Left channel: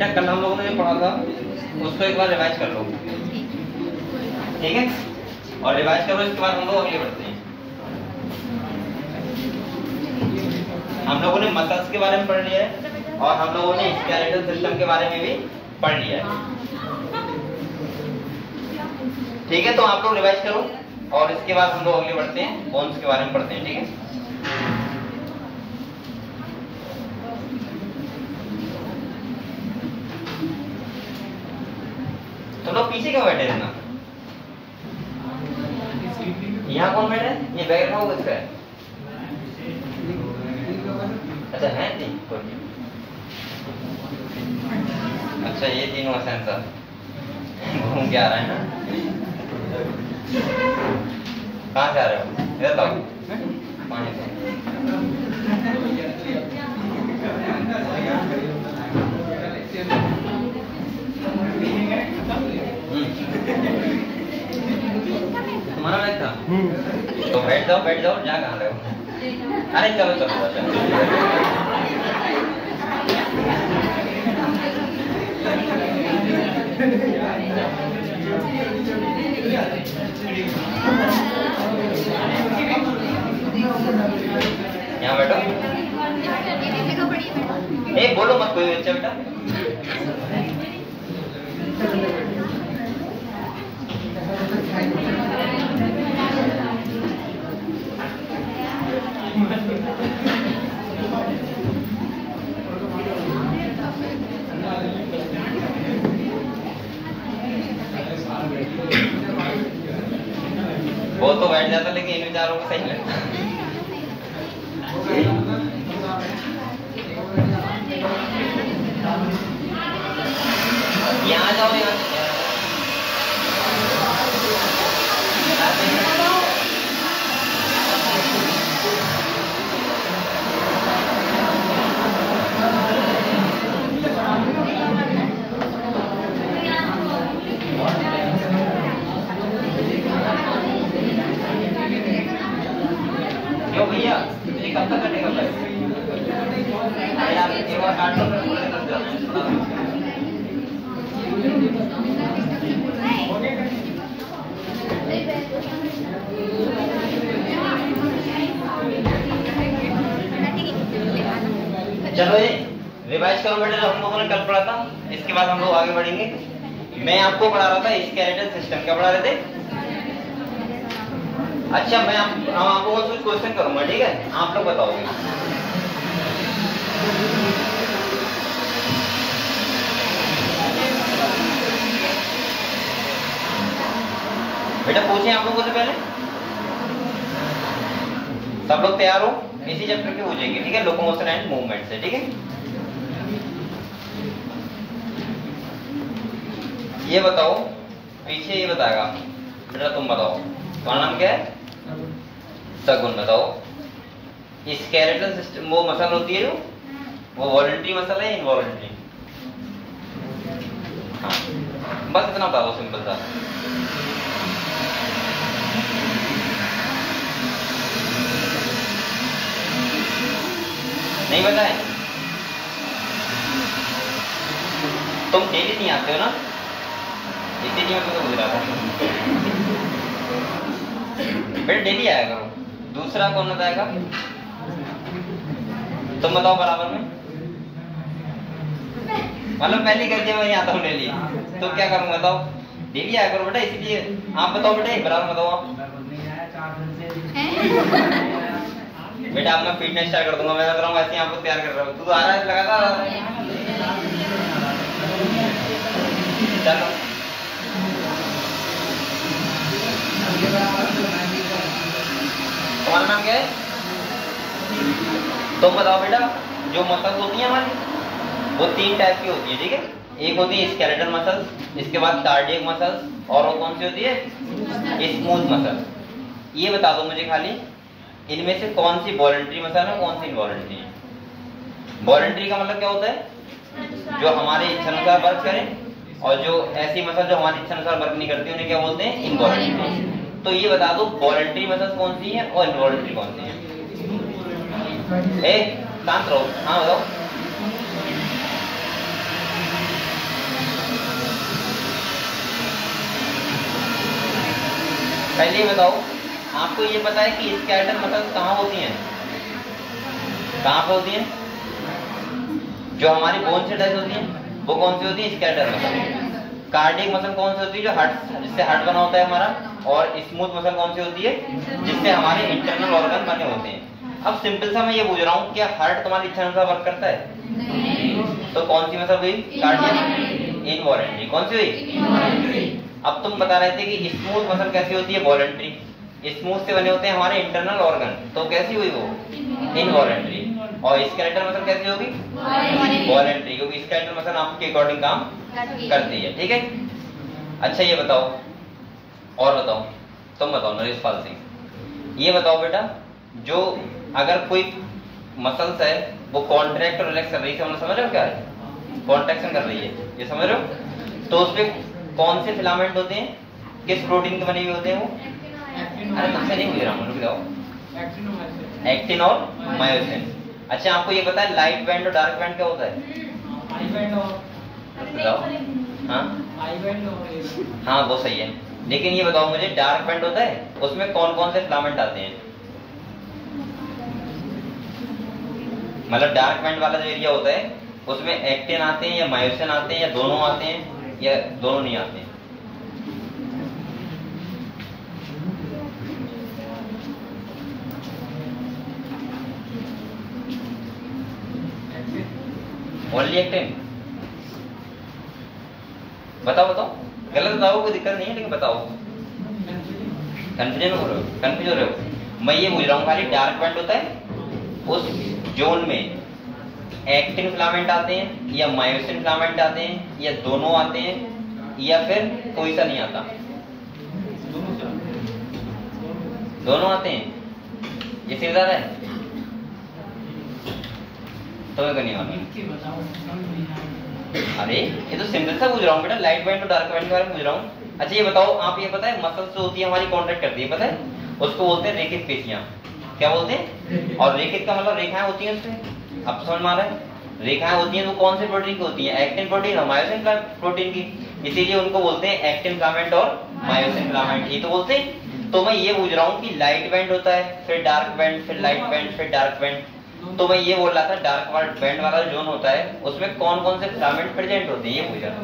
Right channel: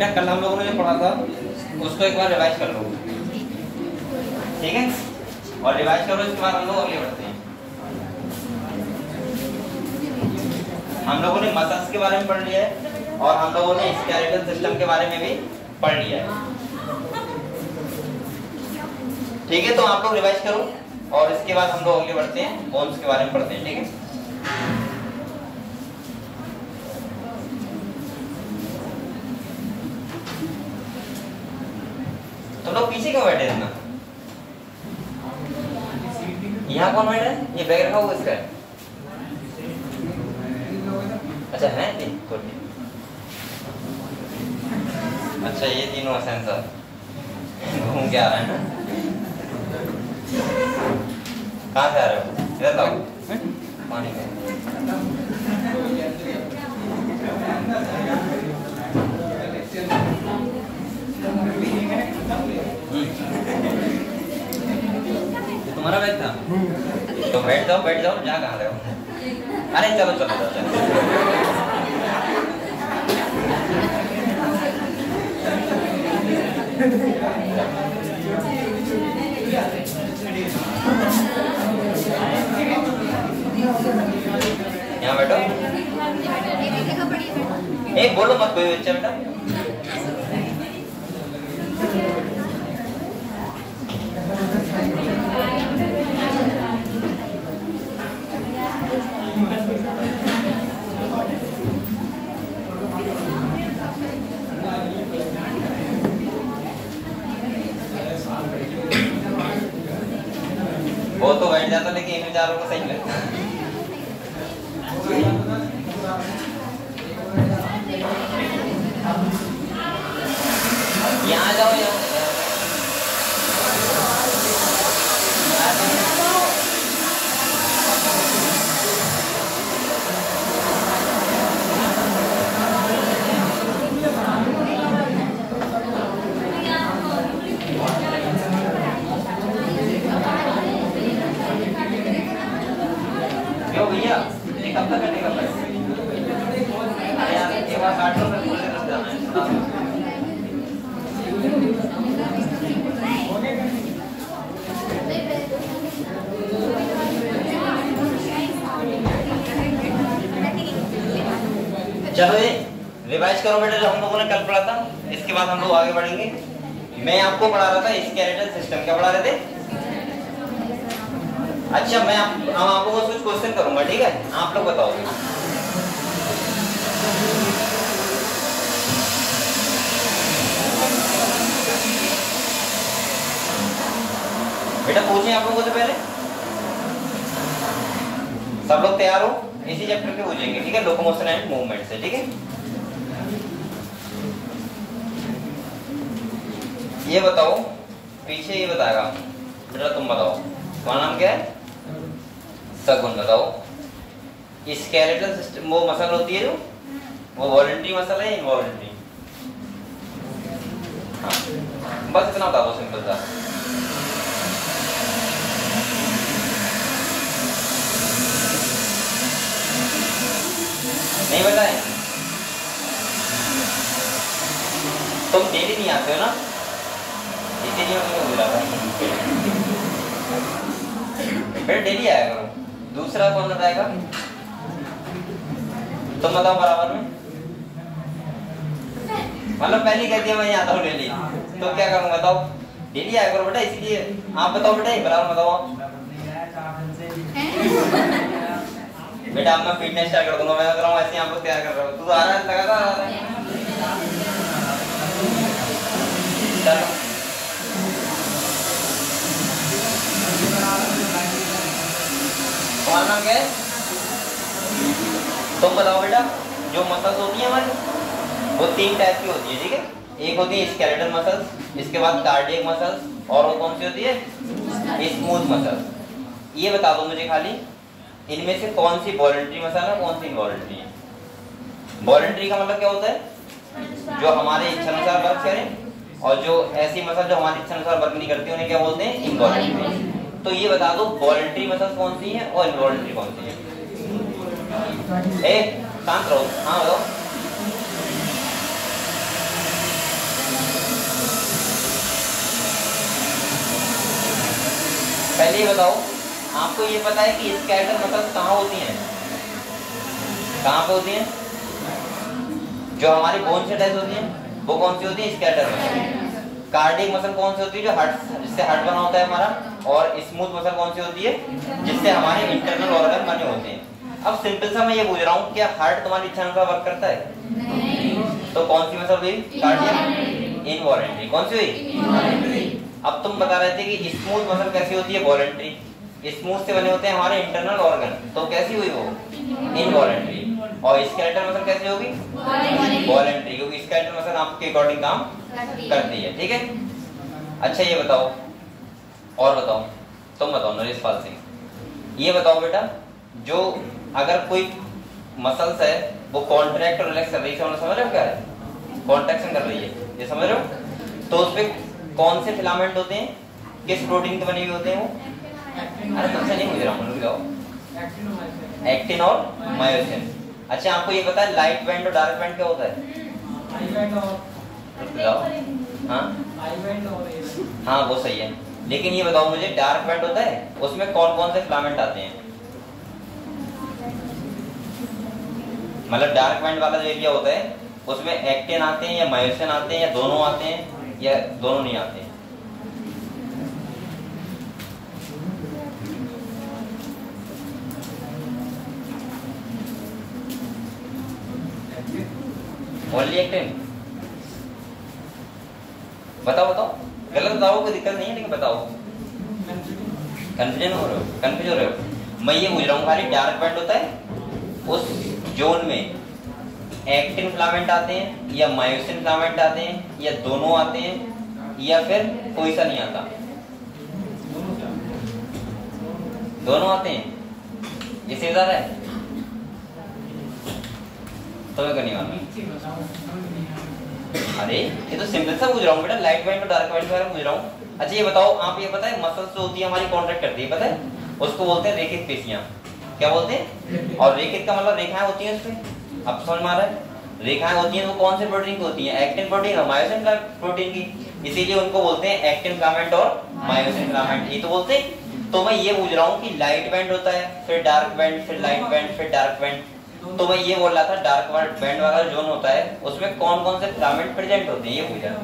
बेटा कल हम लोगों ने जो पढ़ा था उसको एक बार रिवाइज कर लो, ठीक है? और रिवाइज करो, इसके बाद हम लोग आगे बढ़ते हैं। हम लोगों ने मसल्स के बारे में पढ़ लिया है और हम लोगों ने स्केलेटल सिस्टम के बारे में भी पढ़ लिया है, ठीक है? तो आप लोग रिवाइज करो और इसके बाद हम लोग आगे बढ़ते हैं, बोन्स के बारे में पढ़ते हैं, ठीक है? तो लोग पीछे क्यों बैठे इतना? यहाँ कौन बैठा है? ये बैग रखा हुआ किसका है? अच्छा है नहीं कोई। अच्छा ये तीनों हसन साहब घूम के आ रहे हैं ना? कहाँ से आ रहे हो? इधर लाओ पानी दो। तुम्हारा बैग था? तो बैठ जाओ, जा कहाँ रहे हो? अरे चलो चलो यहाँ बैठो। एक बोलो मत कोई बच्चा बेटा। वो तो बैठ जाता लेकिन इन विचारों को सही लगता। यहाँ जाओ भैया कब तक कटेगा? यार एक बार काट लो। चलो ये रिवाइज करो बेटा, जो हम लोगों ने कल पढ़ा था। इसके बाद हम लोग आगे बढ़ेंगे। मैं आपको पढ़ा रहा था स्केलेटल सिस्टम। क्या पढ़ा रहे थे? अच्छा मैं आप लोगों से कुछ क्वेश्चन करूंगा, ठीक है? आप लोग बताओगे। बेटा पूछें आप लोगों से पहले। सब लोग तैयार हो? इसी चैप्टर के पूछेंगे, ठीक है? लोकोमोशन एंड मूवमेंट से, ठीक है? ये बताओ, पीछे ये बताएगा बेटा, तुम बताओ तुम्हारा नाम क्या है? सगुन। बताओ स्केलेटल सिस्टम वो मसल होती है जो वो वॉलंटरी मसल है, इनवॉलंटरी? हाँ बस इतना बता दो, सिंपल सा। नहीं बताए? तुम डेली नहीं आते हो ना, इसीलिए मैं तुमको बुला रहा हूँ। बेटा डेली आया करो। दूसरा कौन बताएगा? तुम बताओ बराबर में। मतलब पहले कह दिया मैं नहीं आता हूँ डेली, तो क्या करूँ? बताओ डेली आया करो बेटा, इसलिए आप बताओ बेटा, बराबर बताओ आप। बेटा अब मैं फिटनेस स्टार्ट कर दूंगा। मैं बता रहा हूँ ऐसे आपको तैयार कर रहा हूँ। तू आ रहा है लगातार। चलो तुम्हारा नाम क्या है? तुम बताओ बेटा। जो मसल्स होती हैं हमारी वो 3 टाइप की होती है, ठीक है? एक होती है स्केलेटल मसल्स, इसके बाद कार्डियक मसल्स, और वो कौन सी होती है? Smooth muscle. ये बता दो मुझे खाली, इनमें से कौन सी वॉलंटरी मसल है, कौन सी इनवॉलंटरी है? वॉलंटरी का मतलब क्या होता है? जो हमारे इच्छानुसार वर्क करें, और जो ऐसी मसल जो हमारी इच्छानुसार वर्क नहीं करती उन्हें क्या बोलते हैं? इनवॉलंटरी। तो ये बता दो वॉलंटरी मसल्स कौन सी है और इनवॉलंटरी कौन सी है? शांत रहो। हाँ बताओ। पहले ये बताओ, आपको ये पता है कि स्केलेटल मसल्स कहाँ होती हैं? कहाँ पे होती हैं? जो हमारी बोन से अटैच होती हैं वो कौन सी होती है? Skeletal muscle. कार्डियक मसल कौन सी होती है? जो हार्ट, जिससे हार्ट बना होता है हमारा। और स्मूथ मसल कौन सी होती है? जिससे हमारे इंटरनल ऑर्गन बने होते हैं। अब सिंपल सा मैं ये पूछ रहा हूँ, क्या हार्ट तुम्हारी इच्छा अनुसार वर्क करता है? नहीं। तो कौन सी मसल हुई? कार्डियक। इनवॉलेंट्री। कौन सी हुई? अब तुम बता रहे थे कि स्मूथ मसल कैसी होती है? वॉलेंट्री। स्मूथ से बने होते हैं हमारे इंटरनल ऑर्गन, तो कैसी हुई वो? इनवॉलेंट्री। और स्केलेटल मसल कैसी होगी? वॉलेंट्री, क्योंकि स्केलेटल मसल आपके अकॉर्डिंग काम करती है। ठीक है, अच्छा ये बताओ, और बताओ, तुम बताओ नरेश पाल सिंह, ये बताओ बेटा, जो अगर कोई मसल्स है वो कॉन्ट्रैक्ट और रिलैक्स कर रही है, समझ रहे हो क्या है? कॉन्ट्रैक्शन कर रही है, ये समझ रहे हो? तो उसपे कौन से फिलामेंट होते हैं? किस प्रोटीन के बने हुए होते हैं वो? अरे तुमसे नहीं पूछ रहा हूँ, रुक जाओ। एक्टिन और मायोसिन। अच्छा आपको ये पता है लाइट बैंड और डार्क बैंड क्या होता है? हाँ वो सही है, लेकिन ये बताओ मुझे, डार्क बैंड होता है उसमें कौन कौन से फिलामेंट आते हैं? मतलब डार्क बैंड वाला जो एरिया होता है उसमें एक्टिन आते हैं या मायोसिन आते हैं या दोनों आते हैं या दोनों नहीं आते हैं? Only actin. बताओ बताओ, गलत बताओ, कोई दिक्कत नहीं है, लेकिन बताओ। कंफ्यूजन हो रहे हो? कंफ्यूज हो रहे हो? मैं ये पूछ रहा हूँ, खाली डार्क बैंड होता है उस जोन में एक्टिन फिलामेंट आते हैं या मायोसिन फिलामेंट आते हैं या दोनों आते हैं या फिर कोई सा नहीं आता? दोनों आते हैं, ये सीधा है। तुम्हें करनी मालूम? अरे ये तो सिंपल सा पूछ रहा हूँ बेटा, लाइट बैंड और डार्क बैंड के बारे में पूछ रहा हूँ। अच्छा ये बताओ, आप ये पता है मसल्स जो होती है हमारी कॉन्ट्रैक्ट करती है, पता है? उसको बोलते हैं रेखित पेशियां। क्या बोलते हैं? और रेखित का मतलब रेखाएं होती हैं उसपे, अब समझ में आ रहा है? रेखाएं होती हैं, वो कौन से प्रोटीन की होती हैं? एक्टिन प्रोटीन और मायोसिन प्रोटीन की, इसीलिए उनको बोलते हैं एक्टिन फिलामेंट और मायोसिन फिलामेंट, ये तो बोलते हैं। तो मैं ये पूछ रहा हूँ कि लाइट बैंड होता है, फिर डार्क बैंड, फिर लाइट बैंड, फिर डार्क बैंड। तो मैं ये बोल रहा था डार्क बैंड वाला जोन होता है उसमें कौन कौन से फिलामेंट प्रेजेंट होते हैं, ये पूछ रहा।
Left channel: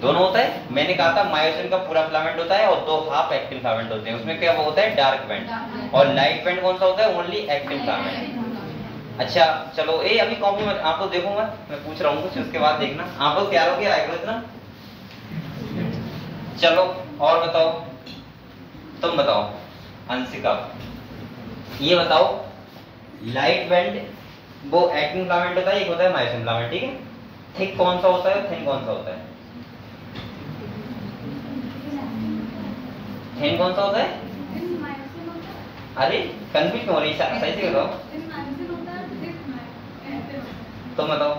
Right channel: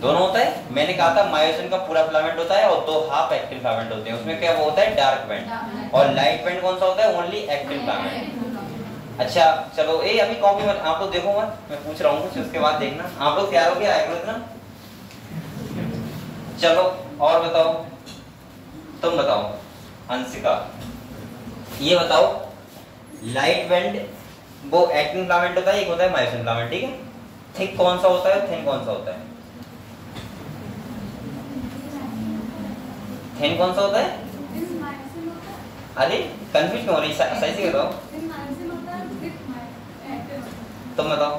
दोनों होता है, मैंने कहा था मायोसिन का पूरा फिलामेंट होता है और 2 हाफ एक्टिन फिलामेंट होते हैं, उसमें क्या वो होता है? Dark band. और लाइट बैंड कौन सा होता है? Only actin filament. अच्छा चलो, ए अभी कॉपी मत, आप लोग देखो मत, मैं पूछ रहा हूँ कुछ, उसके बाद देखना। आप लोग क्या हो गया इतना? चलो और बताओ, तुम बताओ अंशिका, ये बताओ लाइट बैंड वो एक्टिन फिलामेंट होता है, एक होता है मायोसिन फिलामेंट, ठीक है? थिक कौन सा होता है, थिन कौन सा होता है? थिन कौन सा होता है? अरे कंफ्यूज क्यों हो रही? सही से बताओ, तुम बताओ,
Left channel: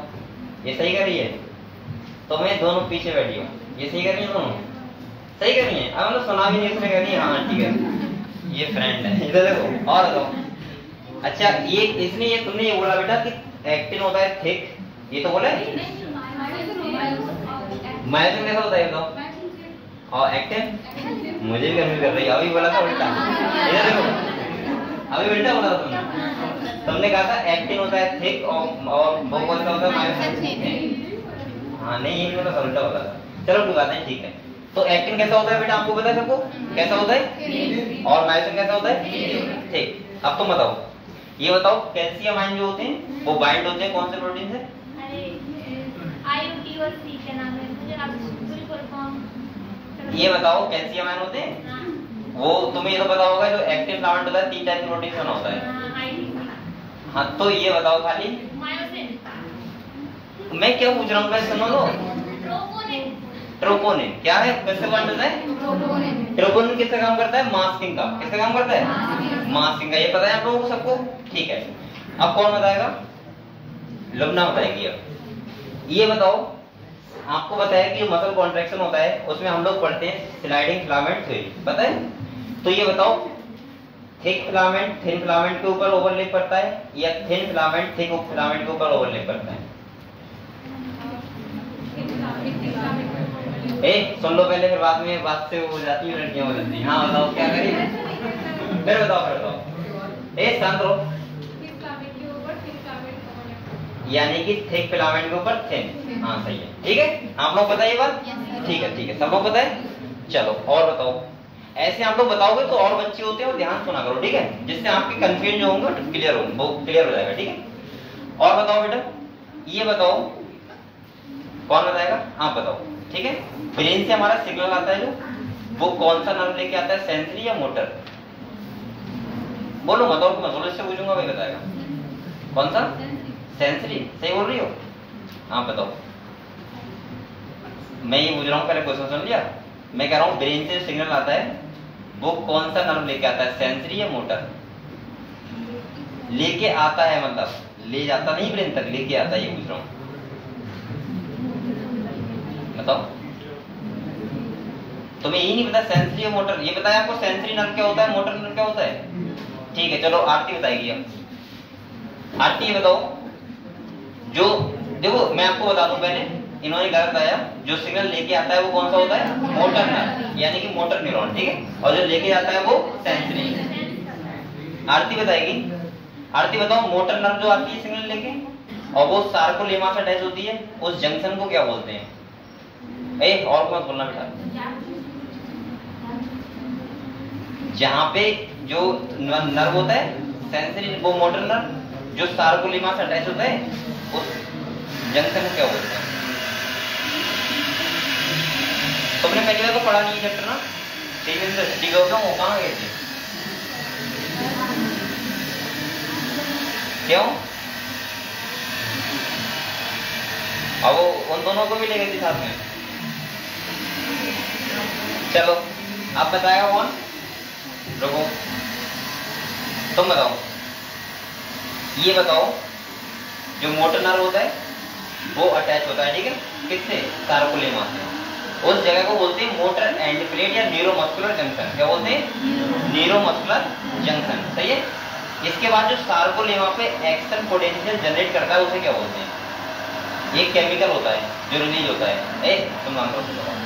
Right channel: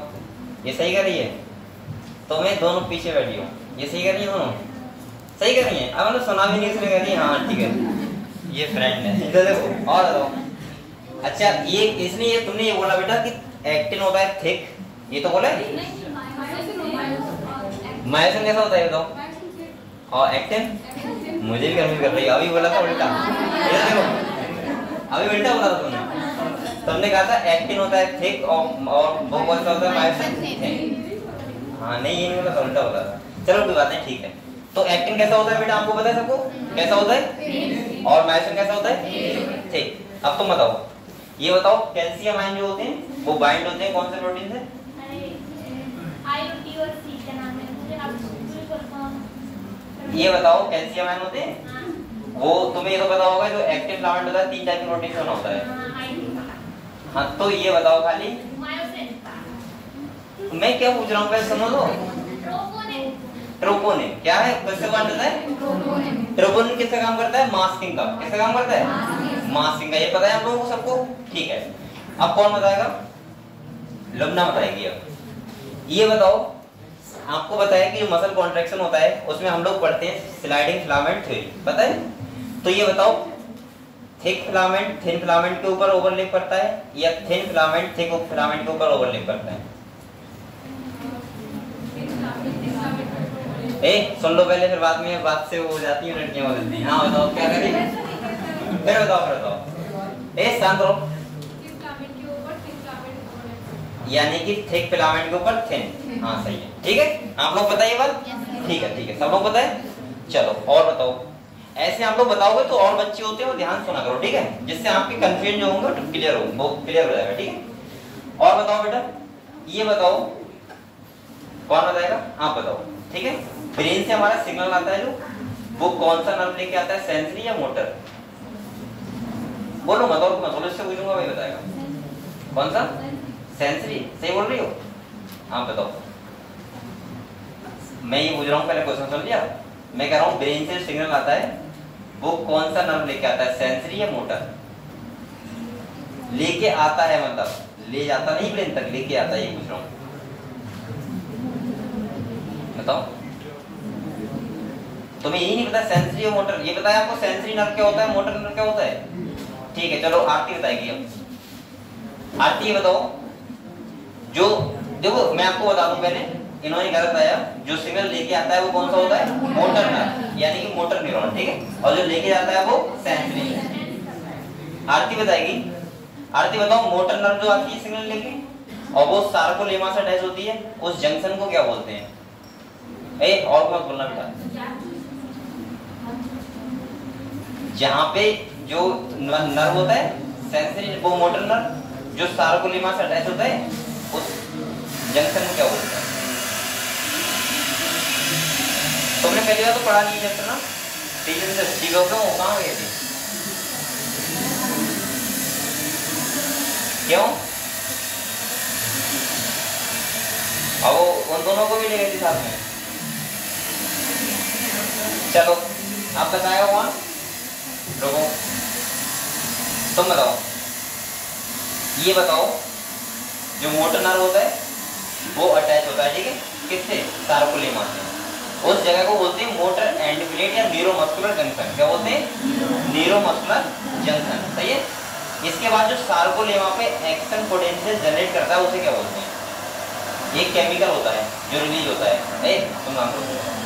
ये सही कर रही है? तो मैं दोनों पीछे बैठी हूँ, ये सही कर रही है? दोनों सही कर रही है? अब मतलब सुना भी नहीं इसने कर रही है। हाँ ठीक है, ये फ्रेंड है, इधर देखो। और बताओ, अच्छा ये इसने ये तुमने ये बोला बेटा कि एक्टिन होता है थिक, ये तो बोला है। मायोसिन कैसा होता है बताओ? और एक्टिन मुझे भी कंफ्यूज कर रही है, अभी बोला था उल्टा, इधर देखो, अभी उल्टा बोला था तुमने कहा था एक्टिन होता है थिक और वो कौन सा होता है? मायोसिन। हाँ नहीं, ये नहीं बोला, उल्टा बोला था। चलो कोई बात नहीं, ठीक है। तो एक्टिन कैसा होता है बेटा, आपको पता है सबको? कैसा होता है? और मायोसिन कैसा होता है? ठीक। अब तुम बताओ, ये बताओ कैल्शियम आयन जो होते हैं वो बाइंड होते हैं कौन से प्रोटीन से? ये बताओ कैल्शियम आयन होते हैं वो, तुम्हें ये तो पता होगा, जो एक्टिव फिलामेंट होता है 3 टाइप के प्रोटीन से बना होता है। हाँ तो ये बताओ खाली मैं क्या पूछ रहा हूँ, सुनो लो। ट्रोपोनिन क्या है, किससे बन होता है? ट्रोपोनिन किसका काम करता है? मास्किंग का। किसका काम करता है? मास्किंग का। ये पता है आप लोगों को सबको? ठीक है, अब कौन बताएगा? लुब्ना बताएगी। अब ये बताओ, आपको बताया कि मसल कॉन्ट्रैक्शन होता है उसमें हम लोग पढ़ते हैं स्लाइडिंग फिलामेंट थ्योरी, पता है? तो ये बताओ थिक फिलामेंट थिन फिलामेंट के ऊपर ओवरलैप करता है या थिन फिलामेंट थिक फिलामेंट के ऊपर ओवरलैप करता है? सुन लो पहले, फिर बाद में बात से हो जाती है लड़कियां हो जाती। हाँ बताओ क्या करें, फिर बताओ। शांत रहो। यानी कि थिक फिलामेंट के ऊपर थिन। हाँ सही है, ठीक है। आप लोग पता है ये बात? ठीक है, सब लोग पता है। चलो और बताओ। ऐसे आप लोग बताओगे तो और बच्चे होते हैं वो ध्यान सुना करो, ठीक है, जिससे आपके कंफ्यूजन जो होंगे तो क्लियर हो, वो क्लियर हो जाएगा, ठीक है। और बताओ बेटा, ये बताओ, कौन बताएगा? आप बताओ, ठीक है। ब्रेन से हमारा सिग्नल आता है जो, वो कौन सा नर्व लेके आता है, सेंसरी या मोटर? बोलो मत, और मत बोलो, इससे पूछूंगा वही बताएगा। कौन सा? सेंसरी। सही बोल रही हो? हाँ बताओ। मैं ये पूछ रहा हूँ, पहले क्वेश्चन सुन लिया। मैं कह रहा हूँ ब्रेन से सिग्नल आता है वो कौन सा नर्व लेके आता है, सेंसरी या मोटर? लेके आता है मतलब ले जाता नहीं ब्रेन तक, लेके आता है, ये पूछ रहा हूँ। बताओ। तुम्हें यही नहीं पता सेंसरी और मोटर? ये बताया आपको सेंसरी नर्व क्या होता है, मोटर नर्व क्या होता है? ठीक है, चलो आरती बताएगी अब। आरती ये बताओ, जो देखो मैं आपको बता दूं पहले, इन्होंने गलत आया। जो सिग्नल लेके आता है वो कौन सा होता है, मोटर नर्व, यानी कि मोटर न्यूरॉन, ठीक है। और जो लेके जाता है वो सेंसरी। आरती बताएगी। आरती बताओ, मोटर नर्व जो आती है सिग्नल लेके और वो सार्कोलेमा से अटैच होती है, उस जंक्शन को क्या बोलते हैं? और मत बोलना बेटा। जहां पे जो नर्व होता है सेंसरी, वो मोटर नर्व जो सार्कोलेमा से अटैच होता है, उस जंक्शन को क्या बोलते हैं? तुमने पहली बार तो पढ़ा नहीं है चैप्टर ना, 3 दिन से ठीक हो गए थे। क्यों? अब वो उन दोनों को भी ले गए थे साथ में। चलो आप बताओ कौन? रुको, तुम बताओ। ये बताओ, जो मोटर नर्व होता है वो अटैच होता है, ठीक है, किससे? सार्कोलेमा से। उस जगह को बोलते हैं मोटर एंड प्लेट या न्यूरोमस्कुलर जंक्शन। क्या बोलते हैं? न्यूरोमस्कुलर जंक्शन, सही है। इसके बाद जो सार्कोलेमा पे एक्शन पोटेंशियल जनरेट करता है उसे क्या बोलते हैं? ये केमिकल होता है जो रिलीज होता है। तुम नाम बताओ।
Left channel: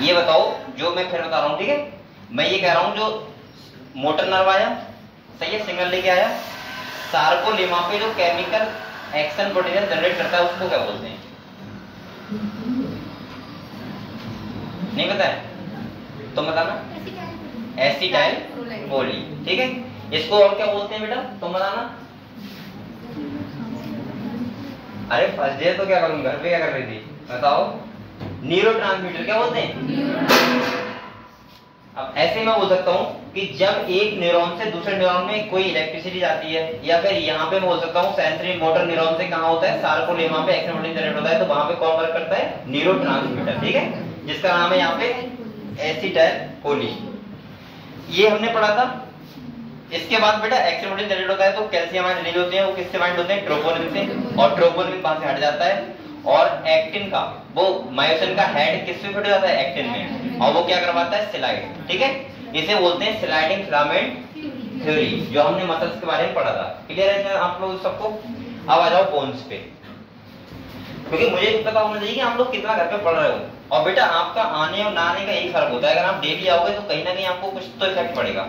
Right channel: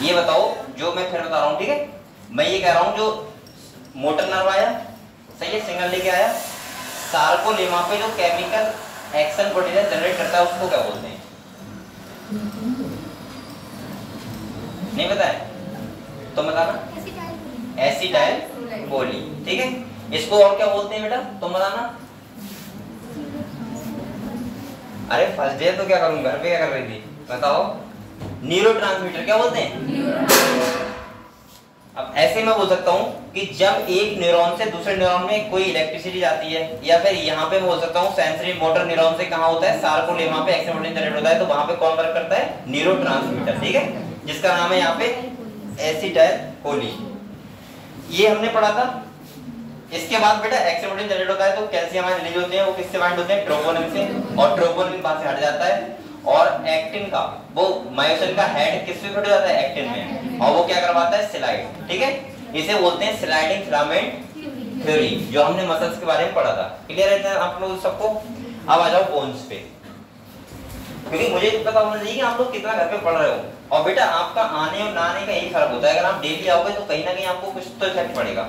ये बताओ, जो मैं फिर बता रहा हूँ, ठीक है। मैं ये कह रहा हूँ, जो मोटर नर्व आया, सही है, सिग्नल लेके आया, सार्कोलेमा पे जो केमिकल एक्शन पोटेंशियल जनरेट करता है उसको क्या बोलते हैं? नहीं पता है? तुम बताना। एसिटाइल कोली, ठीक है। इसको और क्या बोलते हैं बेटा, तुम बताना। अरे फर्स्ट डे तो क्या करूँ, घर पे क्या कर रही थी बताओ? न्यूरोट्रांसमीटर क्या बोलते हैं? अब ऐसे मैं बोल सकता हूँ कि जब एक न्यूरॉन से दूसरे न्यूरॉन में कोई इलेक्ट्रिसिटी जाती है, या फिर यहाँ पे बोल सकता हूँ सेंसरी मोटर न्यूरॉन से कहाँ होता है, सार्कोलेमा पे एक्शन पोटेंशियल जनरेट होता है, तो वहां पे कौन वर्क करता है? न्यूरोट्रांसमीटर, ठीक है, जिसका नाम है यहाँ पे एसिटाइल कोली। ये हमने पढ़ा था। इसके बाद बेटा एक्शन पोटेंशियल जनरेट होता है तो कैल्शियम आयन रिलीज होते हैं, वो किससे बाइंड होते हैं? ट्रोपोनिन से, और ट्रोपोनिन वहां से हट जाता है, और एक्टिन का वो मायोसिन का हेड किससे फिट हो जाता है? एक्टिन में, और वो क्या करवाता है? स्लाइड, ठीक है। इसे बोलते हैं स्लाइडिंग फिलामेंट थ्योरी, जो हमने मसल्स के बारे में पढ़ा था। क्लियर है आप लोग सबको? अब आ जाओ बोन्स पे, क्योंकि मुझे पता होना चाहिए कि आप लोग कितना घर पे पढ़ रहे हो। और बेटा आपका आने और ना आने का यही फर्क होता है। अगर आप डेली आओगे तो कहीं ना कहीं आपको कुछ तो इफेक्ट पड़ेगा।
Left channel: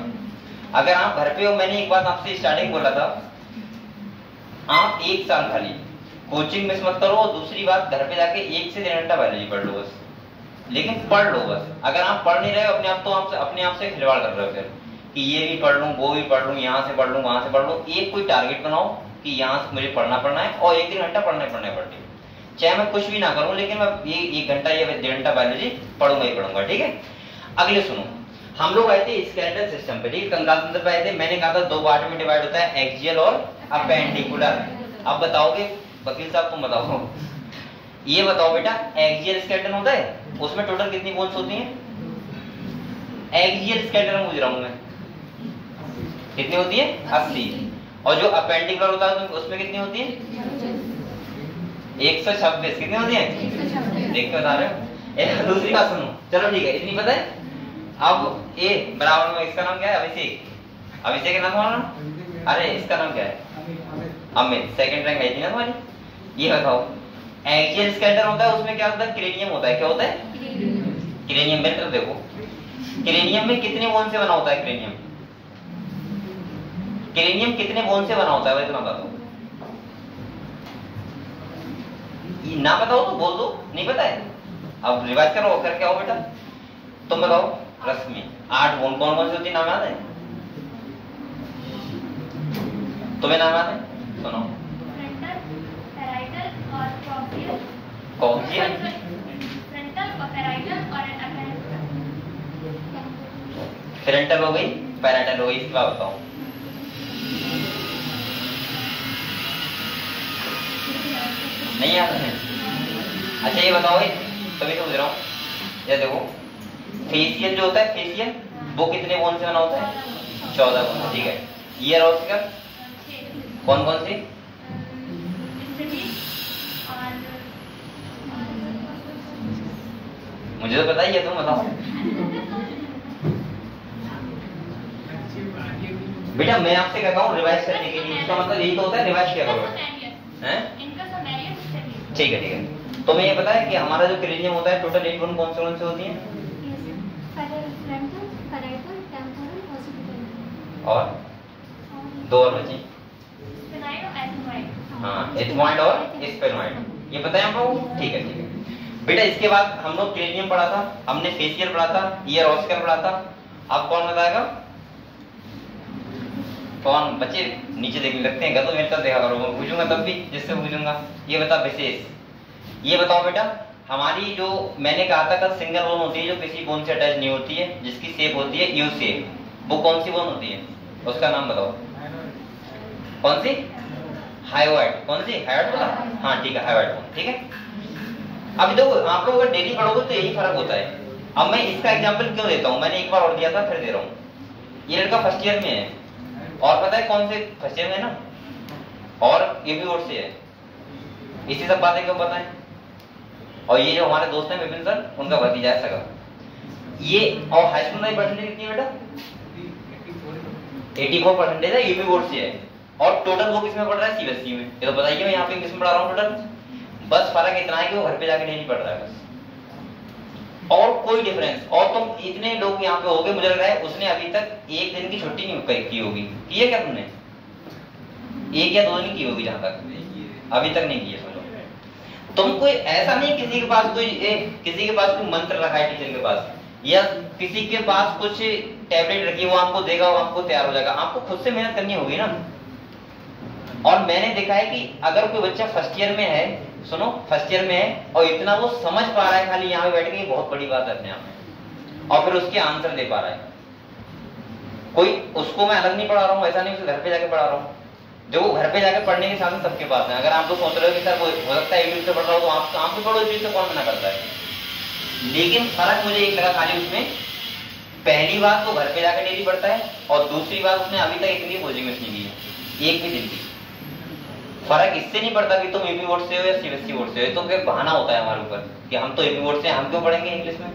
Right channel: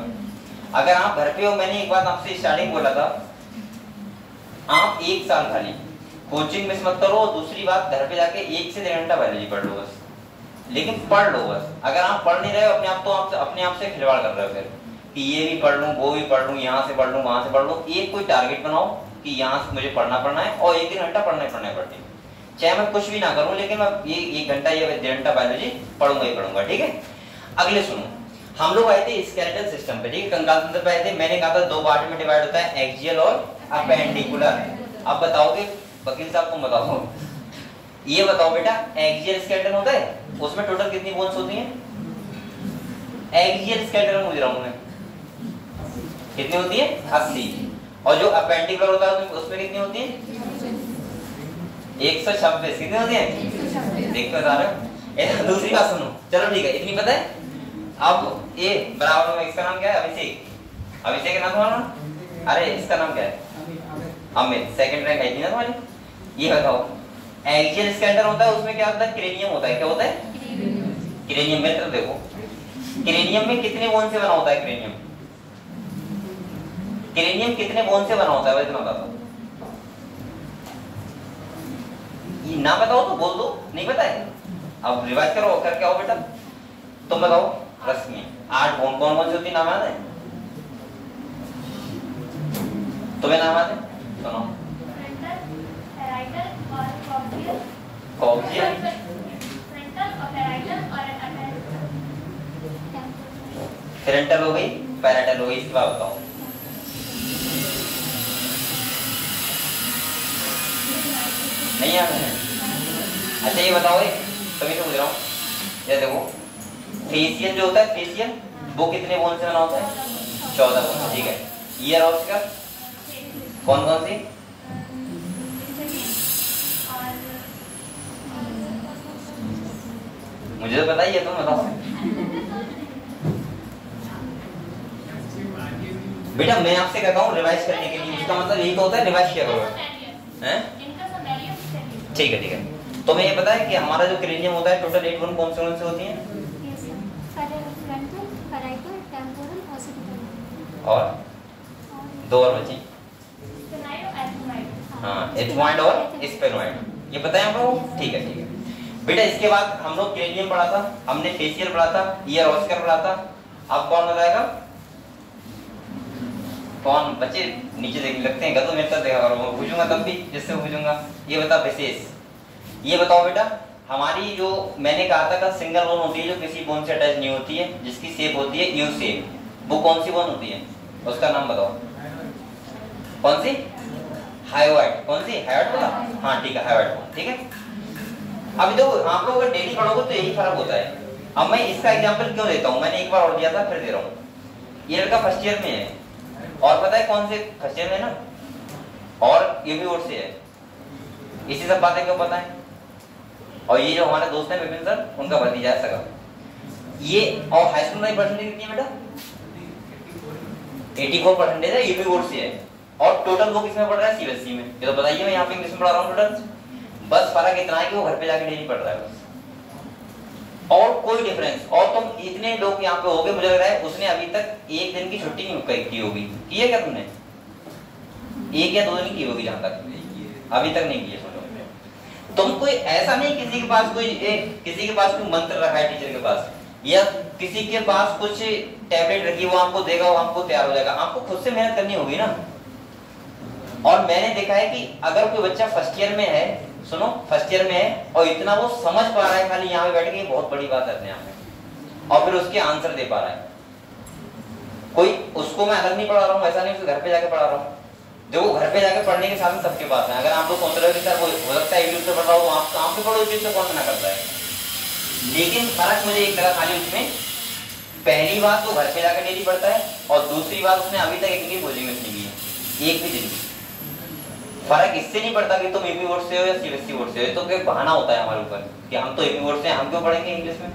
अगर आप घर पे हो, मैंने एक बात आपसे स्टार्टिंग बोला था, आप 1 साल खाली कोचिंग मिस मत करो, और दूसरी बात घर पे जाके 1 से 1.5 घंटा बायोलॉजी पढ़ लो बस, लेकिन पढ़ लो बस। अगर आप पढ़ नहीं रहे हो अपने आप, तो आप अपने आप से खिलवाड़ कर रहे हो फिर, कि ये भी पढ़ लूं, वो भी पढ़ लूं, यहाँ से पढ़ लूं, वहां से पढ़ लूं। एक कोई टारगेट बनाओ कि यहाँ से मुझे पढ़ना है, और 1-1 घंटा पढ़ना पड़ती, चाहे मैं कुछ भी ना करूं, लेकिन मैं ये 1 घंटा या 1.5 घंटा बायोलॉजी पढ़ूंगा ही पढ़ूंगा, ठीक है। अगले सुनो, हम लोग आए थे स्केलेटल सिस्टम पे, ठीक है, कंकाल तंत्र पे आए थे। मैंने कहा था 2 पार्ट में डिवाइड होता है, एक्सियल और अपेंडिकुलर। अब बताओगे वकील साहब, तुम बताओ, ये बताओ बेटा, एक्सियल स्केलेटन होता है, उसमें टोटल कितनी बोन्स होती हैं? एक्सियल स्केलेटन पूछ रहा हूं मैं, कितनी होती है? 80। और जो अपेंडिकुलर होता है उसमें कितनी होती है? 126। कितनी होती है? देख के बता रहे हो। दूसरी बात सुनो, चलो ठीक है, इतनी पता है। अब ए बराबर में, इसका नाम क्या है? अभिषेक। अभिषेक का नाम कौन? अरे इसका नाम क्या है? अमित। सेकंड रैंक आई थी ना तुम्हारी। ये बताओ एक्सियल स्केलेटन होता है, उसमें क्या होता है, क्रेनियम होता है। क्या होता है, क्रेनियम। मेरी तरफ देखो, क्रेनियम में कितने बोन से बना होता है, क्रेनियम, क्रेनियम कितने बोन से बना होता है, इतना बता दो। ये ना बताओ तो बोल दो, नहीं पता है, अब रिवाइज करो, करके आओ बेटा। तुम बताओ, रश्मि 8 बोन कौन कौन से होती है, नाम याद है तुम्हें, नाम याद है, सुनो। कॉक्सियल, पेरेंटल हो गई, पैराटल हो गई, इसके बाद बताओ। नहीं याद है? अच्छा ये बताओ, तभी समझ रहा हूँ। ये देखो, फेशियल जो होता है, फेशियल वो कितने बोन से बना होता है, 14 बोन। ठीक है, ईयर ऑस्कर कौन कौन सी, मुझे तो पता ही है, तुम बताओ बेटा। मैं आपसे कहता हूँ रिवाइज करने के लिए, इसका मतलब यही तो होता है, रिवाइज किया करो, हैं? ठीक है ठीक है। तो मैं ये पता है कि हमारा जो क्रेनियम होता है टोटल 8 बोन कौन से होती हैं, और 2 और बचे, हाँ, एथमॉइड और स्पेनॉइड, ये पता है हमको। ठीक है ठीक है बेटा। इसके बाद हम लोग क्रेनियम पढ़ा था, हमने फेशियल पढ़ा था, ईयर ऑस्कर पढ़ा था। अब कौन बताएगा, कौन बच्चे नीचे देखने लगते हैं, गलत मेरे साथ देखा करो, मैं पूछूंगा तब भी, जिससे पूछूंगा। ये बता विशेष, ये बताओ बेटा, हमारी जो मैंने कहा था सिंगल बोन होती है जो किसी बोन से अटैच नहीं होती है, जिसकी शेप होती है यू शेप, वो कौन सी बोन होती है, उसका नाम बताओ। कौन सी, हायोइड। कौन सी, हायोइड बोला, हाँ ठीक है, हायोइड बोन। ठीक है, अभी तो आप लोग अगर डेली पढ़ोगे तो यही फर्क होता है। अब मैं इसका एग्जांपल क्यों देता हूँ, मैंने एक बार और दिया था, फिर दे रहा हूँ। ये लड़का फर्स्ट ईयर में है, और पता है कौन से, फर्स्ट ईयर में ना, और ये भी बोर्ड से है, इसी सब बातें क्यों पता है। और ये जो हमारे दोस्त हैं विपिन सर, उनका भतीजा है सगा ये। और हाई स्कूल में परसेंटेज कितनी है बेटा, 84% है, यूपी बोर्ड से है। और टोटल वो किसमें पढ़ रहा है, सीबीएसई में। ये तो बताइए, मैं यहाँ पे इंग्लिश में पढ़ा रहा हूँ टोटल, बस फर्क इतना है कि वो घर पे जाके डेली पढ़ रहा है बस, और कोई डिफरेंस। और तुम इतने लोग यहाँ पे होगे, मुझे लग रहा है उसने अभी तक एक दिन की छुट्टी नहीं की होगी, की है क्या तुमने, 1 या 2 दिन की होगी, जहां तक अभी तक नहीं की है। सोचो तुम, कोई ऐसा नहीं किसी के पास कोई मंत्र रखा है टीचर के पास, या किसी के पास कुछ टैबलेट रखी, वो आपको देगा, वो आपको तैयार हो जाएगा। आपको खुद से मेहनत करनी होगी ना। और मैंने देखा है कि अगर कोई बच्चा फर्स्ट ईयर में है, सुनो, फर्स्ट ईयर में है और इतना वो समझ पा रहा है खाली यहाँ पे बैठ के, बहुत बड़ी बात है अपने आप में, और फिर उसके आंसर दे पा रहा है। कोई उसको मैं अलग नहीं पढ़ा रहा हूँ, ऐसा नहीं, घर पे जाके पढ़ा रहा हूँ। जो वो घर पे जाके पढ़ने के साथ सबके पास है। अगर आप लोग सोच रहे हो कि सर वो हो सकता है यूट्यूब से पढ़ रहा हो, तो आप भी पढ़ो, यूट्यूब से कौन मना करता है। लेकिन फर्क मुझे एक लगा खाली उसमें, पहली बात वो घर पे जाकर डेली पढ़ता है, और दूसरी बात उसने अभी तक इतनी कोचिंग मिस नहीं की है, एक भी दिन की। फर्क इससे नहीं पड़ता कि तुम यूपी बोर्ड से हो या सीबीएसई बोर्ड से हो, तो कोई बहाना होता है हमारे ऊपर कि हम तो यूपी बोर्ड से हैं, हम क्यों पढ़ेंगे इंग्लिश में।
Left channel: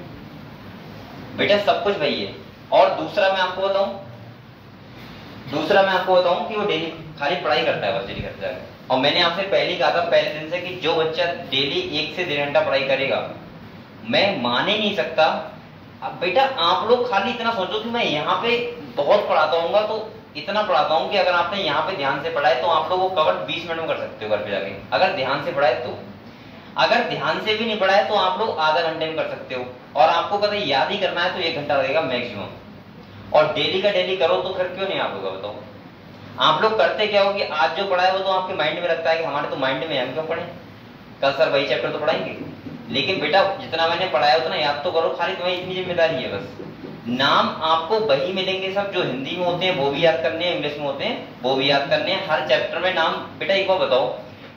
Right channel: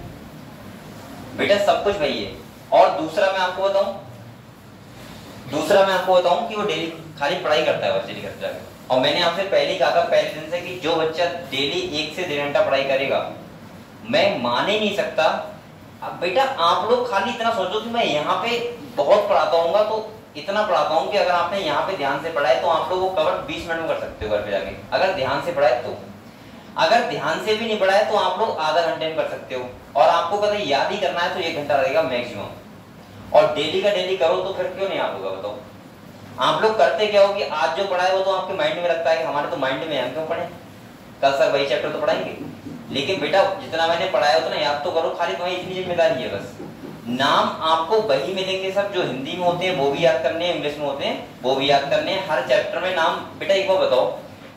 बेटा सब कुछ वही है। और दूसरा मैं आपको बताऊं कि वो डेली खाली पढ़ाई करता है बस, डेली करते जाकर। और मैंने आपसे पहले कहा था, पहले दिन से, कि जो बच्चा डेली 1 से 1.5 घंटा पढ़ाई करेगा, मैं मान ही नहीं सकता। अब बेटा आप लोग खाली इतना सोचो कि मैं यहाँ पे बहुत पढ़ाता हूँ, तो इतना पढ़ाता हूँ कि अगर आपने यहाँ पे ध्यान से पढ़ा है तो आप लोग वो कवर 20 मिनट में कर सकते हो घर पे जाके, अगर ध्यान से पढ़ा है तो। अगर ध्यान से भी नहीं पढ़ा है तो आप लोग आधा घंटे में कर सकते हो। और आपको कभी याद ही करना है तो 1 घंटा लगेगा मैक्सिमम। और डेली का डेली करो तो फिर क्यों नहीं आप लोग, बताओ। आप लोग करते क्या हो कि आज जो पढ़ा है वो तो आपके माइंड में रखता है कि हमारे तो माइंड में, हम क्यों पढ़े, कल सर वही चैप्टर तो पढ़ाएंगे। लेकिन बेटा जितना मैंने पढ़ाया उतना याद तो करो, खाली तुम्हारी इतनी जिम्मेदारी है बस। नाम आपको वही मिलेंगे सब जो हिंदी में होते हैं वो भी याद करने हैं, इंग्लिश में होते हैं वो भी याद करने हैं। हर चैप्टर में नाम, बेटा एक बार बताओ,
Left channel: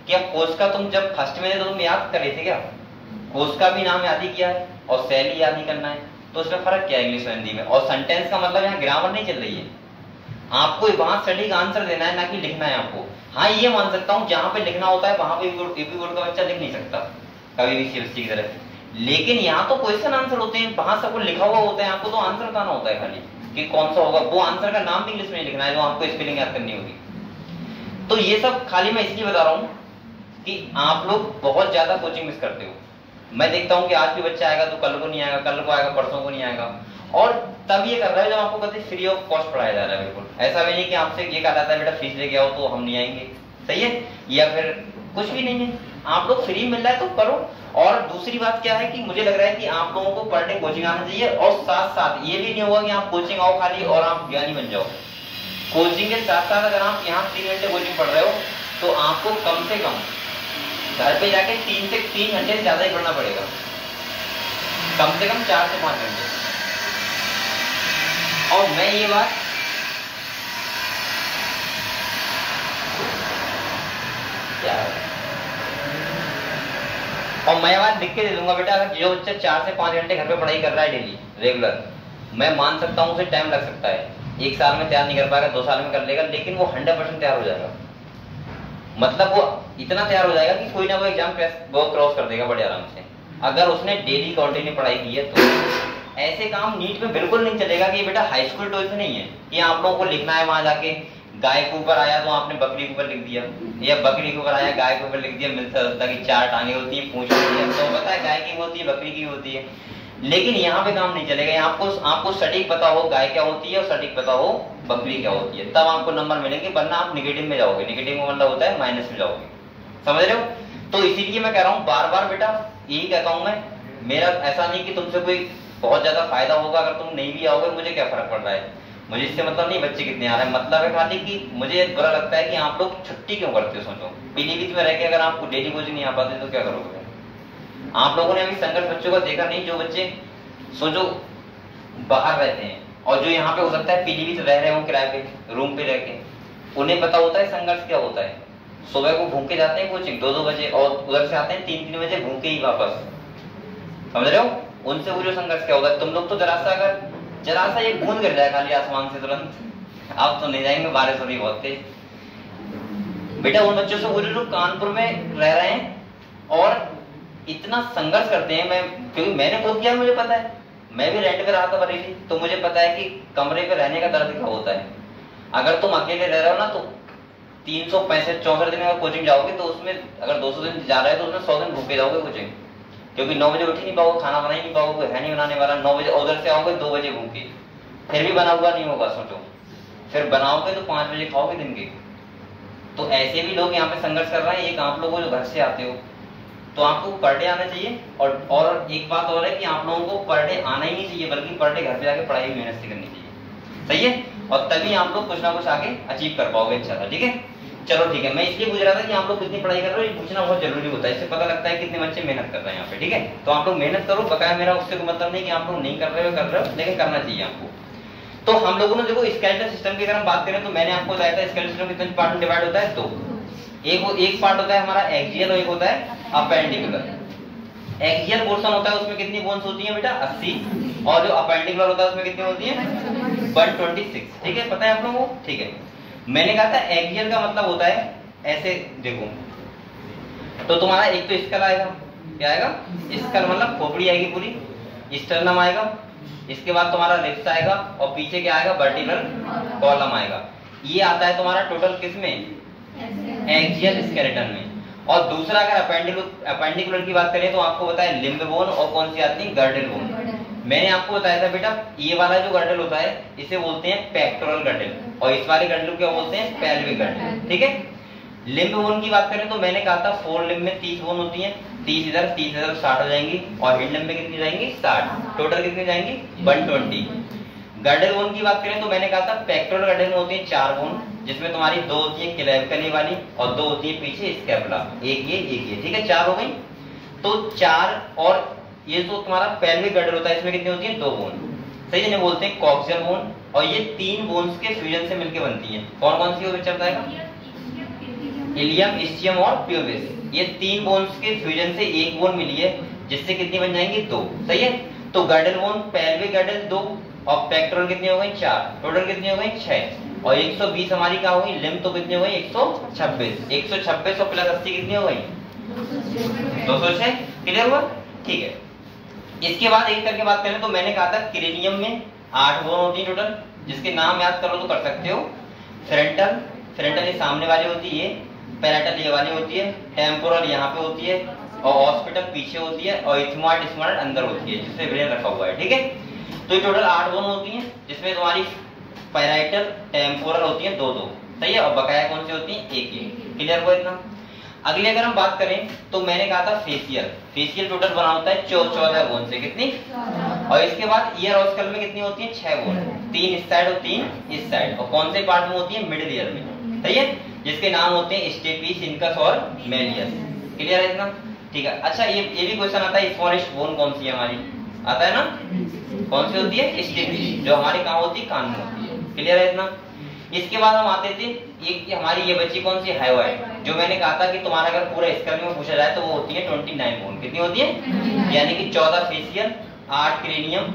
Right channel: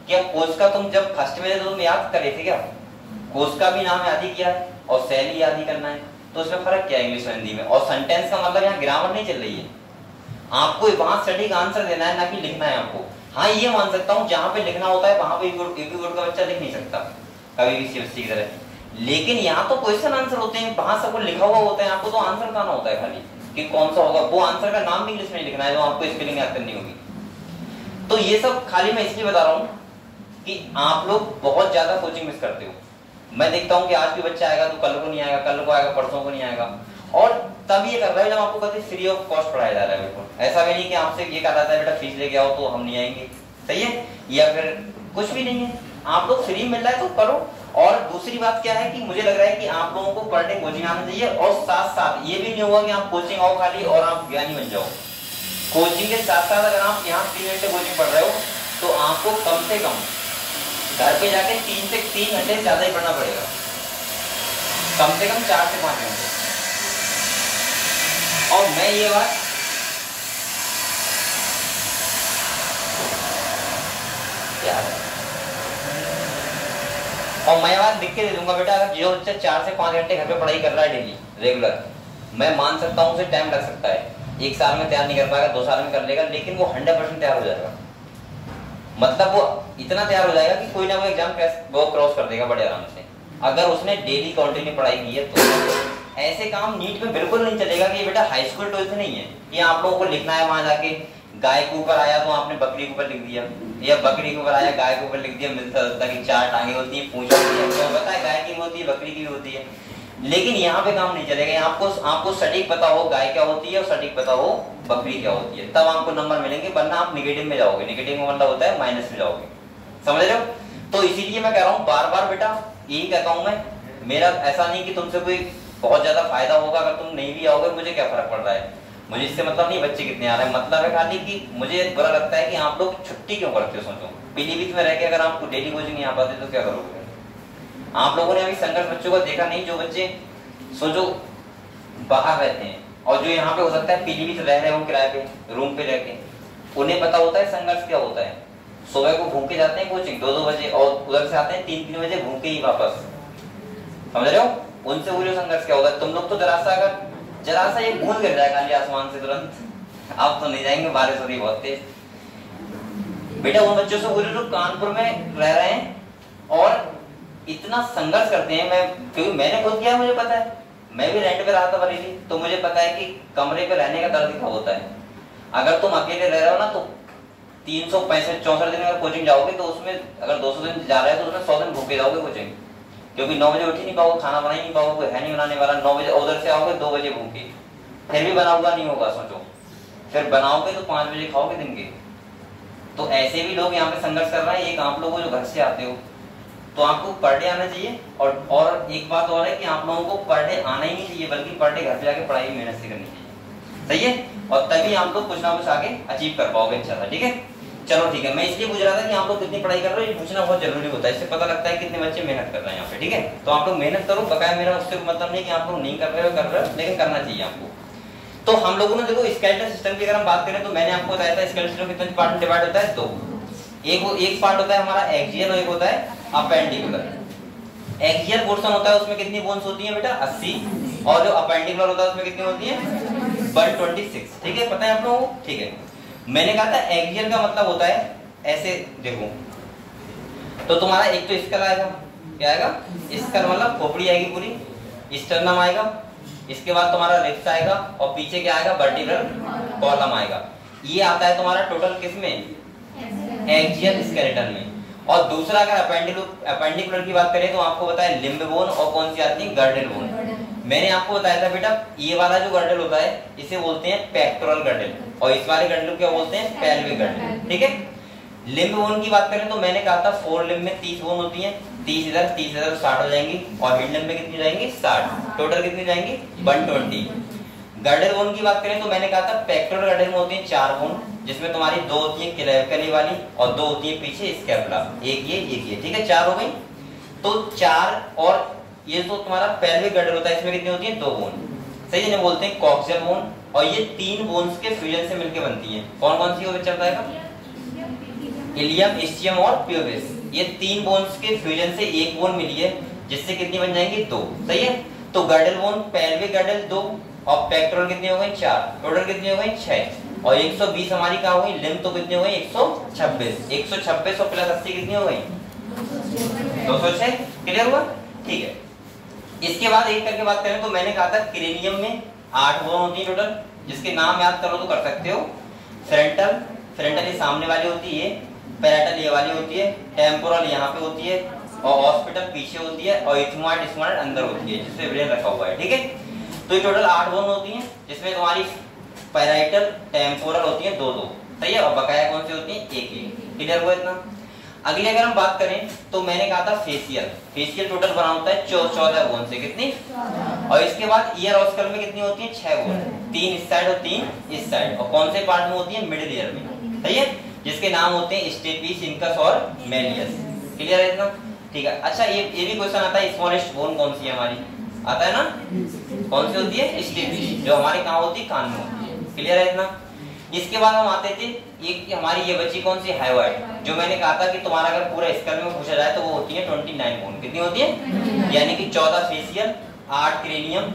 क्या कोर्स का तुम जब फर्स्ट में थे तो तुम याद कर रहे थे क्या, कोर्स का भी नाम याद ही किया है और शैली याद ही करना है, तो उसमें फर्क क्या है इंग्लिश और हिंदी में। और सेंटेंस का मतलब यहाँ ग्रामर नहीं चल रही है, आपको वहां सटीक आंसर देना है, ना कि लिखना है आपको। हाँ ये मान सकता हूँ जहां पे लिखना होता है वहां पे यूपी बोर्ड का बच्चा लिख नहीं सकता कभी भी सीबीएसई की तरह, लेकिन यहाँ तो क्वेश्चन आंसर होते हैं, वहां सब कुछ लिखा हुआ होता है, आपको तो आंसर बताना होता है खाली कि कौन सा होगा। वो आंसर का नाम भी इंग्लिश में लिखना है जो आपको स्पेलिंग याद करनी होगी। तो ये सब खाली मैं इसलिए बता रहा हूँ कि आप लोग बहुत ज्यादा कोचिंग मिस करते हो। मैं देखता हूँ कि आज भी बच्चा आएगा तो कल को नहीं आएगा, कल को आएगा परसों को नहीं आएगा, और तब ये कर रहा है जब आपको कहते फ्री ऑफ कॉस्ट पढ़ाया जा रहा है। बिल्कुल ऐसा भी नहीं कि आपसे ये कहा जाता है बेटा फीस लेके आओ तो हम नहीं आएंगे, सही है, या फिर कुछ भी नहीं है, आप लोग फ्री मिल रहा है तो करो। और दूसरी बात क्या है कि मुझे लग रहा है कि आप लोगों को पर डे कोचिंग आना चाहिए, और साथ साथ ये भी नहीं होगा कि आप कोचिंग आओ खाली और आप ज्ञानी बन जाओ। कोचिंग के साथ साथ अगर आप यहाँ 3 घंटे कोचिंग पढ़ रहे हो तो आपको कम से कम घर पे जाके 3 से 3 घंटे ज्यादा ही पढ़ना पड़ेगा, कम से कम 4 से 5 घंटे। और मैं ये बात लिख के दे दूंगा बेटा, अगर जो बच्चा 4 से 5 घंटे घर पे पढ़ाई कर रहा है डेली रेगुलर, मैं मान सकता हूँ उसे टाइम लग सकता है, 1 साल में तैयार नहीं कर पाएगा, 2 साल में कर लेगा, लेकिन वो 100% तैयार हो जाएगा। मतलब वो इतना तैयार हो जाएगा कि कोई ना कोई एग्जाम वो क्रॉस कर देगा बड़े आराम से, अगर उसने डेली कंटिन्यू पढ़ाई की है तो। ऐसे काम नीट में बिल्कुल नहीं चलेगा कि बेटा हाई स्कूल 12th नहीं है कि आप लोगों को लिखना है वहां जाके गाय के ऊपर आया तो आपने बकरी के ऊपर लिख दिया, या बकरी के ऊपर आया गाय के ऊपर लिख दिया, मिलता जुलता की 4 टांगे होती है, पूंछ होती है, तो पता है गाय की होती है बकरी की होती है। लेकिन यहाँ पे काम नहीं चलेगा, आपको सटीक पता हो गाय क्या होती है और सटीक पता हो बकरी क्या होती है, तब आपको नंबर मिलेंगे, वरना आप नेगेटिव में जाओगे। नेगेटिव में मतलब होता है माइनस में जाओगे, समझ रहे हो। तो इसीलिए मैं कह रहा हूँ बार बार बेटा, यही कहता हूँ मैं, मेरा ऐसा नहीं कि तुमसे कोई बहुत ज्यादा फायदा होगा अगर तुम नहीं भी आओगे, मुझे क्या फर्क पड़ रहा है, मुझे इससे मतलब नहीं बच्चे कितने आ रहे हैं, मतलब है खाली कि मुझे बुरा लगता है कि आप लोग छुट्टी क्यों करते हो। सोचो पीलीभीत में रह के अगर आपको डेली कोचिंग नहीं आ पाते तो क्या करोगे। आप लोगों ने अभी संघर्ष बच्चों को देखा नहीं, जो बच्चे सोचो बाहर रहते हैं और जो यहाँ पे हो सकता है पीलीभीत रह रहे हो किराए पे रूम पे रह के, उन्हें पता होता है संघर्ष क्या होता है। सुबह को भूख के जाते हैं कोचिंग 2-2 बजे और उधर से आते हैं 3-3 बजे भूखे ही वापस, समझ रहे हो। उनसे वो जो संघर्ष क्या होता है। तुम लोग तो जरा सा ये बूंद गिर जाए खाली आसमान से तुरंत, आप तो नहीं जाएंगे, बारिश हो रही बहुत तेज। बेटा उन बच्चों से बोलो जो कानपुर में रह रहे हैं और इतना संघर्ष करते हैं, मैं क्योंकि मैंने खुद किया, मुझे पता है, मैं भी रेंट पे रहा था बरेली, तो मुझे पता है कि कमरे पे रहने का दर्द क्या होता है। अगर तुम अकेले रह रहे हो ना तो 365-64 दिन अगर कोचिंग जाओगे तो उसमें अगर 200 दिन जा रहे हैं तो उसमें 100 दिन भूखे जाओगे कोचिंग, क्योंकि 9 बजे उठ ही नहीं पाओगे, खाना बना ही नहीं पाओगे, है नहीं बनाने वाला। 9 बजे उधर से आओगे 2 बजे भूखे, फिर भी बना हुआ नहीं होगा सोचो, फिर बनाओगे तो 5 बजे खाओगे दिन के। तो ऐसे भी लोग यहाँ पे संघर्ष कर रहे हैं। एक आप लोग जो घर से आते हो तो आपको पर डे आना चाहिए, और एक बात और है कि आप लोगों को पर डे आना ही नहीं चाहिए, बल्कि पर डे घर पे जाके पढ़ाई मेहनत से करनी चाहिए, सही है। और तभी आप लोग कुछ ना कुछ आगे अचीव कर पाओगे अच्छा था, ठीक है। चलो ठीक है, मैं इसलिए पूछ रहा था कि आप लोग कितनी पढ़ाई कर रहे हो, ये पूछना बहुत जरूरी होता है, इससे पता लगता है कितने बच्चे मेहनत कर रहे हैं यहाँ पे, ठीक है। तो आप लोग मेहनत करो, बकाया मेरा उससे मतलब नहीं कि आप लोग नहीं कर रहे हो, लेकिन करना चाहिए आपको। तो हम लोगों ने देखो स्केलेटल सिस्टम की अगर हम बात करें तो मैंने आपको बताया था स्केलेटल सिस्टम कितने पार्ट में डिवाइड होता है, 2। एक पार्ट होता है हमारा एक्सियल और एक होता है अपेंडिकुलर। एक्सियल पोर्शन होता है उसमें कितनी बोन्स होती हैं बेटा 80, और जो अपेंडिकुलर होता है उसमें कितनी होती है 126, ठीक है, पता है आप लोगों को, ठीक है। मैंने कहा था एक्सियल का मतलब होता है ऐसे देखो, तो तुम्हारा एक तो स्कल आएगा, क्या आएगा स्कल मतलब खोपड़ी आएगी पूरी, स्टर्नम आएगा, इसके बाद तुम्हारा रिब्स आएगा और पीछे क्या आएगा वर्टिब्रल कॉलम आएगा। ये आता है तुम्हारा टोटल किसमें एक्सियल स्केलेटन में। और दूसरा अगर अपेंडिकुलर की बात करें तो आपको बताया लिम्ब बोन और कौन सी आती है गर्डल बोन। मैंने आपको बताया था बेटा ये वाला जो गर्डल होता है इसे बोलते हैं पेक्टोरल गर्डल और इस वाले गर्डल को क्या बोलते हैं पेल्विक गर्डल, ठीक है। लिम्ब बोन की बात करें तो मैंने कहा था 4 लिम्ब में 30 बोन होती हैं, 30 इधर 30 इधर 60 हो जाएंगी, और हिंड लिम्ब में कितनी जाएंगी 60, टोटल कितनी जाएंगी 120। गर्डल बोन की बात करें तो मैंने कहा था पेक्टोरल गर्डल में होती है 4 बोन, जिसमें तुम्हारी 2 होती है क्लेविकली वाली और 2 होती है पीछे स्कैपुला, एक ये, ठीक है 4 हो गई। तो 4 और ये जो तुम्हारा पेल्विक गर्डल होता है इसमें कितनी होती है 2 बोन, सही जिन्हें बोलते हैं कॉक्सियल बोन, और ये 3 बोन्स के फ्यूजन से मिलकर बनती है। कौन कौन सी चल जाएगा इलियम, इस्चियम और प्यूबिस, ये 3 बोन्स के फ्यूजन से एक बोन मिली है जिससे कितनी बन जाएंगी 2, सही है। तो गर्डल बोन पेल्विक गर्डल 2 और पेक्टोरल कितनी हो गई 4, टोटल कितनी हो गई 6, और 120 हमारी क्या हो गई लिम्ब, तो कितनी हो गई 126, 126 और प्लस 80 कितनी हो गई 206, क्लियर हुआ, ठीक है। इसके बाद एक करके बात करें तो मैंने कहा था क्रेनियम में 8 बोन होती है टोटल, जिसके नाम याद करो तो कर सकते हो। फ्रंटल ये सामने वाली होती है, पैराइटल ये वाली होती है, टेम्पोरल यहाँ पे होती है और हॉस्पिटल पीछे होती है और इथमॉइड स्मॉइड अंदर होती है जिसमें ब्रेन रखा हुआ है। ठीक है, तो ये टोटल 8 बोन होती हैं जिसमें तुम्हारी पैराइटल टेम्पोरल होती है 2-2, सही है, और बकाया कौन सी होती है? एक। क्लियर हुआ इतना? अगले अगर हम बात करें तो मैंने कहा था फेशियल टोटल बना होता है 14 बोन से, कितनी? और इसके बाद ईयर और स्कल में कितनी होती है? 6 बोन, 3 इस साइड और 3 इस साइड, और कौन से पार्ट में होती है? मिडिल ईयर में, सही है, जिसके नाम होते हैं स्टेपिस, इनकस और मेलियस। क्लियर है इतना? ठीक है। अच्छा ये भी क्वेश्चन आता है, स्मॉलेस्ट बोन कौन सी है हमारी? आता है ना, कौन सी होती है? स्टेपिस, जो हमारे कहाँ होती है? कान में होती है। क्लियर है इतना? इसके बाद हम आते थे एक हमारी ये बची कौन सी? हाइवाइड, जो मैंने कहा था कि तुम्हारा अगर पूरा स्कल में पूछा जाए तो वो होती है 29 बोन। कितनी होती है? यानी कि 14 फेशियल, 8 क्रेनियम,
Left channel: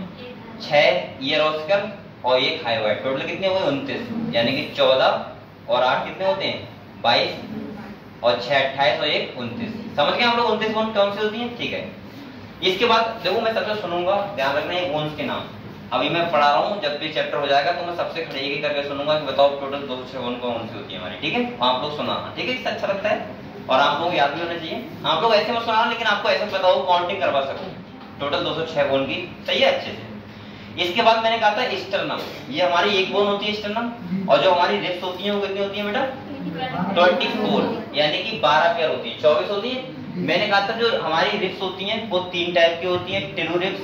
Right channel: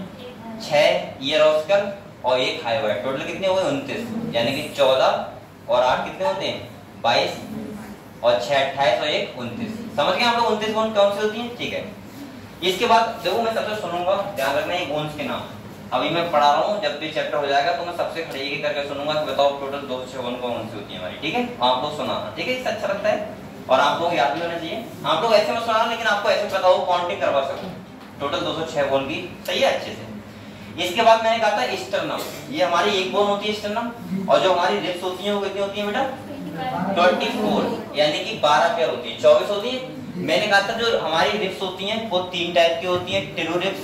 6 ईयर और स्कल और 1 हाइवाइड, टोटल कितने हुए? 29, यानी कि 14 और 8 कितने होते हैं? 22 और 6 28 और 1 29। समझ गए हम लोग 29 बोन कौन सी होती है? ठीक है। इसके बाद देखो मैं सबसे सुनूंगा, ध्यान रखना है बोन्स के नाम। अभी मैं पढ़ा रहा हूँ, जब भी चैप्टर हो जाएगा तो मैं सबसे खड़े करके सुनूंगा कि बताओ टोटल 206 बोन कौन सी होती है हमारी। ठीक है, आप लोग सुनाना, ठीक है, इससे अच्छा लगता है और आप लोग याद भी होना चाहिए। आप लोग ऐसे मत सुनाना, लेकिन आपको ऐसे पता हो, काउंटिंग करवा सको टोटल 206 बोन की, सही है, अच्छे से। इसके बाद मैंने कहा था स्टर्नम, ये हमारी एक बोन होती है स्टर्नम, और जो हमारी रिब्स होती है वो कितनी होती है बेटा? 24, यानी कि 12 पेयर होती है, 24 होती है। मैंने कहा था जो हमारी रिब्स होती हैं वो 3 टाइप की होती हैं, ट्रू रिब्स,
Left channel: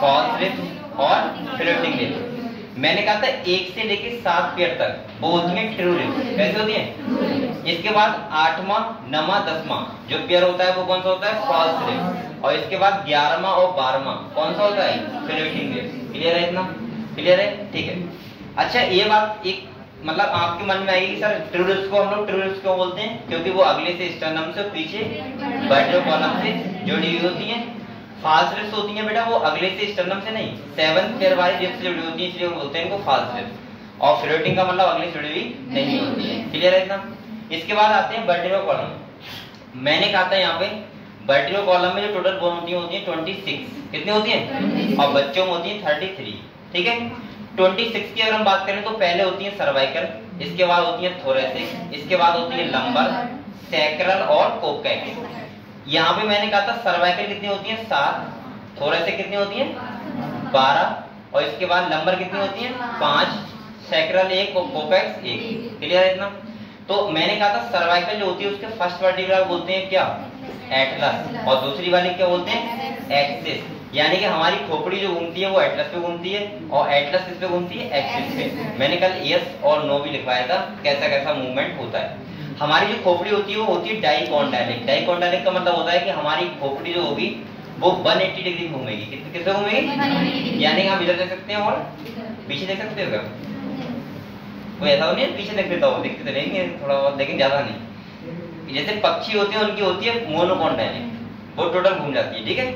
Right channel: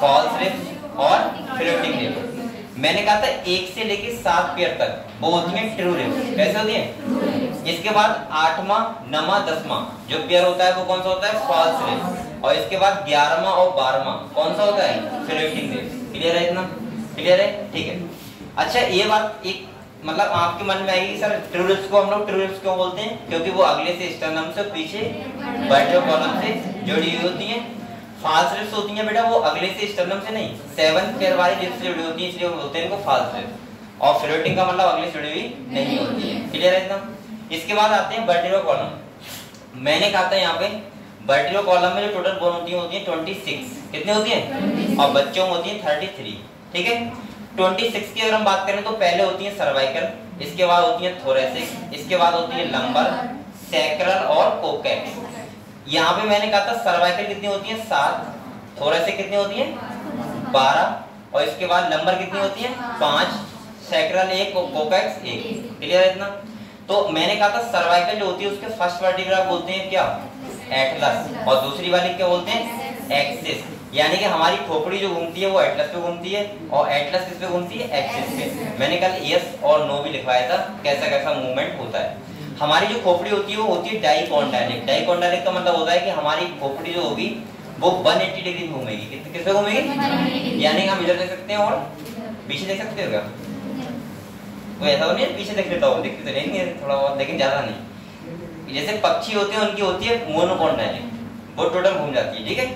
फॉल्स रिब्स और फ्लोटिंग रिब्स। मैंने कहा था 1 से लेके 7 पेयर तक वो होती हैं ट्रू रिब्स। कैसे होती हैं? इसके बाद 8वां, 9वां, 10वां जो पेयर होता है वो कौन सा होता है? फॉल्स रिब्स, और इसके बाद 11वां और 12वां कौन सा होता है? Floating ribs. क्लियर है इतना? क्लियर है? ठीक है। अच्छा ये बात एक मतलब आपके मन में आएगी सर ट्रू रिब्स को हम लोग ट्रू रिब्स क्यों बोलते हैं? क्योंकि वो अगले से स्टर्नम से पीछे वर्टिब्रल कॉलम से जुड़ी हुई होती हैं। फॉल्स रिब्स होती हैं बेटा वो अगले से स्टर्नम से नहीं, 7th पेयर वाली रिब्स से जुड़ी होती है, इसलिए बोलते हैं इनको फॉल्स रिब्स। और फ्लोटिंग का मतलब अगले से जुड़ी हुई नहीं होती है। क्लियर है इतना? इसके बाद आते हैं वर्टिब्रल कॉलम। मैंने कहा था यहाँ पे वर्टिब्रल कॉलम में जो टोटल बोन होती है 26। कितनी होती है? और बच्चों में होती है 33। ठीक है, 26 की अगर हम बात करें तो पहले होती है सर्वाइकल, इसके बाद होती है थोरेसिक, इसके बाद होती है लंबर, सैक्रल और कोकैक्स। यहाँ पे मैंने कहा था सर्वाइकल कितनी होती है? 7, थोरेसिक कितनी होती है? 12, और इसके बाद लंबर कितनी होती है? 5, सैक्रल 1, कोकैक्स 1। क्लियर है इतना? तो मैंने कहा था सर्वाइकल जो होती है उसके फर्स्ट वर्टिब्रा बोलते हैं क्या? एटलस, और दूसरी वाली क्या बोलते हैं? एक्सिस। यानी कि हमारी खोपड़ी जो घूमती है वो एटलस पे घूमती है, और एटलस किस पे घूमती है? एक्सिस पे। मैंने कल यस और नो भी लिखवाया था कैसा कैसा मूवमेंट होता है। हमारी जो खोपड़ी होती है वो होती है डाइकोंडाइलिक। डाइकोंडाइलिक का मतलब होता है कि हमारी खोपड़ी जो होगी वो 180 डिग्री घूमेगी। किस पे घूमेगी? यानी हम इधर देख सकते हैं और पीछे देख सकते हो क्या? कोई ऐसा तो नहीं है पीछे देख लेता हो? देखते तो रहेंगे थोड़ा बहुत, लेकिन ज्यादा नहीं। जैसे पक्षी होते हैं उनकी होती है मोनोकोंडाइलिक, वो टोटल घूम जाती है। ठीक है,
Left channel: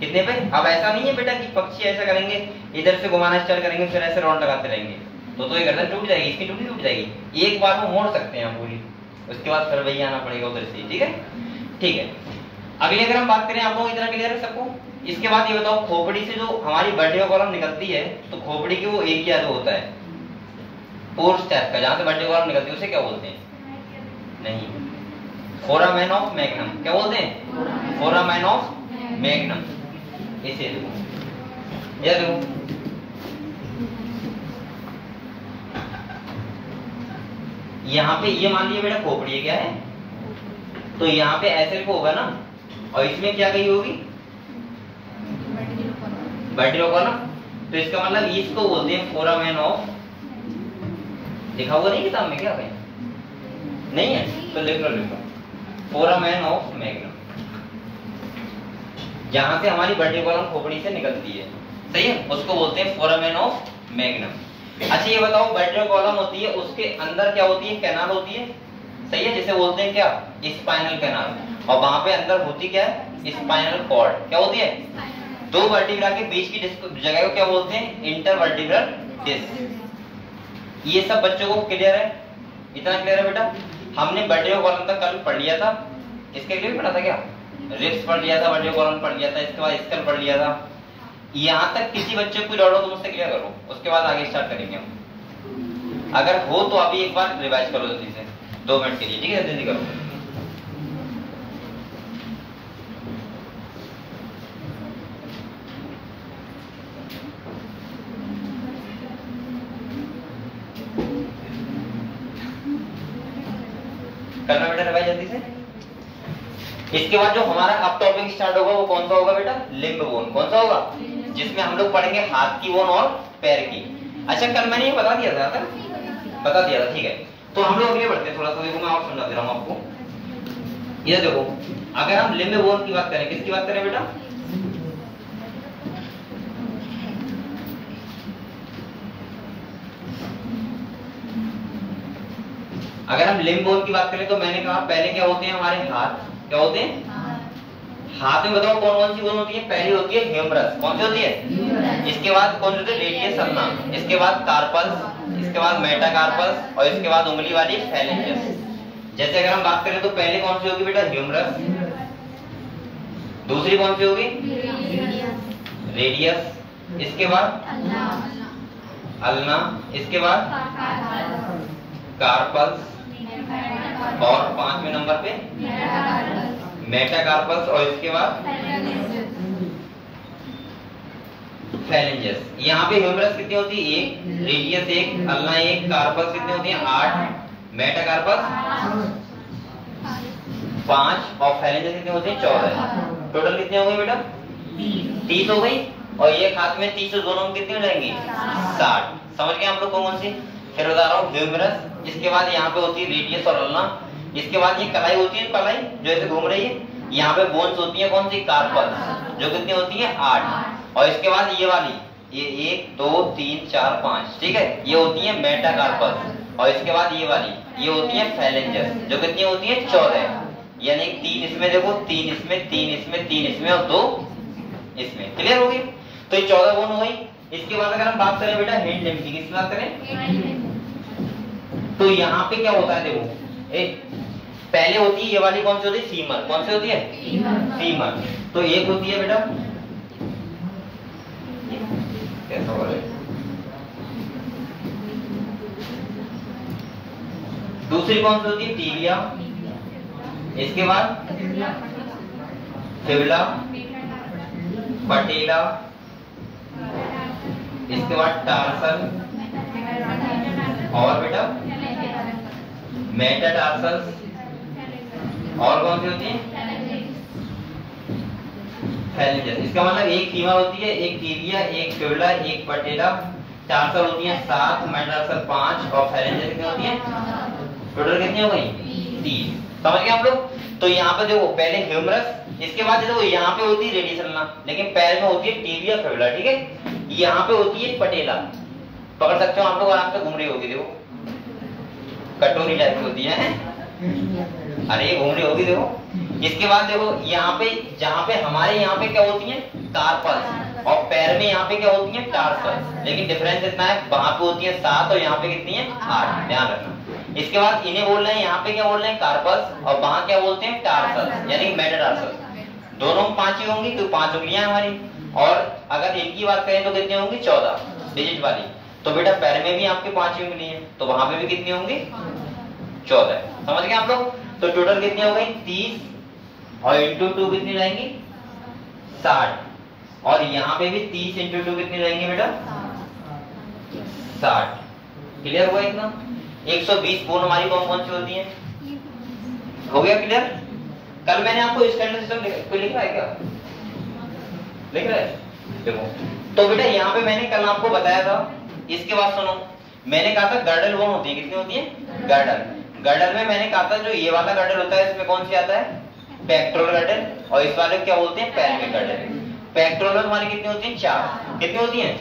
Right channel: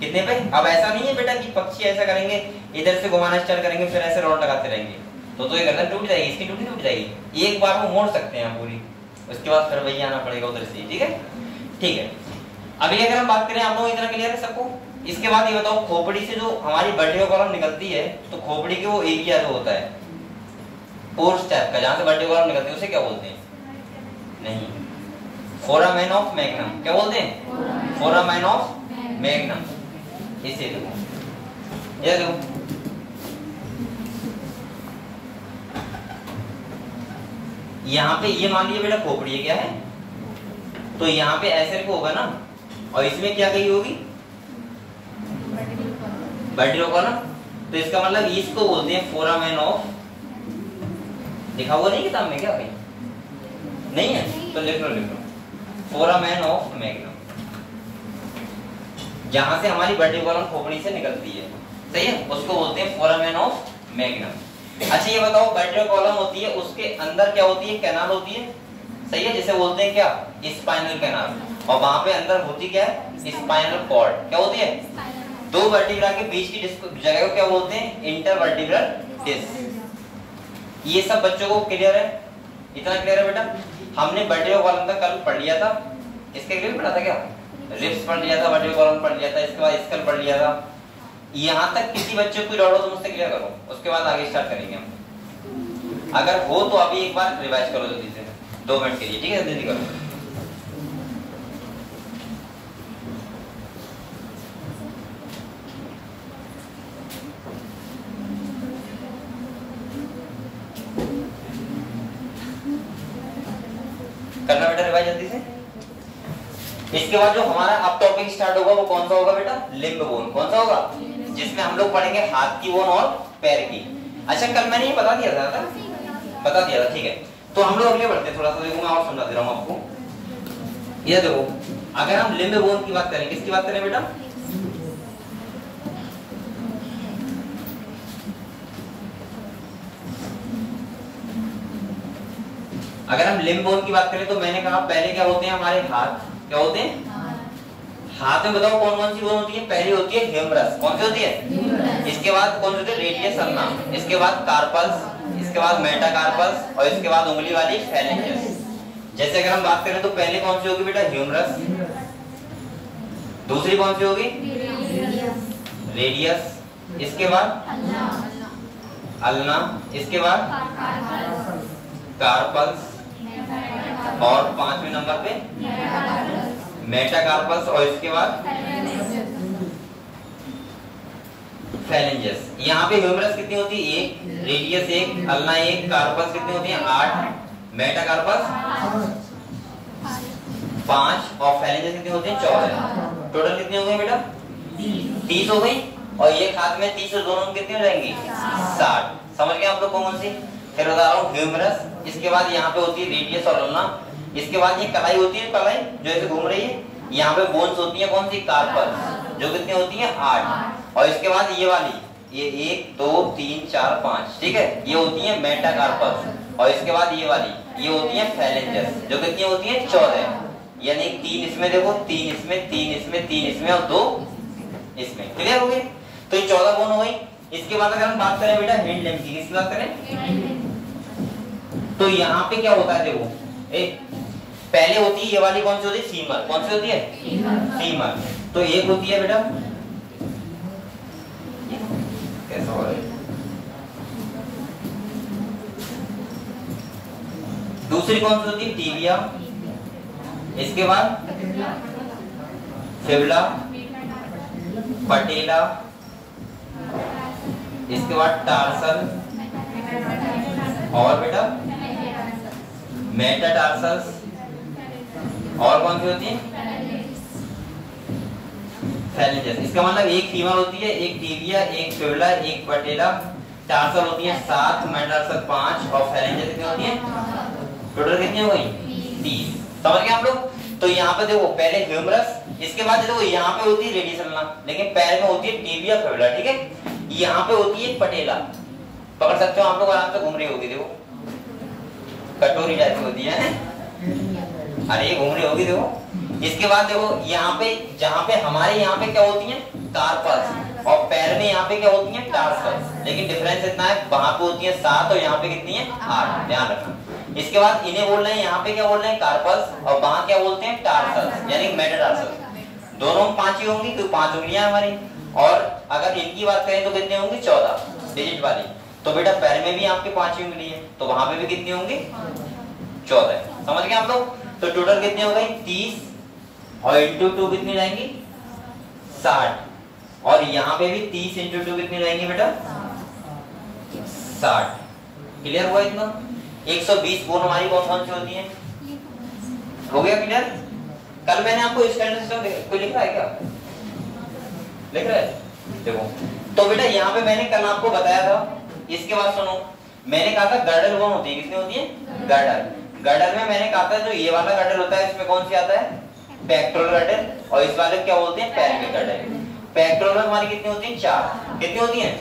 कितने पे? अब ऐसा नहीं है बेटा कि पक्षी ऐसा करेंगे, इधर से घुमाना स्टार्ट करेंगे फिर ऐसे राउंड लगाते रहेंगे, तो ये गर्दन टूट जाएगी, इसकी टूट जाएगी। एक बार वो मोड़ सकते हैं पूरी, उसके बाद फिर वही आना पड़ेगा उधर से। ठीक है, ठीक है। अगली अगर हम बात करें, आप लोग इतना क्लियर है सबको? इसके बाद ये बताओ खोपड़ी से जो हमारी वर्टिब्रल कॉलम निकलती है तो खोपड़ी के वो एरिया जो होता है पोर्स टाइप का, जहां से वर्टिब्रल कॉलम निकलती है उसे क्या बोलते हैं? नहीं, फोरामेन ऑफ मैग्नम। क्या बोलते हैं? Foramen of magnum. इसे देखो, ये देखो, यहाँ पे ये मान लिया बेटा खोपड़ी है, क्या है? तो यहाँ पे ऐसे होगा ना, और इसमें क्या कही होगी? Vertebral column. तो इसका मतलब इसको बोलते हैं फोरामेन ऑफ, लिखा हुआ नहीं किताब में क्या कहीं? नहीं है तो लिख लो, फोरामेन ऑफ मैग्नम, जहां से हमारी वर्टिब्रल कॉलम खोपड़ी से निकलती है, सही है, उसको बोलते हैं फोरामेन ऑफ मैग्नम। अच्छा ये बताओ वर्टिब्रल कॉलम होती है उसके अंदर क्या होती है? कैनाल होती है, सही है, जिसे बोलते हैं क्या? Spinal canal. और वहां पे अंदर होती क्या है? Spinal cord. क्या होती है? दो वर्टिब्रा के बीच की जगह को क्या बोलते हैं? Intervertebral disc. ये सब बच्चों को क्लियर है? इतना क्लियर है बेटा? हमने वर्टिब्रल कॉलम तक कल पढ़ लिया था, इसके लिए भी पढ़ा था क्या? रिब्स पढ़ लिया था, वर्टिब्रल कॉलम पढ़ लिया था, इसके बाद स्कल पढ़ लिया था। यहाँ तक किसी बच्चे को डाउट हो तो मुझसे क्लियर करो, उसके बाद आगे स्टार्ट करेंगे हम। अगर हो तो अभी एक बार रिवाइज करो जल्दी से, 2 मिनट के लिए, ठीक है? जल्दी करो। करना बेटा रिवाइज जल्दी से। इसके बाद जो हमारा अब टॉपिक स्टार्ट होगा वो कौन सा होगा बेटा? Limb bone. कौन सा होगा? जिसमें हम लोग पढ़ेंगे हाथ की बोन और पैर की। अच्छा कल मैंने ये बता दिया था, बता दिया था, ठीक है। तो हम लोग अगले बढ़ते हैं, थोड़ा सा देखो मैं और समझा दे रहा हूँ आपको। ये देखो अगर हम लिम्ब बोन की बात करें, किसकी बात करें बेटा? अगर हम लिम्ब बोन की बात करें तो मैंने कहा पहले क्या होते हैं हमारे हाथ, क्या होते हैं? हाथ में बताओ कौन कौन सी बोन होती है? पहली होती है ह्यूमरस। कौन सी होती है? इसके बाद कौन सी होती है? Radius ulna. इसके बाद कार्पल्स, इसके बाद मेटाकार्पल्स और इसके बाद उंगली वाली फेलेंजेस। जैसे अगर हम बात करें तो पहले कौन सी होगी बेटा? ह्यूमरस। दूसरी कौन सी होगी? रेडियस। इसके बाद अल्ना। इसके बाद कार्पल्स और पांचवें नंबर पे मेटाकार्पल्स और इसके बाद फेलेंजेस। यहाँ पे ह्यूमरस कितनी होती है? 1, रेडियस 1, अल्ना 1, कार्पल्स कितनी होती है? 8, मेटाकार्पल्स 5 और फेलेंजेस कितनी होती है? 14। टोटल कितनी हो गई बेटा? 30 हो गई। और ये हाथ में 30 दोनों में कितनी हो जाएंगी? 60। समझ गए हम लोग कौन सी? फिर बता रहा हूँ ह्यूमरस, इसके बाद यहाँ पे होती है रेडियस और अल्ना, इसके बाद ये कलाई होती है, कलाई जो ऐसे घूम रही है, यहाँ पे बोन्स होती है कौन सी? कार्पल्स, जो कितनी होती है? 8। और इसके बाद ये वाली, ये 1 2 3 4 5, ठीक है, ये होती है मेटाकार्पल्स। और इसके बाद ये वाली, ये होती है फेलेंजेस, जो कितनी होती है? 14। यानी 3 इसमें देखो, 3 इसमें, 3 इसमें, 3 इसमें और 2 इसमें। क्लियर हो गई? तो ये 14 बोन हो गई। इसके बाद अगर हम बात करें बेटा हैंड लिम्ब की, किसकी बात करें? तो यहाँ पे क्या होता है देखो, एक पहले होती है ये वाली, कौन सी होती है? फीमर। कौन सी होती है? फीमर। तो एक होती है बेटा, कैसा हो रहा है? दूसरी कौन सी होती है? टीबिया। इसके बाद फिबुला, पटेला, इसके बाद टार्सल और बेटा मेटाटार्सल्स। और कौन सी होती है? फेलेंजेस। इसका मतलब एक फीमर होती है, एक टीबिया, एक फिबुला, एक पटेला, टार्सल होती है 7, मेटाटार्सल 5 और फेलेंजेस कितनी होती है? टोटल कितनी हो गई? 30। समझ गए आप लोग? तो यहाँ पे देखो पहले ह्यूमरस, इसके बाद देखो यहाँ पे होती है रेडियस अल्ना, लेकिन पैर में होती है टीबिया फिबुला, ठीक है। यहाँ पे होती है पटेला, पकड़ सकते हो आप लोग, आराम से घूम रही होगी, देखो कटोरी टाइप की होती है, अरे ये घूम रही होगी देखो। इसके बाद देखो यहाँ पे, जहाँ पे हमारे यहाँ पे क्या होती है? कार्पल्स, और पैर में यहाँ पे क्या होती है? टार्सल्स। लेकिन डिफरेंस इतना है, वहां पे होती है 7 और यहाँ पे कितनी है? 8। ध्यान रखना। इसके बाद इन्हें बोल रहे हैं, यहाँ पे क्या बोल रहे हैं? कार्पल्स, और वहां क्या बोलते हैं? टार्सल्स, यानी मेटाटार्सल्स। दोनों में 5 ही होंगी, तो 5 उंगलियां हमारी। और अगर इनकी बात करें तो कितनी होंगी? 14 डिजिट वाली। तो बेटा पैर में भी आपके 5 ही उंगली है, तो वहां पे भी कितनी होंगी? 14। समझ गए आप लोग? तो टोटल कितनी हो गई? 30 और इंटू 2 कितनी रहेंगी? 60। और यहाँ पे भी 30 इंटू 2 कितनी रहेंगी बेटा? 60। क्लियर हुआ इतना? 120 बोन हमारी कौन कौन सी होती है? हो गया क्लियर? कल मैंने आपको स्टैंडर्ड सिस्टम कोई लिख रहा है क्या? लिख रहा है? देखो तो बेटा यहाँ पे मैंने कल आपको बताया था, इसके बाद सुनो, मैंने कहा था गर्डल बोन होती है, कितनी होती है? गर्डल। गर्डल में मैंने कहा था जो ये वाला गर्डल होता है, इसमें कौन सी आता है? Pectoral girdle. और इस वाले क्या बोलते हैं? पैर के गर्डल। पेक्टोरल हमारी कितनी होती है? 4। कितनी होती है?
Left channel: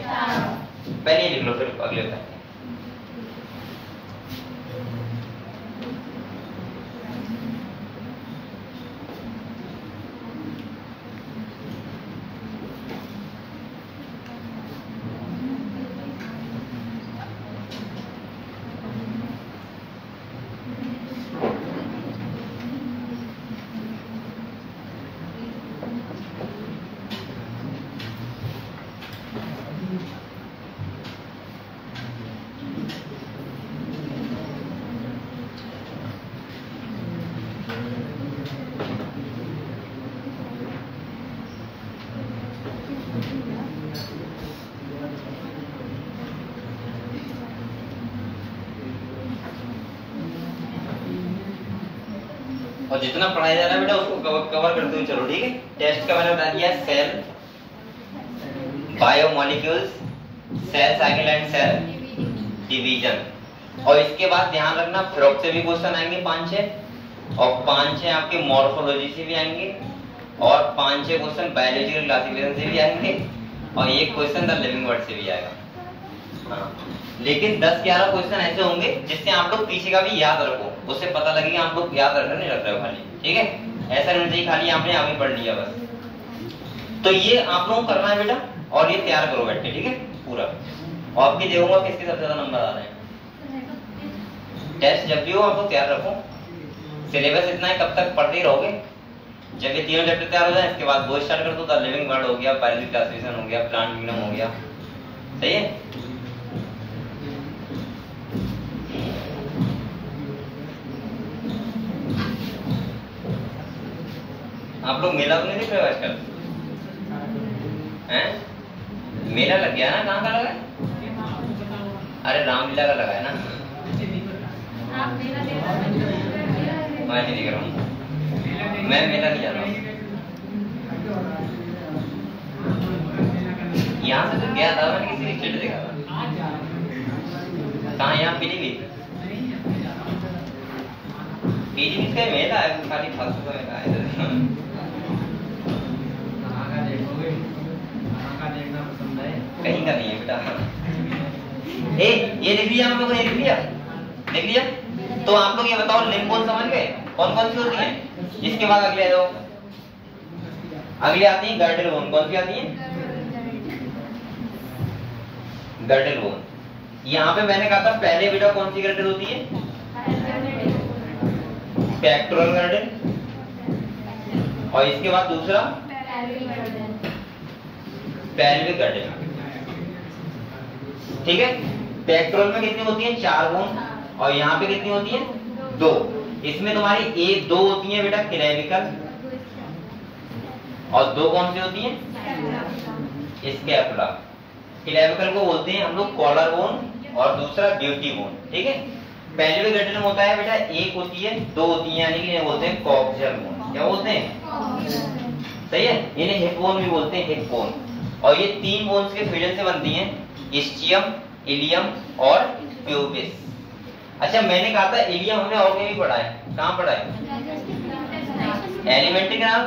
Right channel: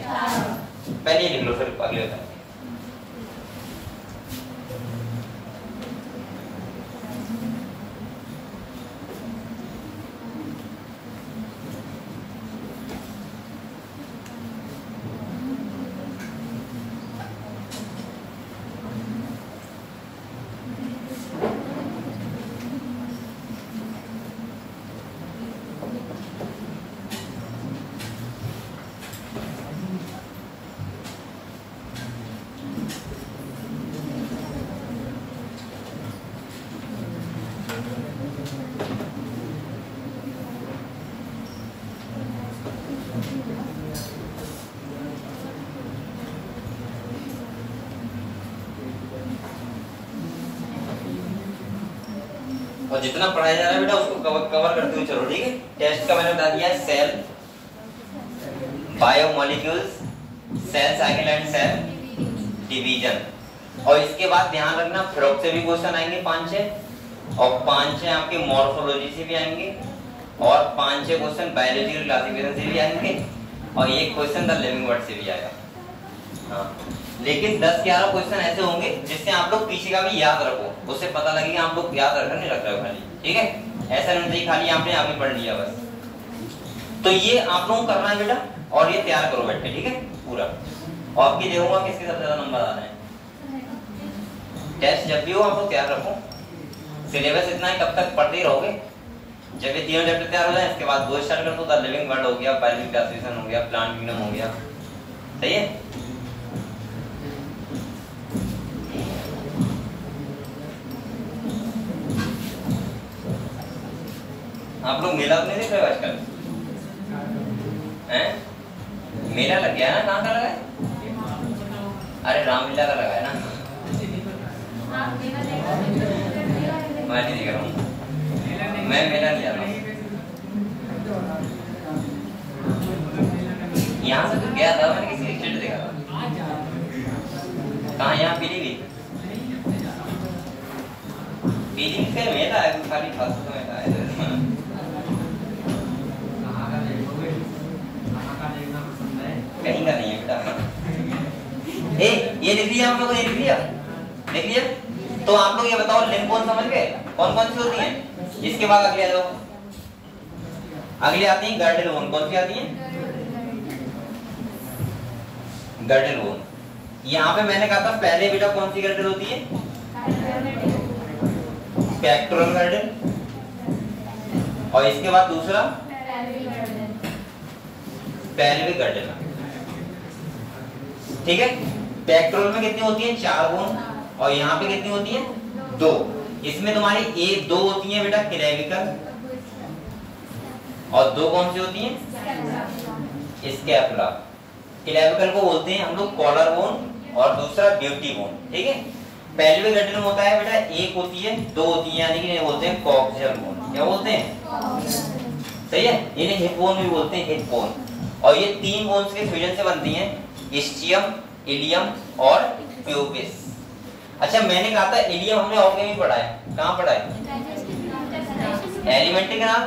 पहले ये लिख लो, फिर अगले होता है। और जितना पढ़ाया जा रहा है बेटा उसको कवर करते हुए चलो, ठीक है। टेस्ट का मैंने बता दिया, cell, biomolecules, cell cycle and cell division. और इसके बाद ध्यान रखना फ्रॉक से भी क्वेश्चन आएंगे 5-6, और 5-6 आपके मॉर्फोलॉजी से भी आएंगे, और 5-6 क्वेश्चन बायोलॉजिकल क्लासिफिकेशन से भी आएंगे, और एक क्वेश्चन द लिविंग वर्ड से भी आएगा। हाँ, लेकिन 10-11 क्वेश्चन ऐसे होंगे जिससे आप लोग पीछे का भी याद रखो, उससे पता लगेगा आप लोग याद रख नहीं रख रहे हो खाली, ठीक है। ऐसा नहीं चाहिए खाली आपने आगे पढ़ लिया बस। तो ये आप लोगों को करना है बेटा, और ये तैयार करो बैठ के, ठीक है पूरा। और आपकी देखूंगा किसके सबसे ज्यादा नंबर आ रहे हैं। टेस्ट जब भी हो आपको तैयार रखो। सिलेबस इतना है, कब तक पढ़ते ही रहोगे। जब ये तीनों चैप्टर तैयार हो जाए इसके बाद वो स्टार्ट कर दो, द लिविंग वर्ड हो गया, बायोलॉजिकल क्लासिफिकेशन हो गया, प्लांट किंगडम हो गया, सही है। आप लोग मेला तो नहीं देख रहे हो आजकल? हैं? मेला लग गया ना, कहाँ का लगा है? अरे रामलीला का लगा है ना। मैं नहीं देख रहा हूँ, मैं मेला नहीं जा रहा हूँ। यहाँ से तो गया था, मैंने किसी पिक्चर देखा। कहाँ? यहाँ पीलीभीत। पीलीभीत का मेला है, खाली फालतू का मेला है। कहीं का नहीं है बेटा। ये लिख लिया हम लोगों ने, लिख लिया। तो आप लोग ये बताओ लिंग कौन समझ गए, कौन कौन सी होती है। इसके बाद अगले जाओ, अगले आती है गर्डल बोन। कौन सी आती है? Girdle bone. यहाँ पे मैंने कहा था पहले बेटा कौन सी गर्डल होती है? Pectoral girdle. और इसके बाद दूसरा पेल्विक गर्डल, ठीक है। पेक्टोरल में कितनी होती है? 4 बोन, और यहाँ पे कितनी होती है? 2। इसमें तुम्हारी 1-2 होती है बेटा क्लेविकल, और 2 कौन सी होती है? स्कैपुला। क्लेविकल को बोलते हैं हम लोग कॉलर बोन, और दूसरा ब्यूटी बोन, ठीक है। पेल्विक गर्डल में होता है बेटा 1 होती है, 2 होती है, यानी कि बोलते हैं कॉक्सियल बोन। क्या बोलते हैं? सही है, इन्हें हिप बोन भी बोलते हैं, हिप बोन। और ये 3 बोन्स के फ्यूजन से बनती हैं, इस्चियम, इलियम और प्यूबिस। अच्छा, मैंने कहा था इलियम हमने और कहीं भी पढ़ा है। कहाँ पढ़ा है? एलिमेंट्री कैनाल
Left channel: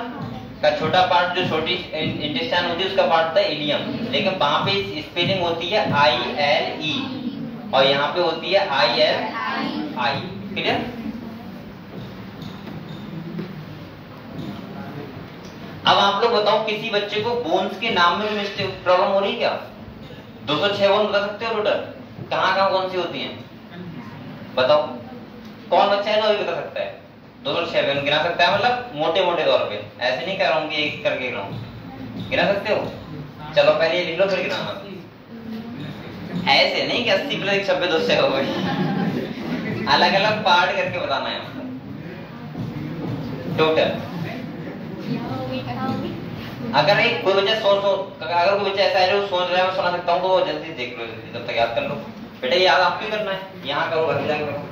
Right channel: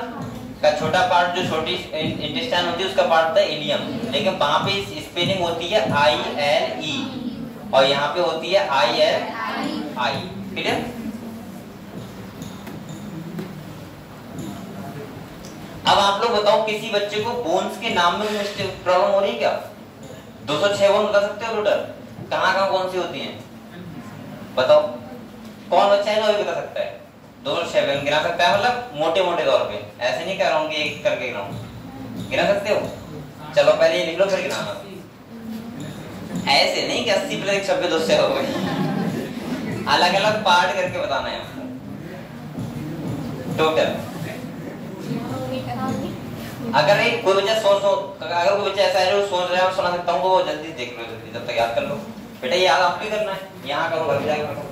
का छोटा पार्ट, जो छोटी इंटेस्टाइन होती है उसका पार्ट था इलियम, लेकिन वहां पे स्पेलिंग होती है ILE, और यहाँ पे होती है ILI। क्लियर? अब आप लोग बताओ, किसी बच्चे को बोन्स के नाम में मिस्टेक प्रॉब्लम हो रही है क्या? 206 बोन बता सकते हो टोटल? कहाँ कौन सी होती हैं बताओ? कौन बच्चा है ना वो बता सकता है? 206 बोन गिना सकता है, मतलब मोटे मोटे तौर पे, ऐसे नहीं कह रहा हूँ कि एक करके गिनाऊं। गिना सकते हो? चलो पहले ये लिख लो फिर गिनाना। ऐसे नहीं कि 80 + 1 90 200 हो गई। अलग अलग पार्ट करके बताना है टोटल। अगर एक कोई बच्चा अगर कोई बच्चा ऐसा है जो सोच रहा है मैं सुना सकता हूँ, तो वो जल्दी देख लो, जल्दी तब तक याद कर लो। बेटा याद आपको ही करना है, यहाँ करो घर जाके करो।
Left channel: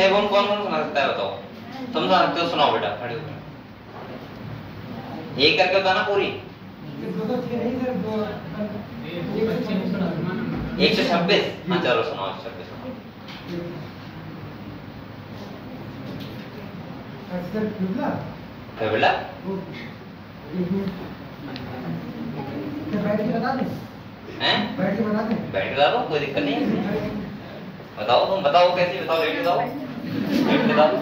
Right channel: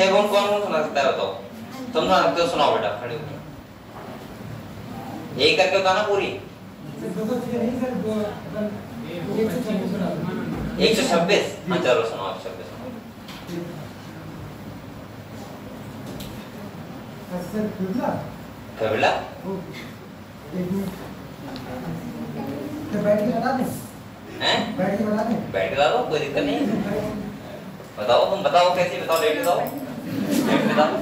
कौन कौन सुना सकता है बताओ? तुम सुना सकते हो? सुनाओ बेटा, खड़े हो एक करके बताना पूरी। 126। हाँ चलो सुनाओ 126। फेबुला बैठ के बता दो। हैं? बैठ के बता दो, कोई दिक्कत नहीं। बताओ, तुम बताओ कैसे बताओ, लेट बताओ, लेट बताओ।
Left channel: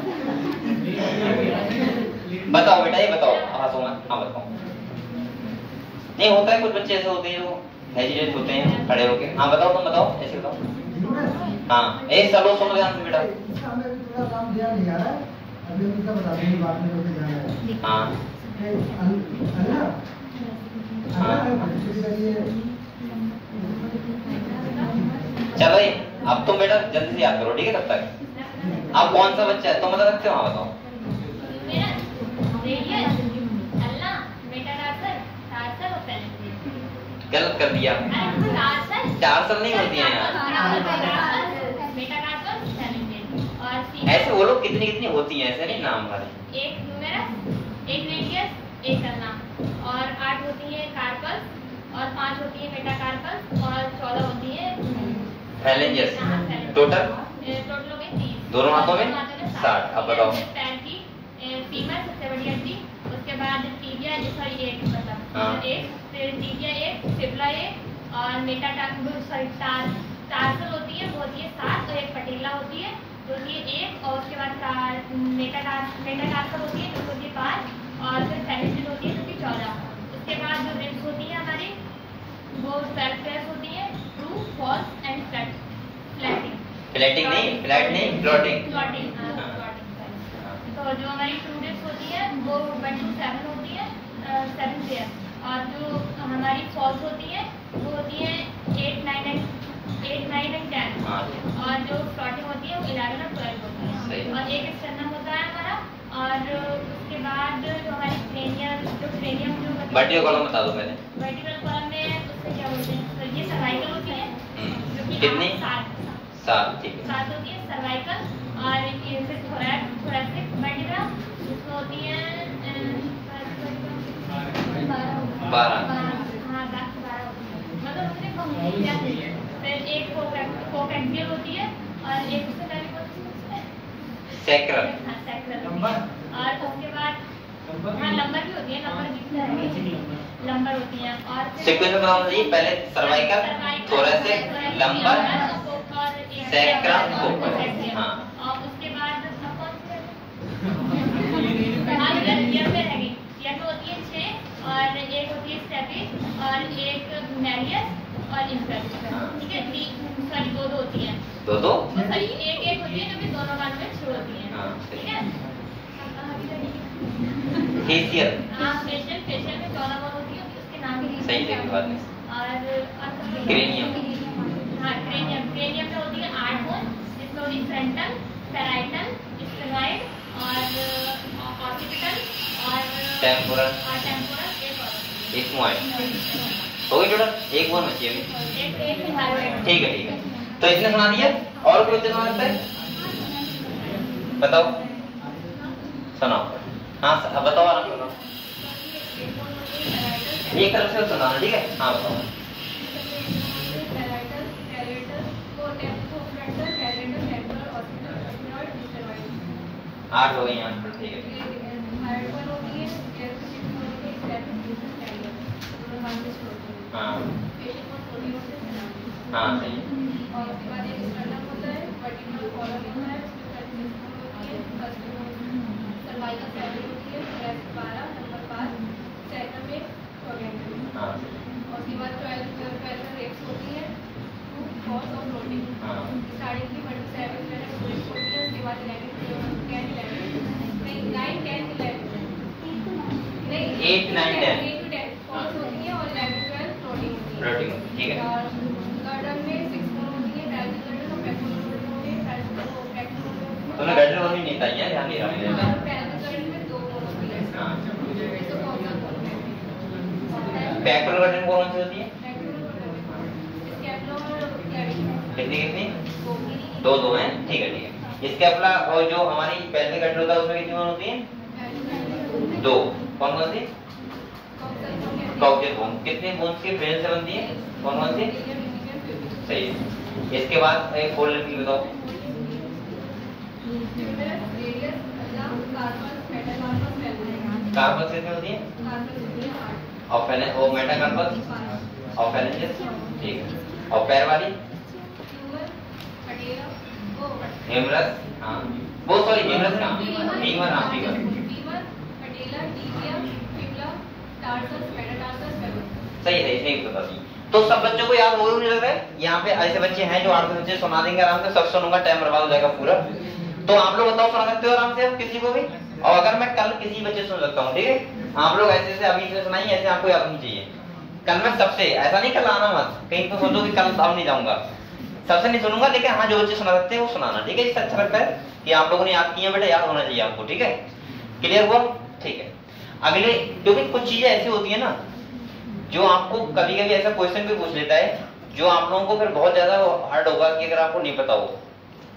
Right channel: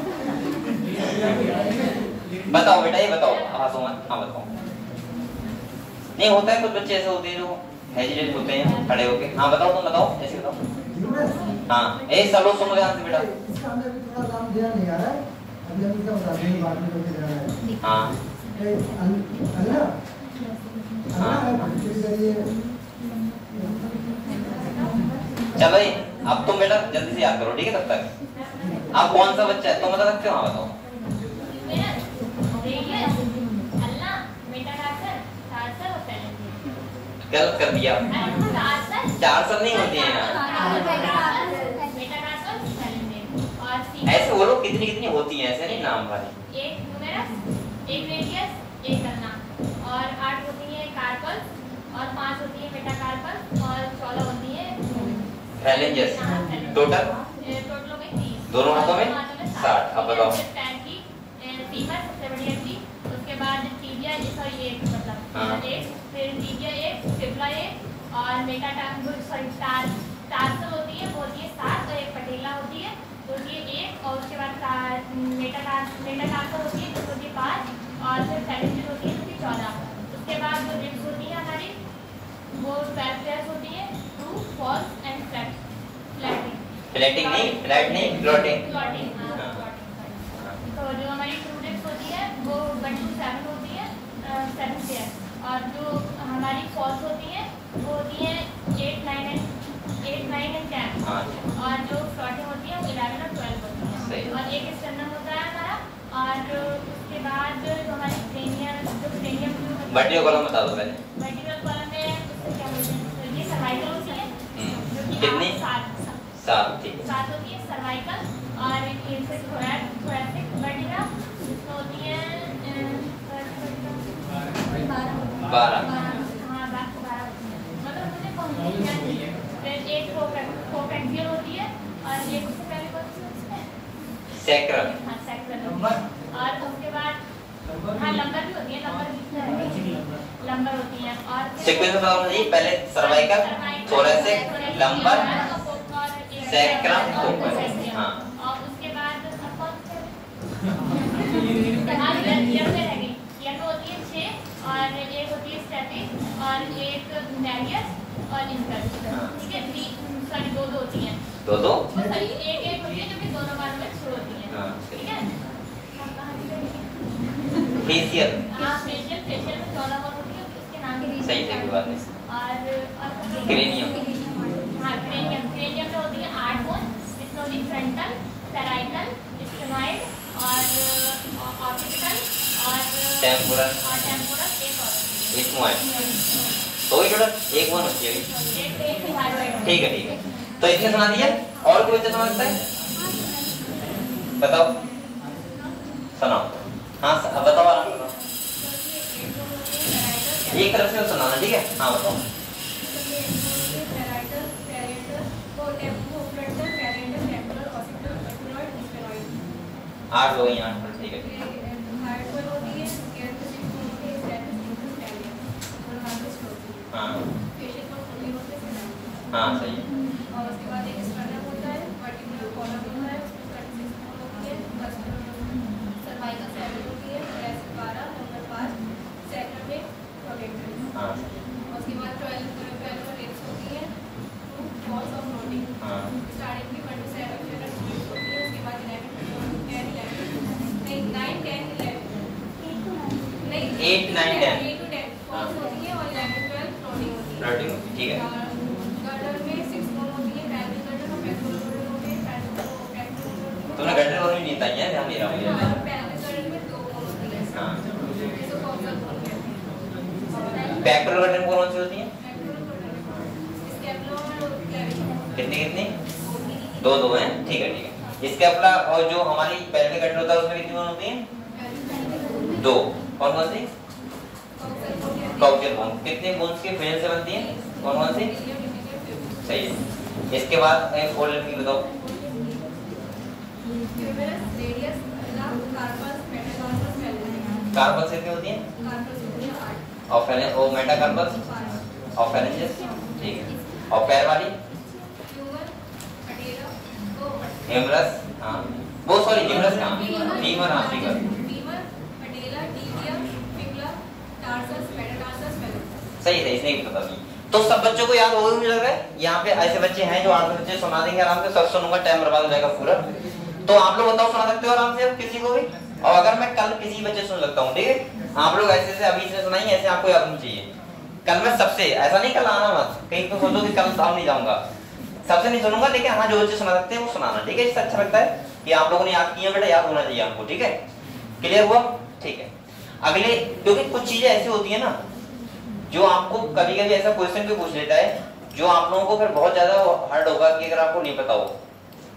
बताओ बेटा, ये बताओ, हंसो मत। हाँ बताओ। नहीं होता है, कुछ बच्चे ऐसे होते हैं जो हेजिटेट होते हैं खड़े होके। हाँ बताओ, तुम बताओ, ऐसे बताओ। हाँ ए चलो सुनो ध्यान से बेटा। इसका हमें भी थोड़ा काम दिया नहीं आ रहा है, अभी हम इसका बता देंगे बाद में करके जा रहा है। हाँ चलो ये अब तुम बेटा जल्दी से याद करो, ठीक है? तब तक आप कौन सा बच्चा है तुम बता सकते हो? हाँ बताओ। गलत कर दिया, चार सब नहीं होती हैं यार, ऐसे बोलो कितनी कितनी होती हैं, ऐसे नहीं नाम वाले। एक ह्यूमेरस, एक रेडियस, एक करना, और 8 होती है कार्पल्स, और 5 होती है मेटाकार्पल्स, और 14 होती है फैलेंजेस। टोटल टोटल हो गई 30। दोनों हाथों में 60। अब बताओ। पैर की फीमर सबसे बड़ी हड्डी, उसके बाद टीबिया, सॉरी एक मतलब एक, फिर टीबिया एक, फिबुला एक, और टार्सल होती है वो होती है 7, और एक पटेला होती है जो होती है 1, और उसके बाद मेटाटार्सल होती है जो होती है 5, और फिर फैलेंजेस होती है जो कि 14। उसके बाद जो रिब्स होती है हमारी वो 12 पेयर्स होती है, ट्रू, फॉल्स एंड फ्लैटिंग। फ्लैटिंग नहीं, फ्लैट नहीं, फ्लोटिंग। तो जो हमारी ट्रू रिब्स होती है वो 1 to 7 होती है, 7 पेयर, और जो हमारी फॉल्स होती है वो होती है 8, 9 एंड 10, और जो फ्लोटिंग होती है वो 11 और 12 होती है, और एक स्टर्नम होता है हमारा, और उसके बाद जो हमारी क्रेनियम वर्टिकल कॉलम बता दो मैंने। वर्टिकल कॉलम में उसको क्या बोलते हैं, तो ये सर्वाइकल होती है जो कि कितनी? 7, ठीक है। 7 होती है सर्वाइकल, और ये फिर थोरैसिक वर्टिब्रा जिसको होती है 12। हाँ 12 मतलब मुझे कम क्या है। फिर एक कोएक्सियल होती है, और एक उससे पहले कौन सी होती है? सैक्रल। हाँ सैक्रल, और उसके बाद हाँ लंबर भी होती है, लंबर होती है, और सीक्वेंस में बताओ जी, पहले cervical, thoracic, lumbar, sacrum, coaxial. हाँ और उसके बाद ईयर में रह गई, ईयर में होती है 6, और एक होती है स्टेपिस, और एक मैलियस, और इंफ्रस, ठीक है? 3 2 होती है, दो सॉरी एक होती है जो कि दोनों कान में शुरू होती है, ठीक है? फेशियल। हाँ फेशियल में 14 बार होती है, उसके नाम ही सही है बात है। और क्रेनियम। हाँ क्रेनियम में होती है 8 बोन, जिसमें होती है फ्रंटल, पैराइटल, स्फेनॉइड, और ऑक्सीपिटल, और टेम्पोरल, एक मोबाइल हो गई टोटल, एक बोन होती है अभी। एक थायराइड। ठीक है। तो इसने सुना दिया, और कोई बच्चा सुना सकता है? बताओ, सुनाओ। हाँ बताओ, आराम करो, एक तरफ से सुनाना, ठीक है? हाँ बताओ। 8 हो गई यहाँ, ठीक है। हाँ हाँ सही है। और उसके बाद एक स्टर्नम होता है, वर्टिकल कॉलम होता है, सर्वाइकल सेवन होती है, थोरैसिक 12, नंबर 5, सैक्रम में प्रोगेंडल। हाँ और उसके बाद 12 रेप्स होती है, फॉल्स और फ्लोटिंग। स्टार्टिंग की 1 to 7 होती है, उसके बाद 11 10 11 9 10 11 नहीं 8 9 10 8 to 10 फॉल्स होती है, और 11 12 फ्लोटिंग होती है। फ्लोटिंग होती है, ठीक है। और गर्दन में 6 बोन होती है, पैल्विक गर्दन और पेक्टोरल गर्दन होती है, पेक्टोरल तुमने गर्दन बोन नहीं था यार, ध्यान नहीं रहा मेरे। और पैल्विक गर्दन में 2 बोन होती है। हाँ इसको कॉक्सियल बोन कहते हैं। पेक्टोरल गर्दन कौन सी होती है? स्कैपुलर क्लेविकुलर कितनी? दो हैं, ठीक है। इसके अलावा और जो हमारी पेल्विक गर्दन होता है उसमें कितनी बोन होती है? 2। कौन सी? Coccygeal bone. कितने बोन्स के फ्रेंड से बनती है? कौन सी? सही है। इसके बाद एक फोल्ड लिखी बताओ। कार्पस कितनी होती है? और मेटाकार्पस और फैलेंजेस, ठीक है। और पैर वाली? ह्यूमरस, हाँ वो सॉरी ह्यूमरस कहाँ, फीमर, हाँ फीमर, सही है, इसने बता दी। तो सब बच्चों को याद होगा मुझे लग रहा है। यहाँ पे ऐसे बच्चे हैं जो 8 बच्चे सुना देंगे आराम से, सब सुनूंगा, टाइम बर्बाद हो जाएगा पूरा। तो आप लोग बताओ, सुना सकते हो आराम से किसी को भी? और अगर मैं कल किसी बच्चे सुन सकता हूँ, ठीक है, आप लोग ऐसे से अभी से सुनाइए, ऐसे आपको याद होना चाहिए। कल मैं सबसे, ऐसा नहीं कल आना मत, कहीं तो सोचो कि कल साहब नहीं जाऊंगा, सबसे नहीं सुनूंगा, लेकिन हाँ जो बच्चे सुना सकते हैं वो सुनाना, ठीक है। इससे अच्छा लगता है कि आप लोगों ने याद किया, बेटा याद होना चाहिए आपको, ठीक है, क्लियर हुआ? ठीक है। अगले, क्योंकि कुछ चीजें ऐसी होती है ना जो आपको कभी कभी ऐसा क्वेश्चन भी पूछ लेता है जो आप लोगों को फिर बहुत ज्यादा हार्ड होगा कि अगर आपको नहीं पता हो।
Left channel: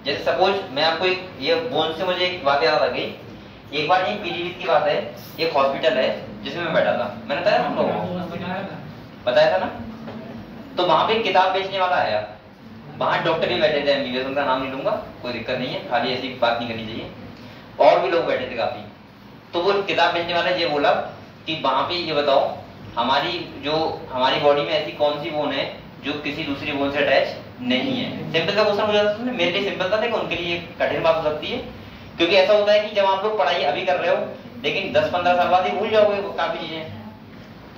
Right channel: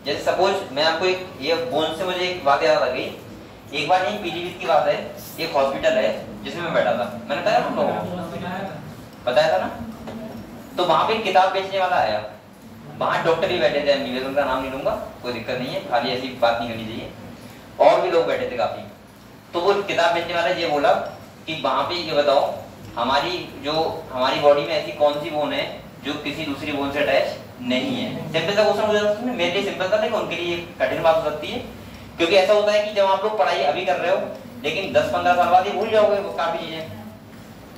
जैसे सपोज मैं आपको एक, ये बोन से मुझे एक बात याद आ गई। एक बार यही पीजीवी की बात है, एक हॉस्पिटल है जिसमें मैं बैठा था, मैंने बताया ना लोगों को, बताया था ना। तो वहां पे किताब बेचने वाला आया, वहां डॉक्टर भी बैठे थे, एमबीबीएस, उनका नाम नहीं लूंगा, कोई दिक्कत नहीं है, खाली ऐसी बात नहीं करनी चाहिए, और भी लोग बैठे थे काफी। तो वो किताब बेचने वाला ये बोला कि वहां पे ये बताओ हमारी बॉडी में ऐसी कौन सी बोन है जो किसी दूसरी बोन से अटैच नहीं है। सिंपल सा क्वेश्चन हो जाता है, मेरे लिए सिंपल था, लेकिन उनके लिए कठिन बात हो सकती है, क्योंकि ऐसा होता है कि जब आप लोग पढ़ाई अभी कर रहे हो लेकिन 10-15 साल बाद ही भूल जाओगे वो काफी चीजें।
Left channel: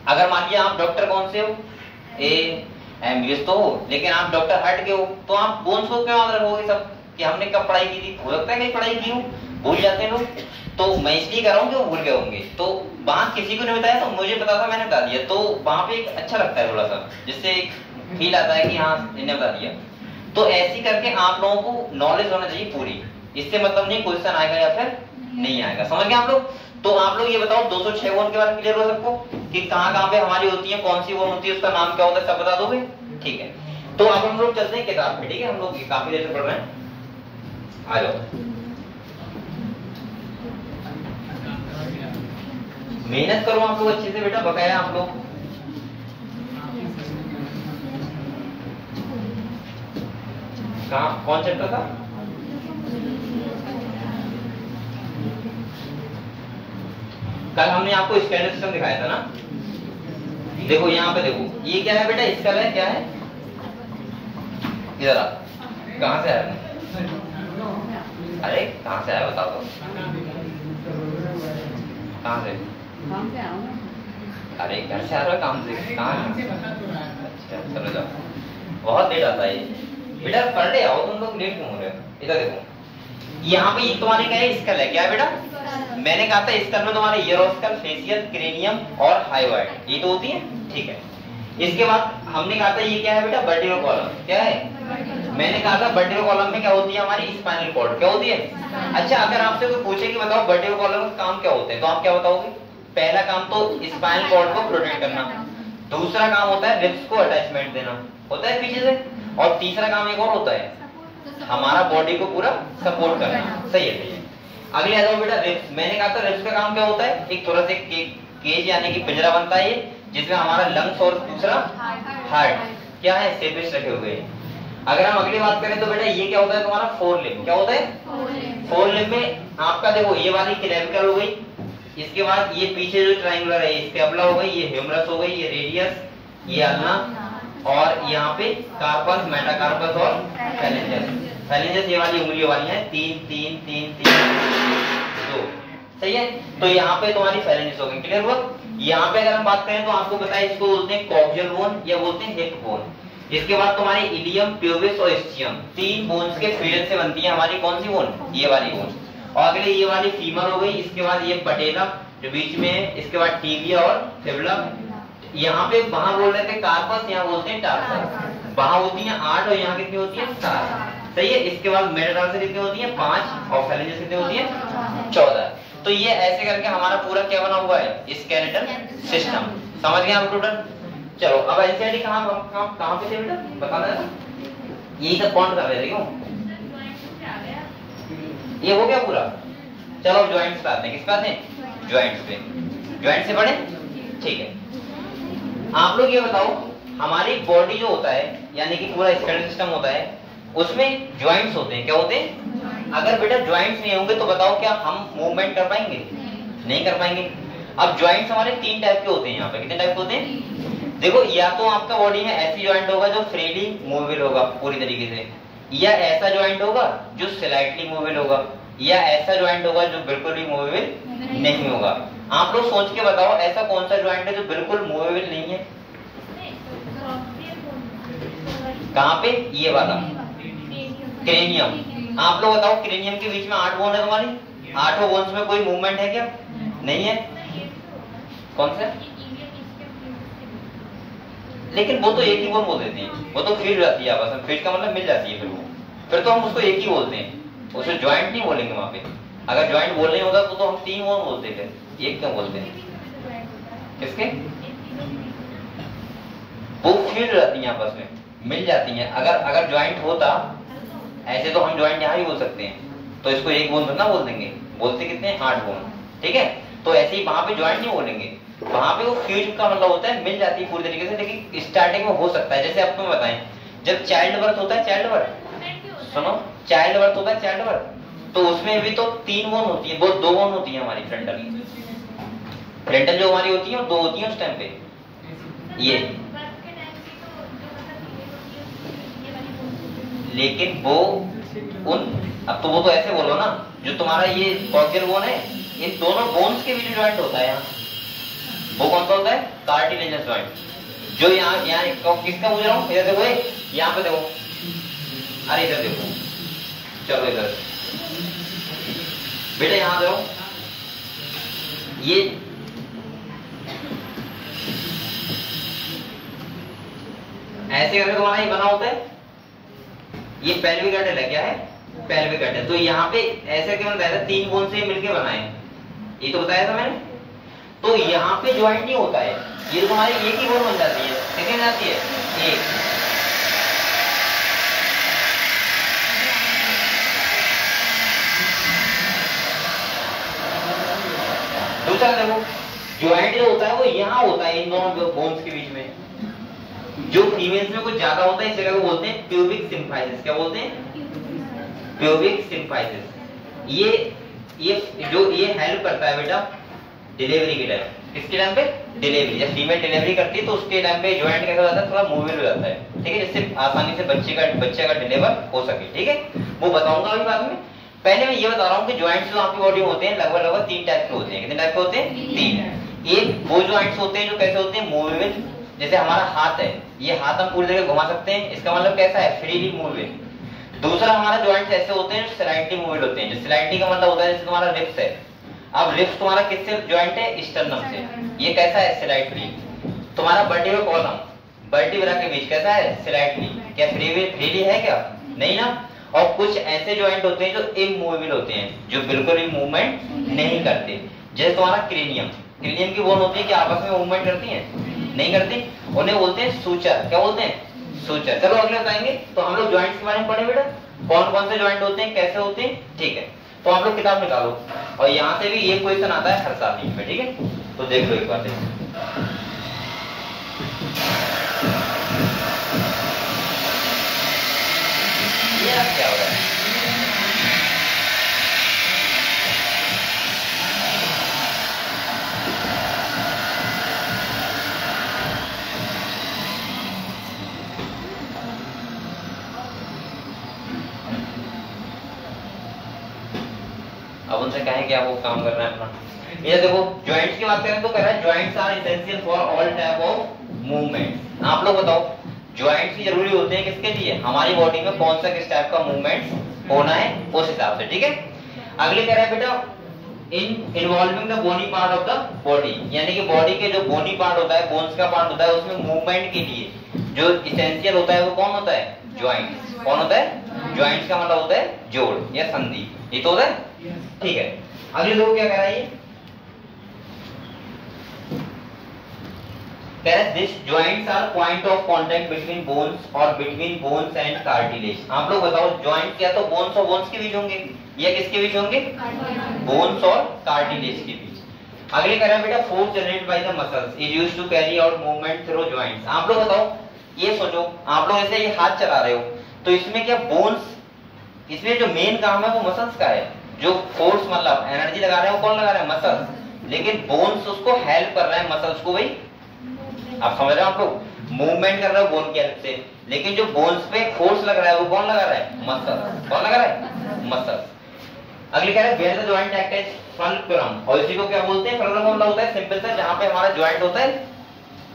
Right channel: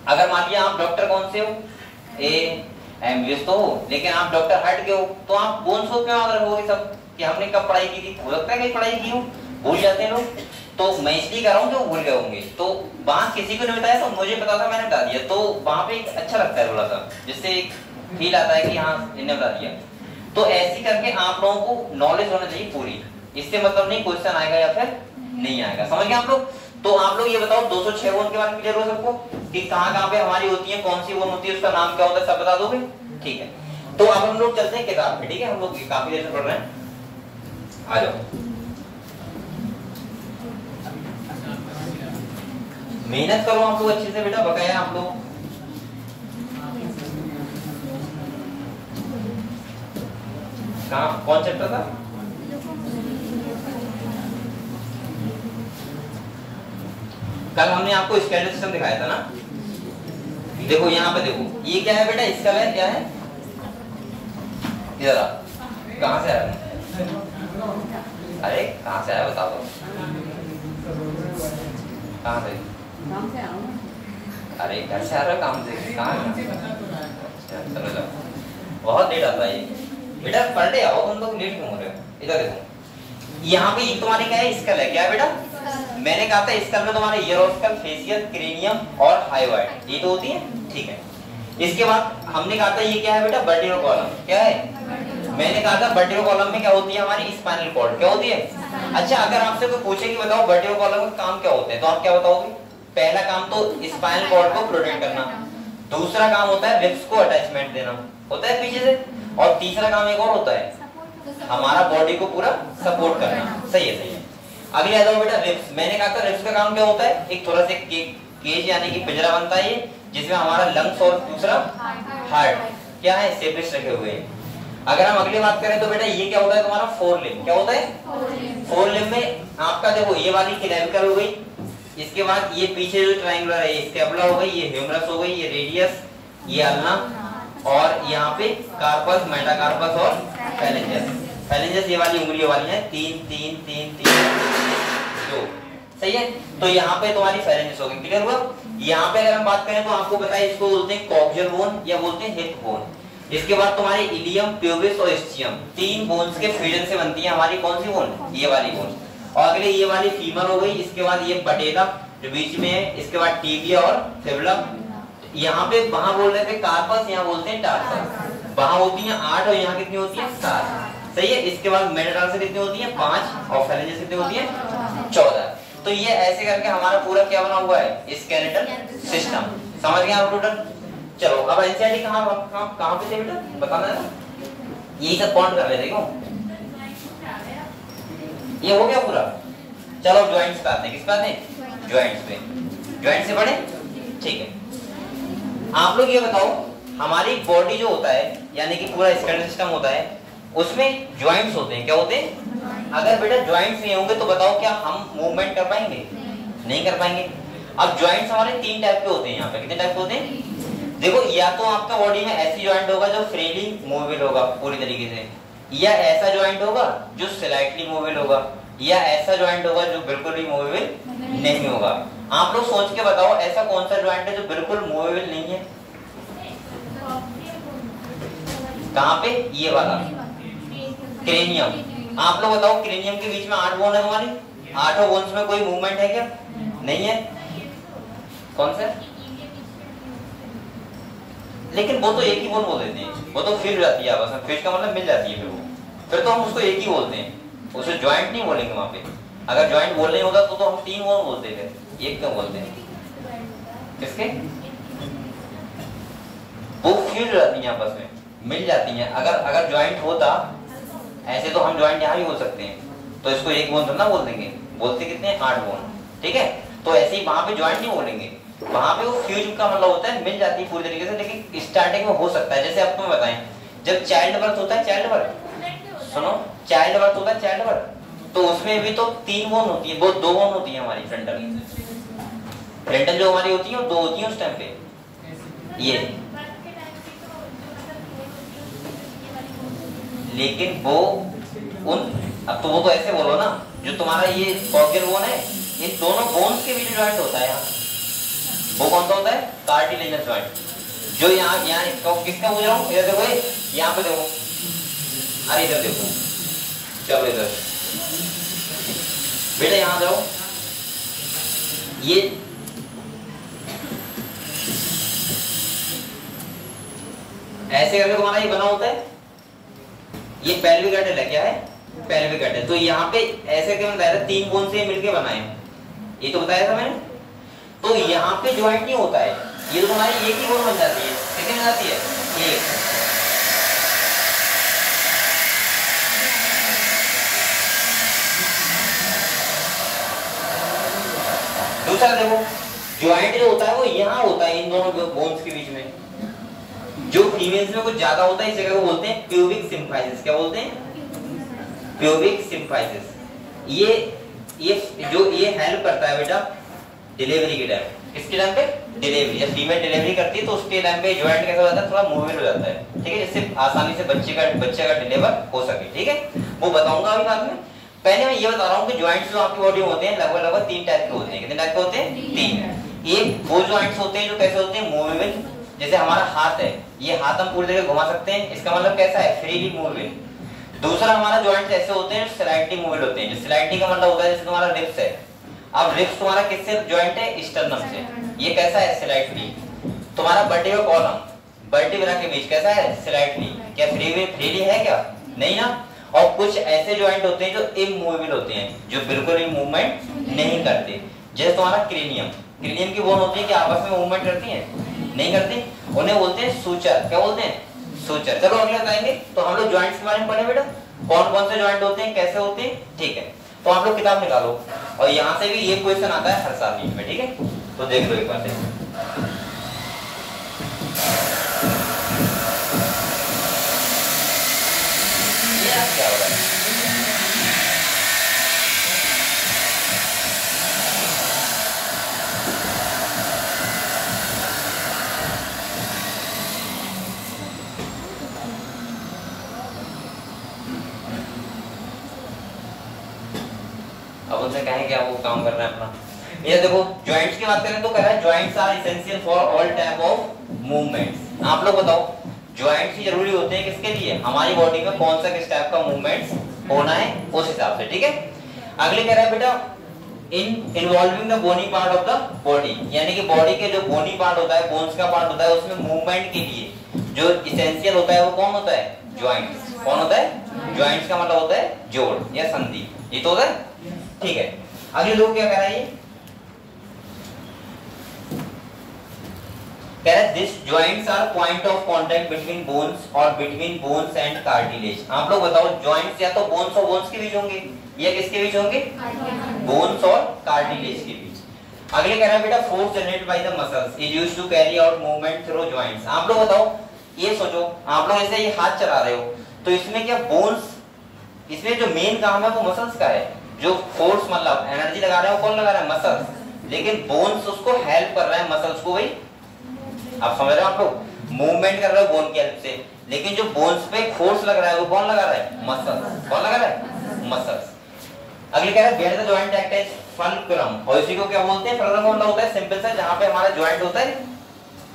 अगर मान लिया आप डॉक्टर कौन से हो, एमबीबीएस तो हो, लेकिन आप डॉक्टर हट के हो, तो आप बोन को क्यों याद रखोगे सब कि हमने कब पढ़ाई की थी? हो सकता है कहीं पढ़ाई की हो, भूल जाते हैं लोग। तो मैं इसलिए कह रहा हूँ कि वो भूल गए होंगे। तो वहां किसी को नहीं बताया, तो मुझे पता था, मैंने बता दिया। तो वहां पे एक अच्छा लगता है थोड़ा सा, जिससे एक फील आता है कि हाँ इन्हें बता दिया। तो ऐसी करके आप लोगों को नॉलेज होना चाहिए पूरी। इससे मतलब नहीं क्वेश्चन आएगा या फिर नहीं आएगा, समझ गए आप लोग? तो आप लोग ये बताओ 206 बोन के बारे में क्लियर हो सबको कि कहाँ पे हमारी होती है, कौन सी बोन होती है, उसका नाम क्या होता है, सब बता दोगे? ठीक है। तो अब हम लोग चलते हैं किताब पे, ठीक है? हम लोग काफी देर से पढ़ रहे हैं, आ जाओ। मेहनत करो आप लोग अच्छे से बेटा, बकाया आप लोग। कहाँ, कौन चैप्टर था? कल हमने आपको स्कैलर सिस्टम दिखाया था ना। देखो यहाँ पे देखो, ये क्या है बेटा? स्केल है, क्या है? इधर आ, कहाँ से आया? अरे कहाँ से आया बताओ तो। कहाँ से? अरे घर से आ रहा, काम से? कहाँ? अच्छा चलो जाओ, बहुत लेट आता है ये बेटा, पढ़ ले आओ, तुम लोग लेट क्यों हो रहे हो? इधर देखो, यहाँ पे ये तुम्हारे क्या है? स्केल है, क्या है बेटा? मैंने कहा था स्केल में तुम्हारे ईयरोस्केल, फेशियल, क्रेनियम और हाइवाइड, ये तो होती है, ठीक है। इसके बाद हमने कहा था ये क्या है बेटा? वर्टिब्रल कॉलम, क्या है? मैंने कहा था वर्टिब्रल कॉलम में क्या होती है? हमारी स्पाइनल कॉर्ड, क्या होती है? अच्छा, अगर आपसे कोई पूछे कि बताओ वर्टिब्रल कॉलम का काम क्या होता है, तो आप क्या बताओगे? पहला काम तो स्पाइनल कॉर्ड को प्रोटेक्ट करना, दूसरा काम होता है रिब्स को अटैचमेंट देना, होता है पीछे से, और तीसरा काम एक और होता है, हमारा बॉडी को पूरा सपोर्ट करना। सही है, सही है। अगले आ जाओ बेटा, रिब्स। मैंने कहा था रिब्स का काम क्या होता है? एक थोड़ा सा केज यानी कि पिंजरा बनता है ये, जिसमें हमारा लंग्स और दूसरा हार्ट क्या है? सेपरेट रखे हुए हैं। अगर हम अगली बात करें तो बेटा ये क्या होता है तुम्हारा? फोर लिम्ब, क्या होता है? फोर लिम्ब में आपका देखो ये वाली क्लेविकल हो गई, इसके बाद ये पीछे जो ट्रायंगुलर है स्कैपुला हो गई, ये ह्यूमरस हो गई, ये रेडियस, ये अल्ना, और यहाँ पे कार्पस, मेटाकार्पस और फैलेंजस। फैलेंजस ये वाली उंगलियों वाली है, 3 3 3 3 2, सही है। तो यहाँ पे तुम्हारी फैलेंजस हो गई, क्लियर हुआ? यहाँ पे अगर हम बात करें तो आपको पता है इसको बोलते हैं कॉक्सियल बोन या बोलते हैं हिप बोन। इसके बाद तुम्हारी इलियम, प्यूबिस और स्टियम, 3 बोन्स के फ्यूजन से बनती है हमारी कौन सी बोन? ये वाली बोन। और अगले ये वाली फीमर हो गई, इसके बाद ये पटेला जो बीच में है, इसके बाद टिबिया और फिबुला। यहाँ पे वहां बोल रहे थे कार्पस, यहाँ बोलते हैं टार्सस। वहां होती है 8 और यहाँ कितनी होती है? 7, सही है। इसके बाद मेटाटार्सस कितनी होती है? 5, और फैलेंजस कितनी होती है? 14। तो ये ऐसे करके हमारा पूरा क्या बना हुआ है? Skeletal system. समझ गए आप टोटल? चलो अब एनसीईआरटी कहाँ पे थे बेटा? बताना है, यही सब काउंट कर रहे थे क्यों? ये हो गया पूरा। चलो जॉइंट्स पे आते हैं, किस पे आते हैं? जॉइंट्स पे। जॉइंट से पढ़े, ठीक है। आप लोग ये बताओ, हमारी बॉडी जो होता है यानी कि पूरा स्केलेटल सिस्टम होता है, उसमें जॉइंट्स होते हैं, क्या होते हैं? अगर बेटा जॉइंट्स नहीं होंगे तो बताओ क्या हम मूवमेंट कर पाएंगे? नहीं कर पाएंगे। अब जॉइंट्स हमारे 3 टाइप के होते हैं। यहाँ पे कितने टाइप के होते हैं? देखो, या तो आपका बॉडी में ऐसी जॉइंट होगा जो फ्रीली मूवेबल होगा पूरी तरीके से, या ऐसा जॉइंट होगा जो स्लाइटली मूवेबल होगा, या ऐसा ज्वाइंट होगा जो बिल्कुल भी मूवेबल नहीं होगा। आप लोग सोच के बताओ ऐसा कौन सा ज्वाइंट है जो बिल्कुल मूवेबल नहीं है? कहाँ पे? ये वाला क्रेनियम। आप लोग बताओ क्रेनियम के बीच में 8 बोन है तुम्हारी, 8 बोन्स में कोई मूवमेंट है क्या? नहीं है। कौन सा? लेकिन वो तो एक ही बोन बोल देते हैं, वो तो फ्यूज जाती है आपस में, फ्यूज का मतलब मिल जाती है, फिर तो हम उसको एक ही बोलते हैं, उसे ज्वाइंट नहीं बोलेंगे वहां पे। अगर ज्वाइंट बोलने होता तो हम 3 बोन बोलते थे, एक क्यों बोलते हैं? किसके? वो फ्यूज जाती है आपस में, मिल जाती हैं। अगर ज्वाइंट होता ऐसे तो हम ज्वाइंट यहाँ भी बोल सकते हैं, तो इसको एक बोन तो ना बोल देंगे, बोलते कितने? 8 बोन, ठीक है। तो ऐसे ही वहां पे ज्वाइंट नहीं बोलेंगे, वहां पे वो फ्यूज का मतलब होता है मिल जाती है पूरी तरीके से, लेकिन स्टार्टिंग में हो सकता है। जैसे अब तुम्हें बताएं, जब चाइल्ड बर्थ होता है, चाइल्ड बर्थ सुनो, चाइल्ड बर्थ होता है, चाइल्ड बर्थ, तो उसमें भी तो 3 बोन होती है, वो 2 बोन होती है हमारी फ्रंटल जो हमारी होती है वो 2 होती है उस टाइम पे। ये लेकिन वो अब तो वो तो ऐसे बोलो ना, जो तुम्हारा ये कॉक्सियल बोन है, इन दोनों बोन्स के बीच ज्वाइंट होता है यहाँ, वो कौन सा होता है? कार्टिलेजस ज्वाइंट। जो यहाँ किसका बोल रहा हूँ? इधर देखो, यहाँ पे देखो, अरे इधर देखो, चलो इधर बेटा, यहाँ जाओ, ये ऐसे करके तुम्हारा ये बना होता है, ये पेल्विक गट है, क्या है? पेल्विक गट है। तो यहाँ पे ऐसे क्यों बताया था? 3 बोन से मिलके बनाए, ये तो बताया था मैंने। तो यहाँ पे ज्वाइंट नहीं होता है, ये तो तुम्हारी एक ही बोन बन जाती है। कितनी बन जाती है? एक। दूसरा देखो, ज्वाइंट जो होता है वो यहाँ होता है, इन दोनों बोन्स के बीच में। जो फीमेल्स में कुछ ज्यादा होता है, इस जगह को बोलते हैं प्यूबिक सिम्फाइसिस। क्या बोलते हैं? Pubic symphysis. ये जो ये हेल्प करता है बेटा डिलीवरी के टाइम। किसके टाइम पे? डिलीवरी। जब फीमेल डिलीवरी करती है तो उसके टाइम पे ज्वाइंट कैसा हो जाता है? थोड़ा मूवमेंट हो जाता है, ठीक है, जिससे आसानी से बच्चे का डिलीवर हो सके, ठीक है। वो बताऊंगा अभी बाद में। पहले मैं ये बता रहा हूँ कि ज्वाइंट्स जो आपकी बॉडी में होते हैं लगभग 3 टाइप के होते हैं। कितने टाइप के होते हैं? 3। एक वो ज्वाइंट्स होते हैं जो कैसे होते हैं? मूवेबल। जैसे हमारा हाथ है, ये हाथ हम पूरी जगह घुमा सकते हैं, इसका मतलब कैसा है? Freely movable. दूसरा हमारा ज्वाइंट्स ऐसे होते हैं स्लाइटली मूवेबल होते हैं। जो स्लाइटली का मतलब होता है जैसे तुम्हारा रिब्स है, अब रिब्स तुम्हारा किससे ज्वाइंट है? स्टर्नम से। ये कैसा है? स्लाइटली। तुम्हारा वर्टिब्रल कॉलम वर्टिब्रा के बीच कैसा है? स्लाइटली। क्या फ्रीली है? क्या नहीं ना। और कुछ ऐसे ज्वाइंट होते हैं जो इमूवेबल होते हैं, जो बिल्कुल भी मूवमेंट नहीं करते। जैसे तुम्हारा क्रेनियम, क्रेनियम की बोन होती है कि आपस में मूवमेंट करती है? नहीं करती, उन्हें बोलते हैं सूचर। क्या बोलते हैं? सूचर। चलो अगले बताएंगे। तो हम लोग ज्वाइंट्स के बारे में पढ़े बेटा, कौन कौन से ज्वाइंट होते हैं, कैसे होते हैं, ठीक है। तो आप लोग किताब निकालो, और यहाँ से भी ये क्वेश्चन आता है हर साल नीट में, ठीक है। तो देख लो एक बार देखो, ये क्या हो रहा है? अब उनसे कहें कि आप वो काम कर रहे हैं अपना। ये देखो, जॉइंट्स की बात करें तो कह रहा है joints are essential for all type of movements. आप लोग बताओ जॉइंट्स ही जरूरी होते हैं किसके लिए? हमारी बॉडी में कौन सा किस टाइप का मूवमेंट्स होना है उस हिसाब से, ठीक है। अगले कह रहा है बेटा in involving the bony part of the body, यानी कि बॉडी के जो बोनी पार्ट होता है, बोन्स का पार्ट होता है, उसमें मूवमेंट के लिए जो इसेंशियल होता है वो कौन होता है? जॉइंट्स। कौन होता है? जॉइंट्स का मतलब होता है जोड़ या संधि, ये तो होता है, ठीक है। अगले लोग क्या कह रहा है? ये कह रहा है this joints are point of contact between bones और बिटवीन बोन्स एंड कार्टिलेज। आप लोग बताओ जॉइंट्स या तो बोन्स और बोन्स के बीच होंगे या किसके बीच होंगे? बोन्स और कार्टिलेज के बीच। अगले कह रहा है बेटा force generated by the muscles is used to carry out movement through joints. आप लोग बताओ, ये सोचो आप लोग ऐसे ये हाथ चला रहे हो तो इसमें क्या बोन्स, इसमें जो मेन काम है वो मसल्स का है, जो फोर्स मतलब एनर्जी लगा रहे हैं वो कौन लगा रहा है? मसल्स। लेकिन बोन्स उसको हेल्प कर रहा है मसल्स को, भाई आप समझ रहे हो? आप लोग मूवमेंट कर रहे हो बोन की हेल्प से, लेकिन जो बोन्स पे फोर्स लग रहा है वो कौन लगा रहा है? मसल्स। कौन लगा रहा है? मसल्स। अगले कह रहा है where the joint act as fulcrum, और इसी को क्या बोलते हैं? फल्क्रम मतलब होता है सिंपल सा जहां पे हमारा जॉइंट होता है,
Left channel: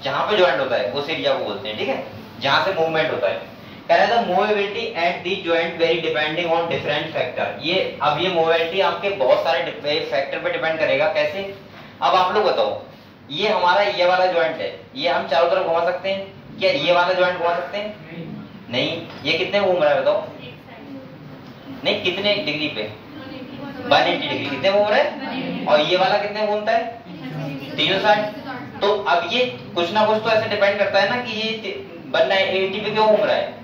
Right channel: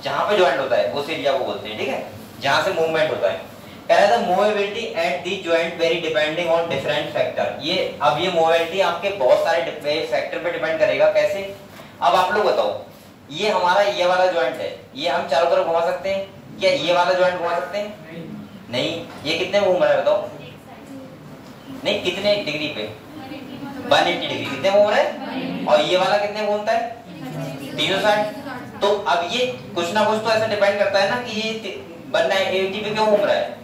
जहां पे जॉइंट होता है उस एरिया को बोलते हैं, ठीक है, जहां से मूवमेंट होता है। कह रहा है the movability at the joint very depending on different factor. ये अब ये मूवेबिलिटी आपके बहुत सारे फैक्टर पे डिपेंड करेगा। कैसे? अब आप लोग बताओ, ये हमारा ये वाला जॉइंट है, ये हम चारों तरफ घुमा सकते हैं क्या? ये वाला जॉइंट घुमा सकते हैं? नहीं। ये कितने घूम रहा है बताओ? नहीं, कितने डिग्री पे? 180 डिग्री। कितने घूम रहे हैं? और ये वाला कितने घूमता है? 360। तो अब ये कुछ ना कुछ तो ऐसा डिपेंड करता है ना कि ये 180 पे क्यों घूम रहा है।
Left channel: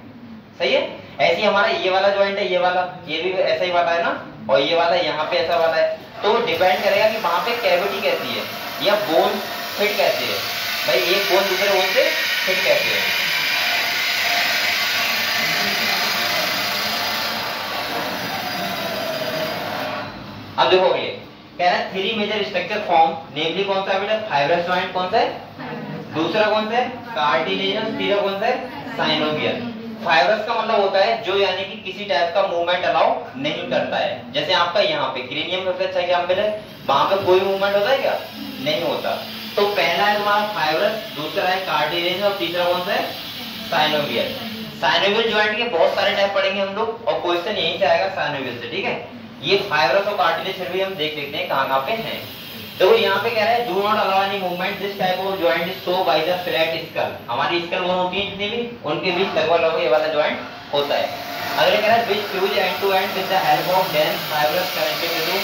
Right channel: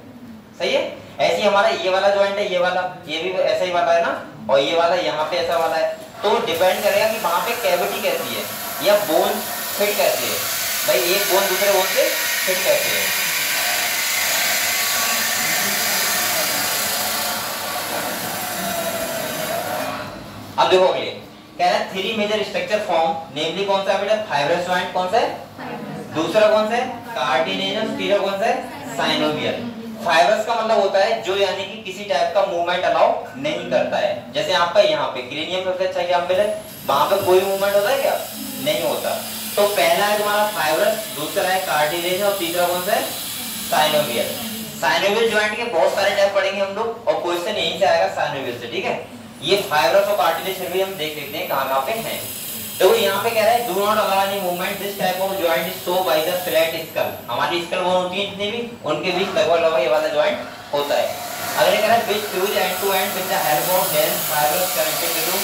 सही है? ऐसे ही हमारा ये वाला जॉइंट है, ये वाला, ये भी ऐसा ही वाला है ना, और ये वाला यहाँ पे ऐसा वाला है। तो डिपेंड करेगा कि वहां पे कैविटी कैसी है या बोन फिट कैसे है। भाई एक बोन दूसरे बोन से फिट कैसे है। अब देखो अगले कह रहा है 3 मेजर स्ट्रक्चर फॉर्म, नेमली कौन सा है बेटा? फाइब्रस जॉइंट कौन सा है? दूसरा कौन सा है? कार्टिलेजिनस। तीसरा कौन सा है? साइनोवियल। फाइब्रस का मतलब होता है जो यानी कि किसी टाइप का मूवमेंट अलाउ नहीं करता है। जैसे आपका यहाँ पे क्रेनियम सबसे अच्छा एग्जांपल है, वहां पे कोई मूवमेंट होता है क्या? नहीं होता। तो पहला है तुम्हारा फाइब्रस, दूसरा है कार्टिलेजिनस और तीसरा कौन सा है? साइनोवियल। साइनोवियल जॉइंट के बहुत सारे टाइप पढ़ेंगे हम लोग और क्वेश्चन यहीं से आएगा साइनोवियल से, ठीक है। ये फाइब्रस और कार्टिलेज फिर भी हम देख लेते हैं कहां पे हैं। देखो यहाँ पे कह रहा है do not allow any movement this type of joint is show by the flat skull. हमारी स्कल बोन होती है जितनी भी, उनके बीच लगभग ये वाला जॉइंट होता है। अगले कह रहा है which fuse end to end with the help of dense fibrous connected to.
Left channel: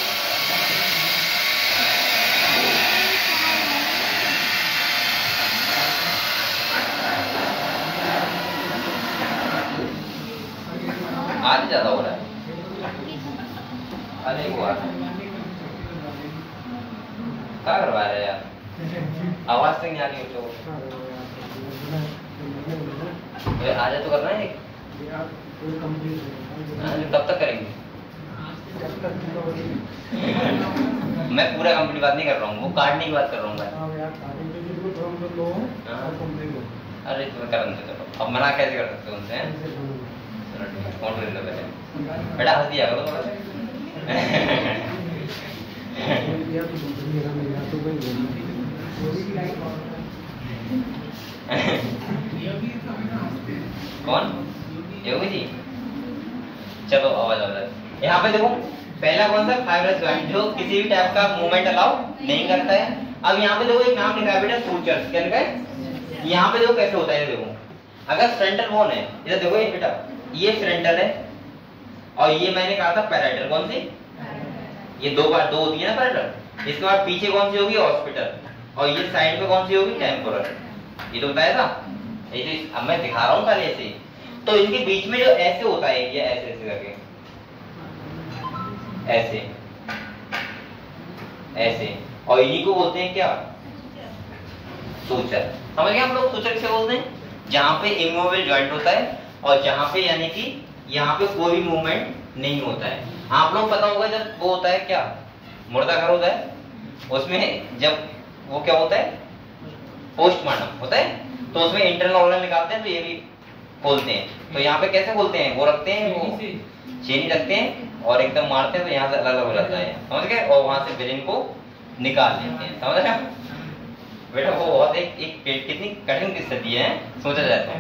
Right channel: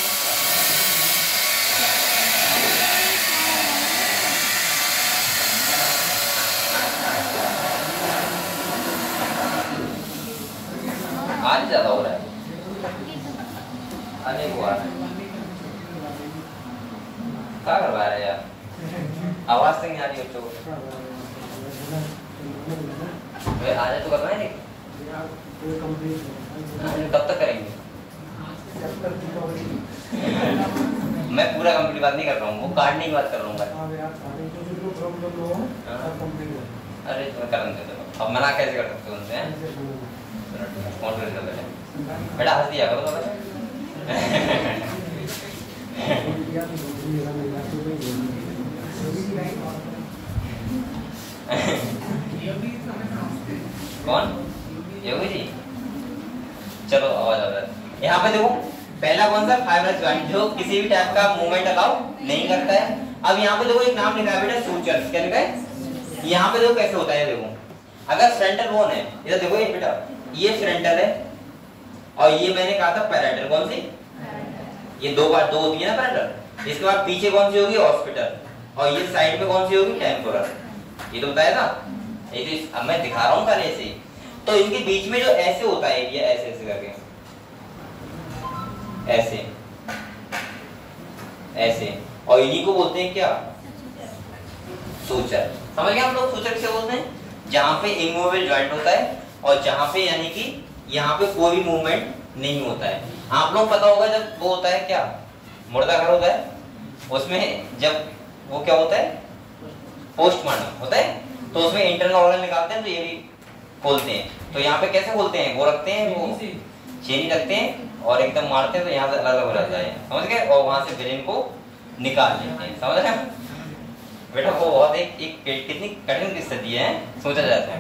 आज ज्यादा हो रहा है, अरे वो आ रहा है, क्या करवा रहे यार? आवाज से नहीं आ रही हो तो आज तो करना है। कब तक करेंगे? मैं पूरा कंप्लीट बात नहीं कर रहा हूँ, वो काटने की बात कर रहा हूँ मैं। अरे तुम्हें करन दे चलो, अब मना कैसे कर सकते हो उनसे? कौन कर देता है बेटा? हंस दिया करो थोड़ा सा। कौन? योगी जी। चलो आवाज आ रहा है। यहाँ पे देखो पहला कौन सा? फाइब्रस जॉइंट, जो किसी भी टाइप का मूवमेंट अलाउ नहीं करता है। अब यहाँ पे देखो एक नाम लिखा है बेटा, सूचर्स। क्या लिखा है? यहाँ पे देखो कैसे होता है। देखो अगर फ्रंटल बोन है, इधर देखो ये बेटा, ये फ्रंटल है और ये मैंने कहा था पैराइटल। कौन सी? ये दो बार दो होती है ना पैराइटल। इसके बाद पीछे कौन सी होगी? हॉस्पिटल। और ये साइड पे कौन सी होगी? टेम्पोरल। ये तो बताया था, ये तो अब मैं दिखा रहा हूँ खाली ऐसे ही। तो इनके बीच में जो ऐसे होता है एरिया, ऐसे ऐसे करके, ऐसे ऐसे, और इन्हीं को बोलते हैं क्या? सूचर। समझ गए हम लोग? सूचर किसे बोलते हैं? जहां पे इमूवेबल जॉइंट होता है और जहां पे यानी कि यहाँ पे कोई भी मूवमेंट नहीं होता है। आप लोग पता होगा जब वो होता है क्या, मुर्दा घर होता है, उसमें जब वो क्या होता है, पोस्टमार्टम होता है, तो उसमें इंटरनल ऑर्गन निकालते हैं, तो ये भी खोलते हैं। तो यहाँ पे कैसे खोलते हैं? वो रखते हैं, वो चेनी रखते हैं और एकदम मारते हैं, तो यहाँ से अलग अलग हो जाता है, समझ गए? और वहां से ब्रेन को निकाल लेते हैं, समझ रहे? बेटा वो बहुत एक कितनी कठिन स्थिति है, सोचा जाए तो।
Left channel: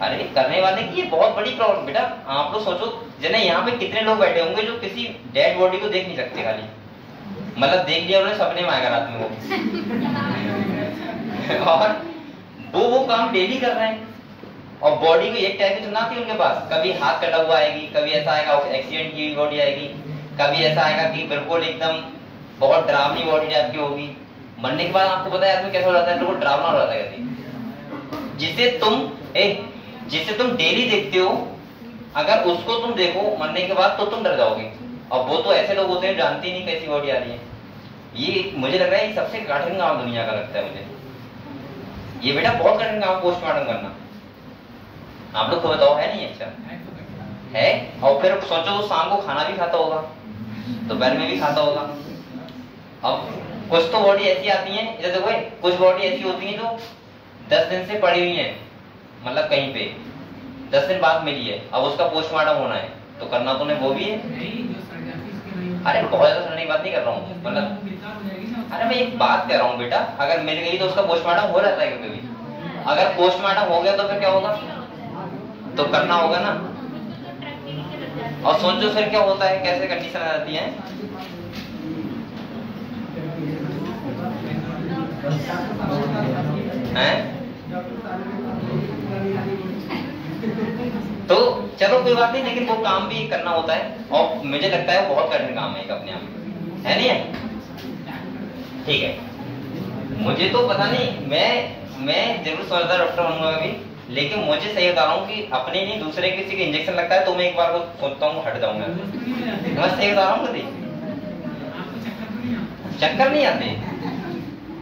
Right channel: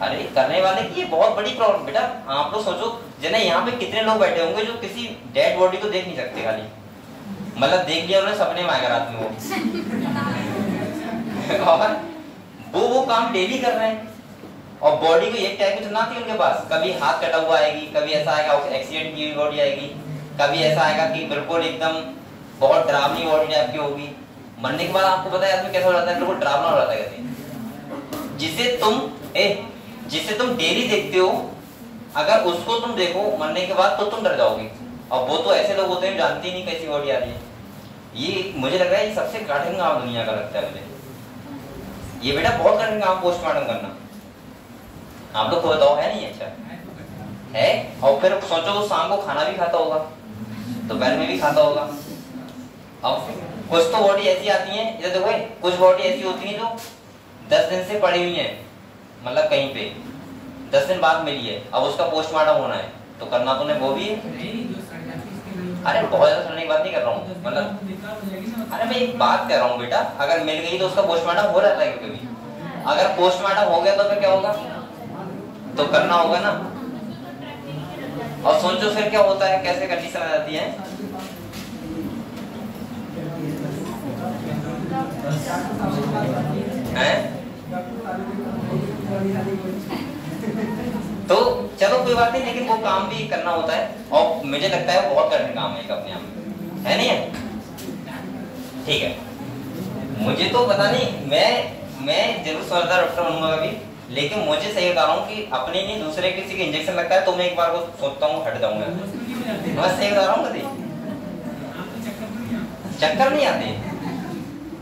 अरे करने वाले की ये बहुत बड़ी प्रॉब्लम बेटा। आप लोग सोचो जना, यहाँ पे कितने लोग बैठे होंगे जो किसी डेड बॉडी को देख नहीं सकते, खाली मतलब देख लिया उन्होंने, सपने में आएगा रात में वो और वो काम डेली कर रहे हैं। और बॉडी को एक टाइप की तो ना थी उनके पास, कभी हाथ कटा हुआ आएगी, कभी ऐसा आएगा एक्सीडेंट की बॉडी आएगी, कभी ऐसा आएगा कि बिल्कुल एकदम बहुत डरावनी बॉडी टाइप की होगी। मरने के बाद आपको पता है आदमी कैसा हो जाता है, बिल्कुल डरावना हो जाता है। जिसे तुम डेली देखते हो, अगर उसको तुम देखो मरने के बाद तो तुम डर जाओगे। और वो तो ऐसे लोग होते हैं जानते ही नहीं कैसी बॉडी आ रही है। ये मुझे लग रहा है ये सबसे कठिन काम दुनिया का लगता है मुझे, ये बेटा बहुत कठिन काम पोस्टमार्टम करना। आप लोग को बताओ, है नहीं? अच्छा है। और फिर सोचो वो शाम को खाना भी खाता होगा, दोपहर में भी खाता होगा। अब कुछ तो बॉडी ऐसी आती है, इधर देखो, कुछ बॉडी ऐसी होती है जो 10 दिन से पड़ी हुई है, मतलब कहीं पे 10 दिन बाद मिली है, अब उसका पोस्टमार्टम होना है, तो करना तो नहीं वो भी है। अरे बहुत ज्यादा सुनने की बात नहीं कर रहा हूँ, मतलब अरे मैं एक बात कर रहा हूँ बेटा, अगर मिल गई तो उसका पोस्टमार्टम हो रहता है कभी, अगर पोस्टमार्टम हो गया तो फिर क्या होगा, तो करना होगा ना। और सोचो फिर क्या होता है, कैसे कंडीशन आ जाती है। तो चलो कोई बात नहीं, लेकिन वो काम भी करना होता है और मुझे लगता है वो बहुत कठिन काम है अपने आप में, है नहीं है? ठीक है, मुझे तो पता नहीं, मैं जरूर समझदार डॉक्टर बनूंगा कभी, लेकिन मुझे सही बता रहा हूँ कि अपने नहीं दूसरे किसी के इंजेक्शन लगता है तो मैं एक बार को सोचता हूँ हट जाऊंगा। मैं सही बता रहा हूँ, कभी चक्कर नहीं आते।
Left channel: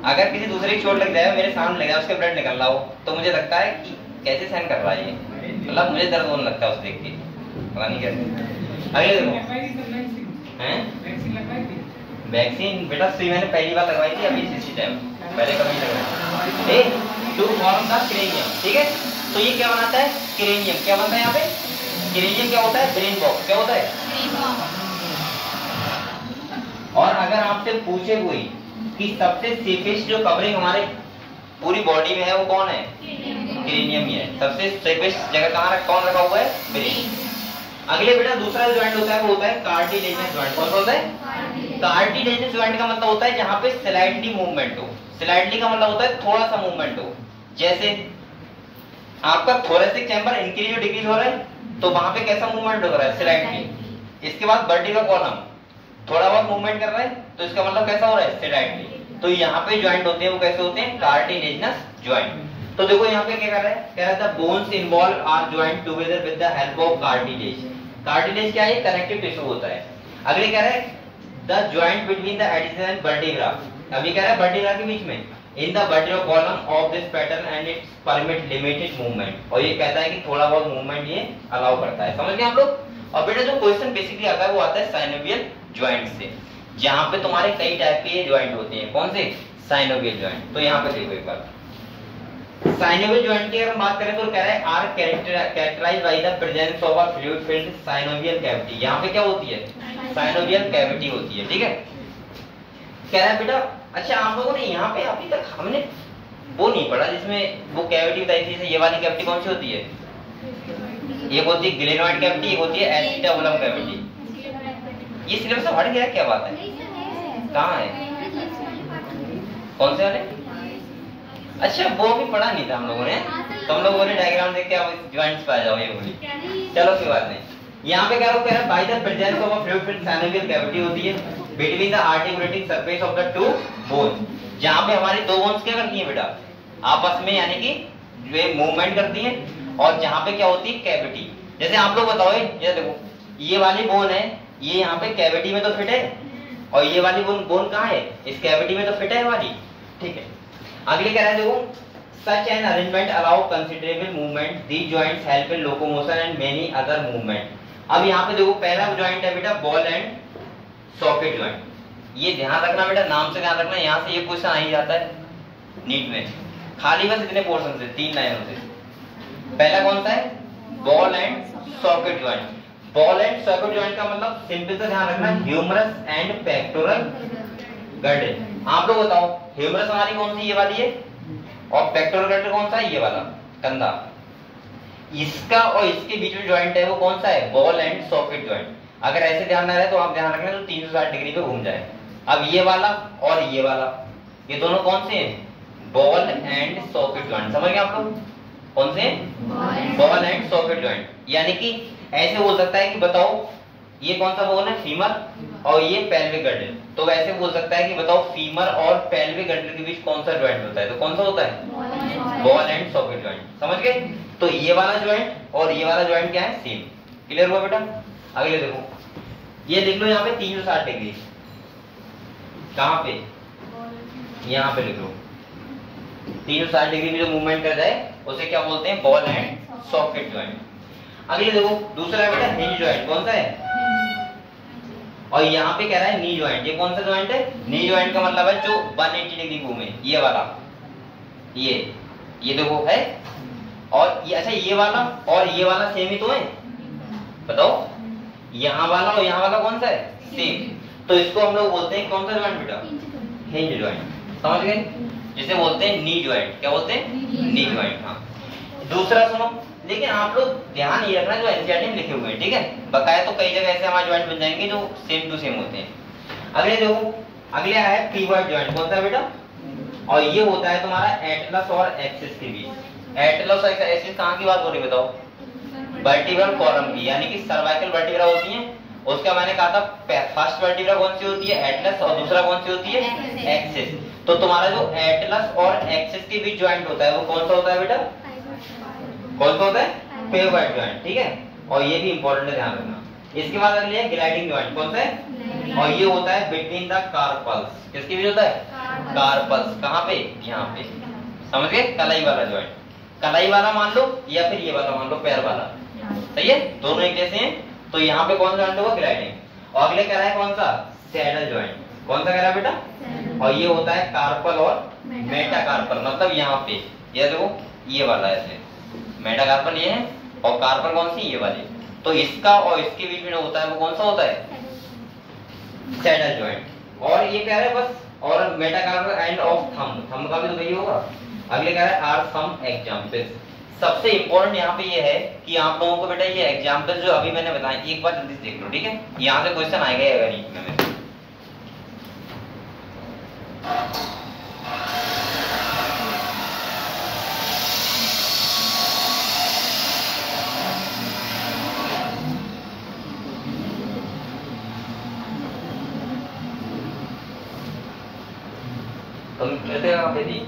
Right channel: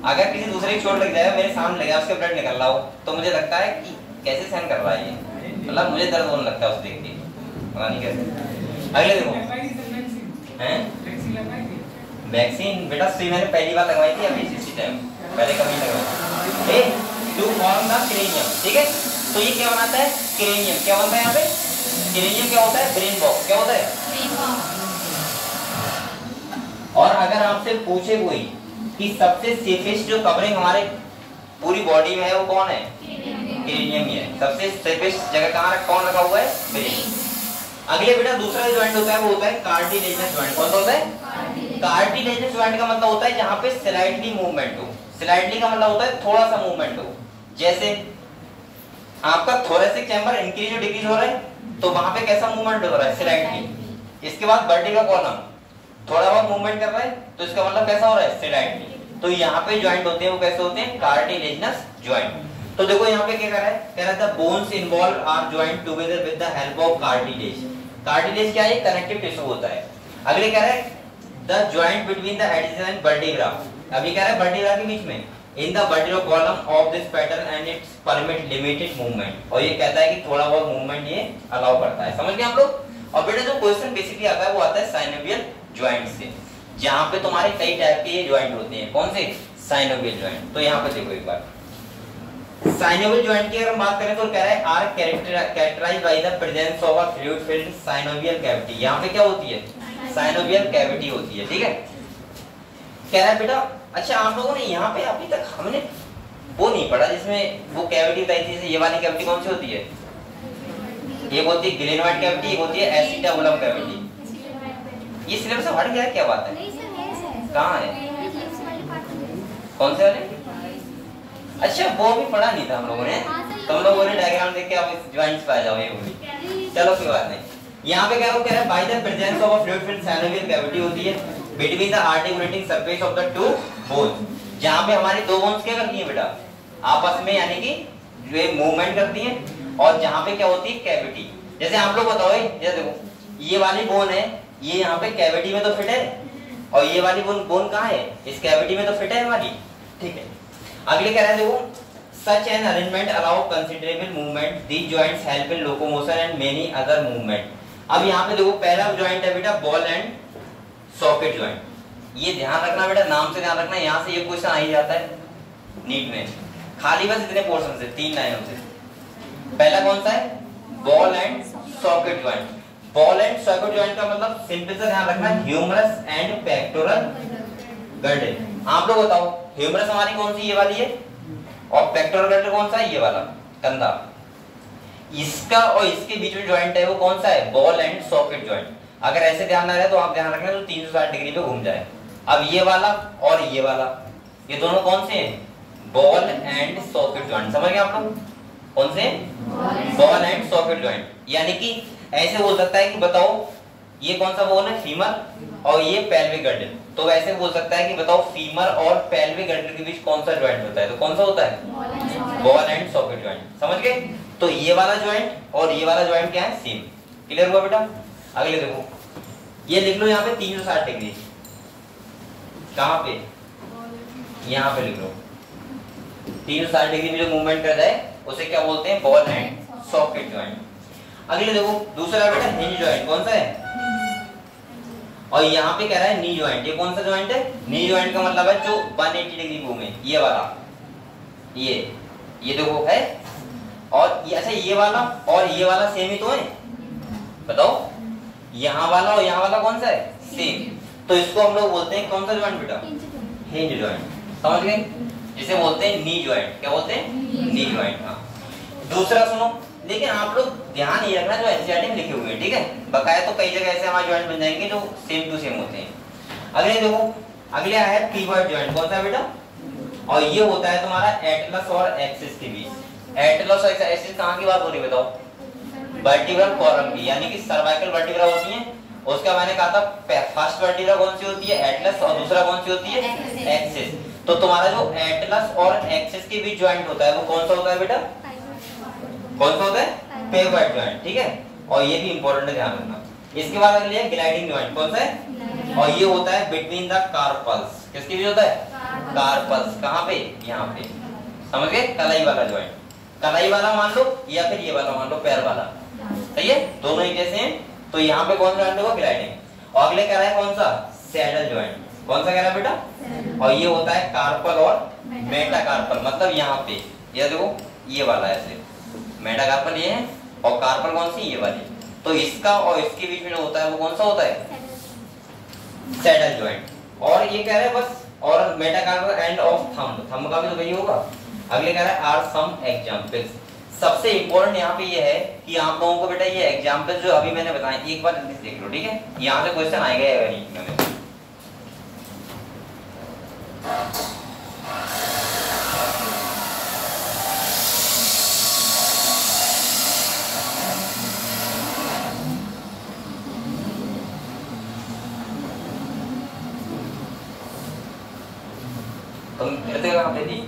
अगर किसी दूसरे की चोट लग जाए, मेरे सामने लग जाए, उसके ब्लड निकल रहा हो, तो मुझे लगता है कि कैसे सहन कर रहा है ये, मतलब मुझे दर्द होने लगता है उसे देख के, पता नहीं कैसे। अगले देखो, हैं वैक्सीन बेटा सुई मैंने पहली बार लगवाई थी अभी इसी टाइम, पहले कभी नहीं लगवाई। टू फॉर्म द क्रेनियम, ठीक है, तो ये क्या बनाता है, क्रेनियम। क्या बनता है यहाँ पे, क्रेनियम क्या होता है, ब्रेन बॉक्स। क्या होता है, ब्रेन बॉक्स। और अगर आपसे पूछे कोई कि सबसे सेफेस्ट जो कवरिंग हमारे पूरी बॉडी में है वो कौन है, क्रेनियम ही है। सबसे सेफेस्ट जगह कहाँ कौन रखा हुआ है, ब्रेन। अगले बेटा दूसरा ज्वाइंट होता है वो होता है कार्टिलेजिनस ज्वाइंट। कौन सा होता है, कार्टिलेजिनस ज्वाइंट का मतलब होता है जहाँ पे स्लाइटली मूवमेंट हो। स्लाइटली का मतलब होता है थोड़ा सा मूवमेंट हो, जैसे आपका थोरेसिक चैम्बर इंक्रीज और डिक्रीज हो रहा है तो वहां पे कैसा मूवमेंट हो रहा है, स्लाइटली। इसके बाद वर्टिकल कॉलम थोड़ा बहुत मूवमेंट कर रहा है तो इसका मतलब कैसा हो रहा है, स्लाइटली। तो यहाँ पे ज्वाइंट होते हैं वो कैसे होते हैं, कार्टिलेजिनस ज्वाइंट। तो देखो यहाँ पे क्या कर रहा है, कह रहा था bones involve are joint together with the help of cartilage. Cartilage क्या है, कनेक्टिव टिश्यू होता है। अगले कह रहा है the joint between the addition and vertebra. अभी कह रहा है वर्टिब्रा के बीच में, in the vertebral column of this pattern and it's permit limited movement. और ये कहता है कि थोड़ा बहुत मूवमेंट ये अलाउ करता है। समझ गए आप लोग। और बेटा जो क्वेश्चन बेसिकली आता है वो आता है साइनोवियल ज्वाइंट से, जहां पे तुम्हारे कई टाइप के ज्वाइंट होते हैं। कौन से, साइनोवियल ज्वाइंट। तो यहाँ पे देखो एक बार, साइनोवियल ज्वाइंट की अगर हम बात करें तो कह रहा है are characterized by the presence of a fluid filled synovial cavity. यहाँ पे क्या होती है, साइनोवियल कैविटी होती है, ठीक है। कह रहा है बेटा अच्छा आप लोगों ने यहाँ पे अभी तक हमने वो नहीं पढ़ा जिसमें वो कैविटी बताई थी, ये वाली कैविटी कौन सी होती है, एक होती है ग्लेनोइड कैविटी, एक होती है एसिटाबुलम कैविटी। ये सिलेबस से हट गया है, क्या बात है, कहाँ है, कौन से वाले? अच्छा वो भी पढ़ा नहीं था हम लोगों ने, तो हम लोगों ने डायग्राम देख के आप ज्वाइंट्स पे आ जाओ, ये बोली चलो कोई बात नहीं। यहाँ पे क्या कह रहा है bye the presence of a fluid filled synovial cavity होती है between the articulating surface of the two bones, जहाँ पे हमारी दो बोन्स क्या करती हैं बेटा आपस में, यानी कि ये मूवमेंट करती हैं। और जहाँ पे क्या होती है कैविटी, जैसे आप लोग बताओ ये देखो ये वाली बोन है, ये यहाँ पे कैविटी में तो फिट है, और ये वाली बोन कहाँ है, इस कैविटी में तो फिट है वाली, ठीक है। अगले कह रहा है देखो such an arrangement allow considerable movement, these joints help in locomotion and many other movement। अब यहाँ पे देखो पहला ज्वाइंट है बेटा बॉल एंड सॉकेट ज्वाइंट। ये ध्यान रखना बेटा, नाम से ध्यान रखना, यहाँ से ये क्वेश्चन आ ही जाता है नीट में, खाली बस इतने पोर्शन से 3 लाइनों से। पहला कौन सा है, ball and socket joint. Ball and socket joint का मतलब सिंपल से ध्यान रखना ह्यूमरस एंड पेक्टोरल गर्डल। आप लोग बताओ ह्यूमरस हमारी कौन सी, ये वाली है, और पेक्टोरल गर्डल कौन सा है, ये वाला कंधा। इसका और इसके बीच में ज्वाइंट है वो कौन सा है, बॉल एंड सॉकेट ज्वाइंट। अगर ऐसे ध्यान ना रहे तो आप ध्यान रखना तो 360 डिग्री पे घूम जाए। अब ये वाला और ये वाला, ये दोनों कौन से हैं, बॉल एंड सॉकेट ज्वाइंट। समझ गए आप लोग, कौन से, बॉल एंड सॉकेट ज्वाइंट। यानी कि ऐसे बोल सकता है कि बताओ ये कौन सा बोन है, फीमर, और ये पेल्विक गर्डल। तो वैसे बोल सकता है कि बताओ फीमर और पेल्विक गर्डल के बीच कौन सा ज्वाइंट होता है, तो कौन सा होता है, बॉल एंड सॉकेट ज्वाइंट। समझ गए। तो ये वाला ज्वाइंट और ये वाला ज्वाइंट क्या है, सेम। क्लियर हुआ बेटा। अगले देखो ये लिख लो यहाँ पे 360 डिग्री, कहाँ पे, यहाँ पे लिख लो 360 डिग्री में जो मूवमेंट कर जाए उसे क्या बोलते हैं, बॉल एंड सॉकेट ज्वाइंट। अगले देखो दूसरा है बेटा हिंज ज्वाइंट। कौन सा है, और यहाँ पे कह रहा है नी ज्वाइंट। ये कौन सा ज्वाइंट है, नी ज्वाइंट का मतलब है जो 180 डिग्री घूमे, ये वाला, ये देखो है, और ये अच्छा ये वाला और ये वाला सेम ही तो है, बताओ यहाँ वाला और यहाँ वाला कौन सा है, सेम। तो इसको हम लोग बोलते हैं कौन सा जॉइंट बेटा? Hinge joint. समझ गए? जिसे बोलते हैं नी जॉइंट। क्या बोलते हैं? Knee joint. हाँ। दूसरा सुनो, लेकिन आप लोग ध्यान ये रखना जो एनसीईआरटी में लिखे हुए हैं, ठीक है? बकाया तो कई जगह ऐसे हमारे जॉइंट बन जाएंगे जो सेम टू सेम होते हैं। अगले देखो, अगले आया है पिवट जॉइंट। कौन सा बेटा? और ये होता है तुम्हारा एटलस और एक्सिस के बीच। एटलस और एक्सिस कहाँ की बात हो रही है बताओ? वर्टिब्रल कॉलम की, यानी कि सर्वाइकल वर्टिब्रा होती है। उसका मैंने कहा था फर्स्ट वर्टिब्रा कौन सी होती है? एटलस। और दूसरा कौन सी होती है? एक्सिस। तो तुम्हारा जो एटलस और एक्सिस के बीच जॉइंट होता है वो कौन सा होता है बेटा? कौन सा होता है? Pivot joint. ठीक है, और ये भी इंपॉर्टेंट है, ध्यान रखना। इसके बाद अगले है ग्लाइडिंग जॉइंट। कौन सा है? और ये होता है बिटवीन द कार्पल्स। किसके बीच होता है? कार्पल्स। कहाँ पे? यहाँ पे। समझ गए? कलाई वाला जॉइंट। कलाई वाला मान लो या फिर ये वाला मान लो, पैर वाला। सही है, दोनों एक जैसे हैं। तो यहाँ पे कौन सा जॉइंट होगा? ग्लाइडिंग। और अगले कह रहा है कौन सा? Saddle joint. कौन सा कह रहा है बेटा? और ये होता है कार्पल और मेटाकार्पल। मतलब यहाँ पे ये देखो, ये वाला ऐसे मेटाकार्पल ये है, और कार्पल कौन सी? ये वाली। तो इसका और इसके बीच में जो होता है वो कौन सा होता है? Saddle joint. और ये कह रहा है बस, और metacarpal end of thumb. Thumb का भी तो वही होगा। अगले कह रहा है आर सम एग्जांपल्स। सबसे इंपॉर्टेंट यहाँ पे ये है कि आप लोगों को बेटा ये एग्जांपल जो अभी मैंने बताया एक बार जल्दी से देख लो, ठीक है? यहाँ से क्वेश्चन आएगा या नहीं में। तुम कहते कहाँ पे थी?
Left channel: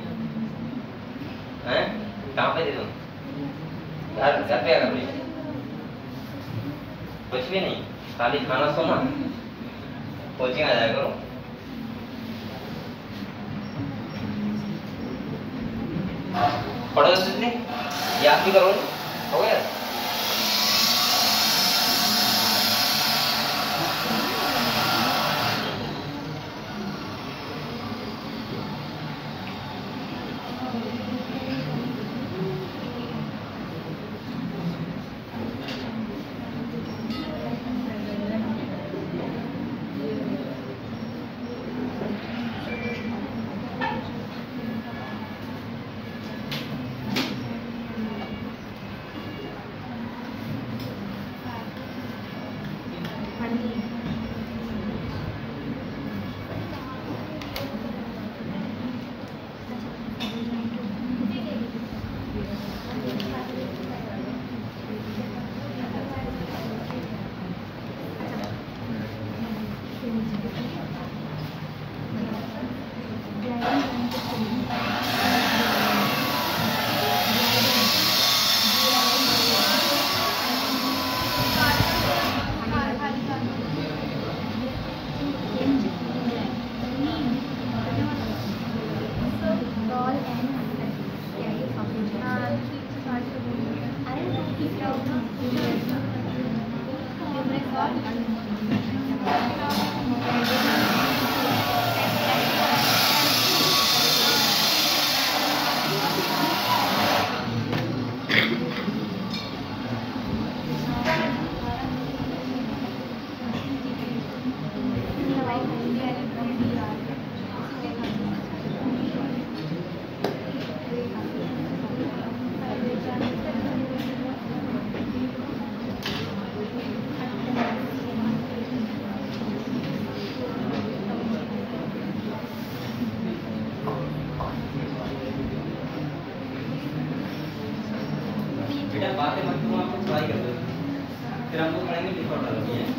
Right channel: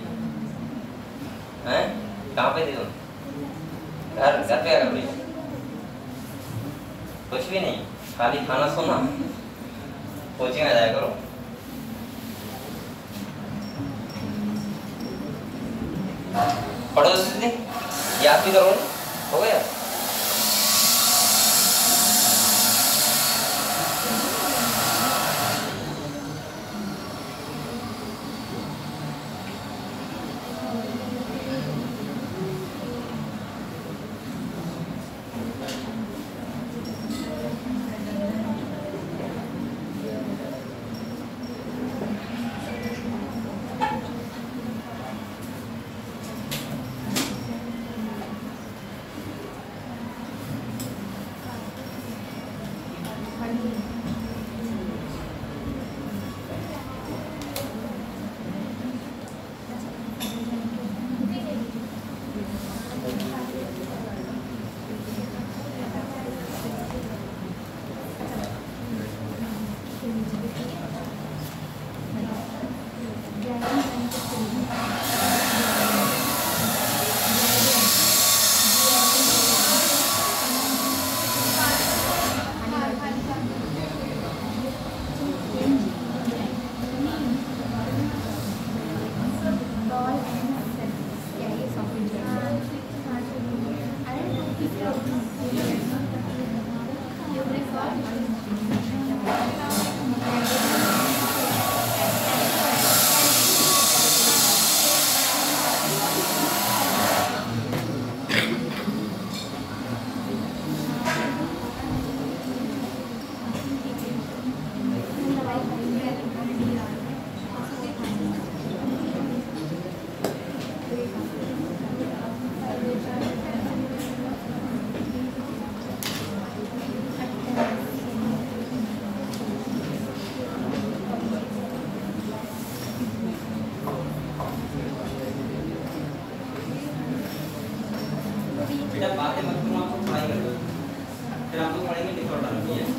हैं? कहाँ पे थी तुम? घर पे आ गए? कुछ भी नहीं, खाली खाना सोना। कोचिंग आ जाया करो। पढ़ो तो याद भी करो। हो गया? बातें मत करो, आपको पढ़ाई कर दो, फिर आपको पढ़ाई में लिखा डालनी है।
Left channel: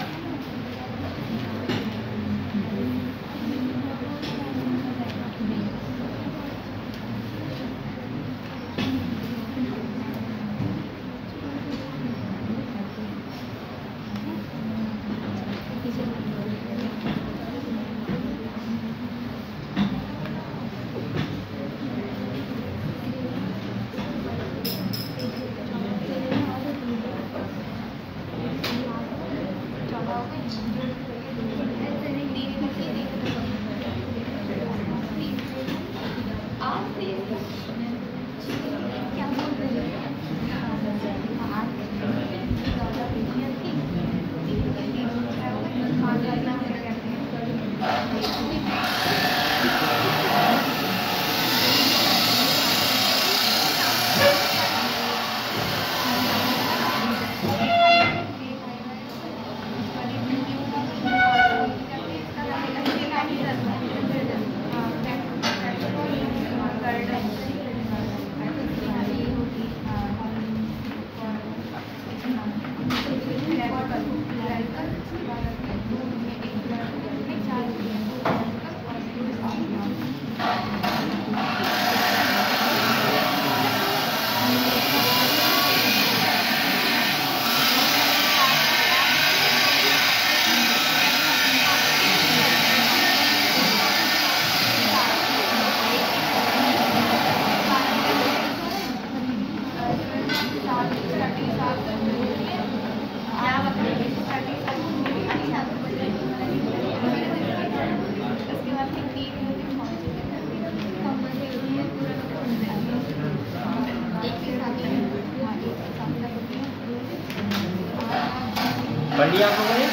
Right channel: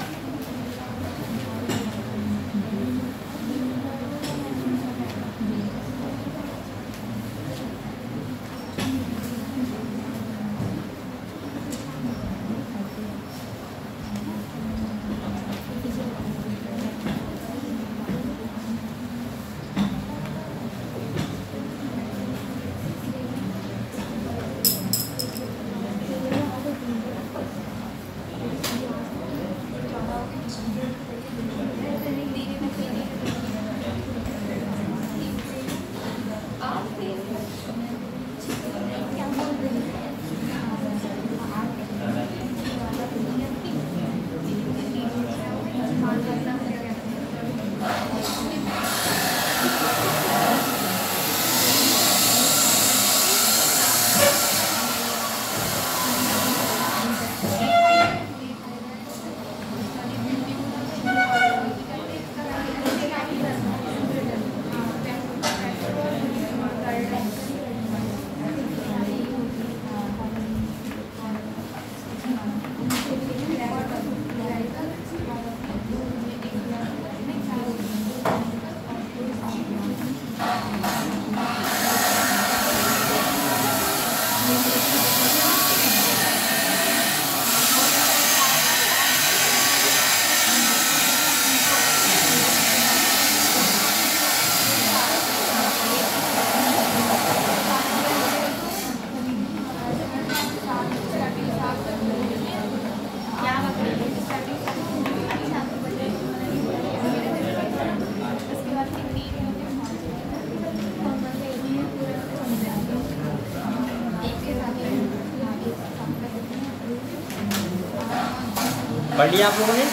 लिया आप लोगों ने?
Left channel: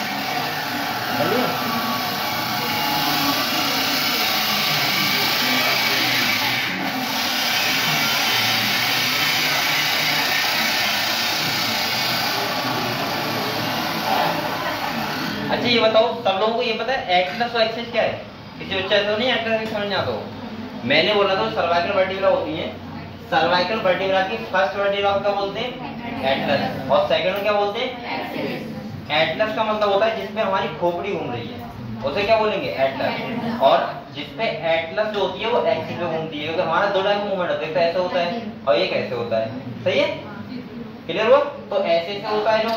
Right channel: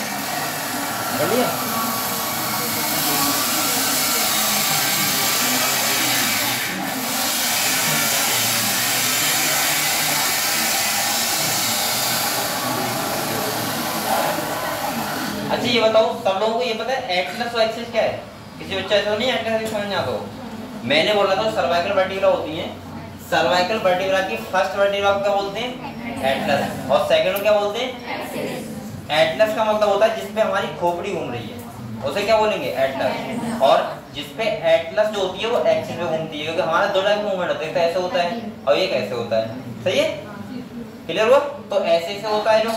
पढ़ लिया? अच्छा ये बताओ, सब लोगों को ये पता है एटलस और एक्सिस क्या है? किसी बच्चा ऐसा नहीं एटलस समझ नहीं आता हो? मैंने बोला था सर्वाइकल वर्टिब्रा होती है, सर्वाइकल वर्टिब्रा की फर्स्ट वर्टिब्रा को क्या बोलते हैं? एटलस। और सेकंड में क्या बोलते हैं? एटलस का मतलब होता है जिसपे हमारी खोपड़ी घूम रही है, उसे क्या बोलेंगे? एटलस। और जिसपे एटलस जो होती है वो एक्सिस पे घूमती है, क्योंकि हमारा दो टाइप मूवमेंट होता है, कैसे होता है और ये कैसे होता है। सही है? क्लियर हुआ? तो ऐसे से होता है जो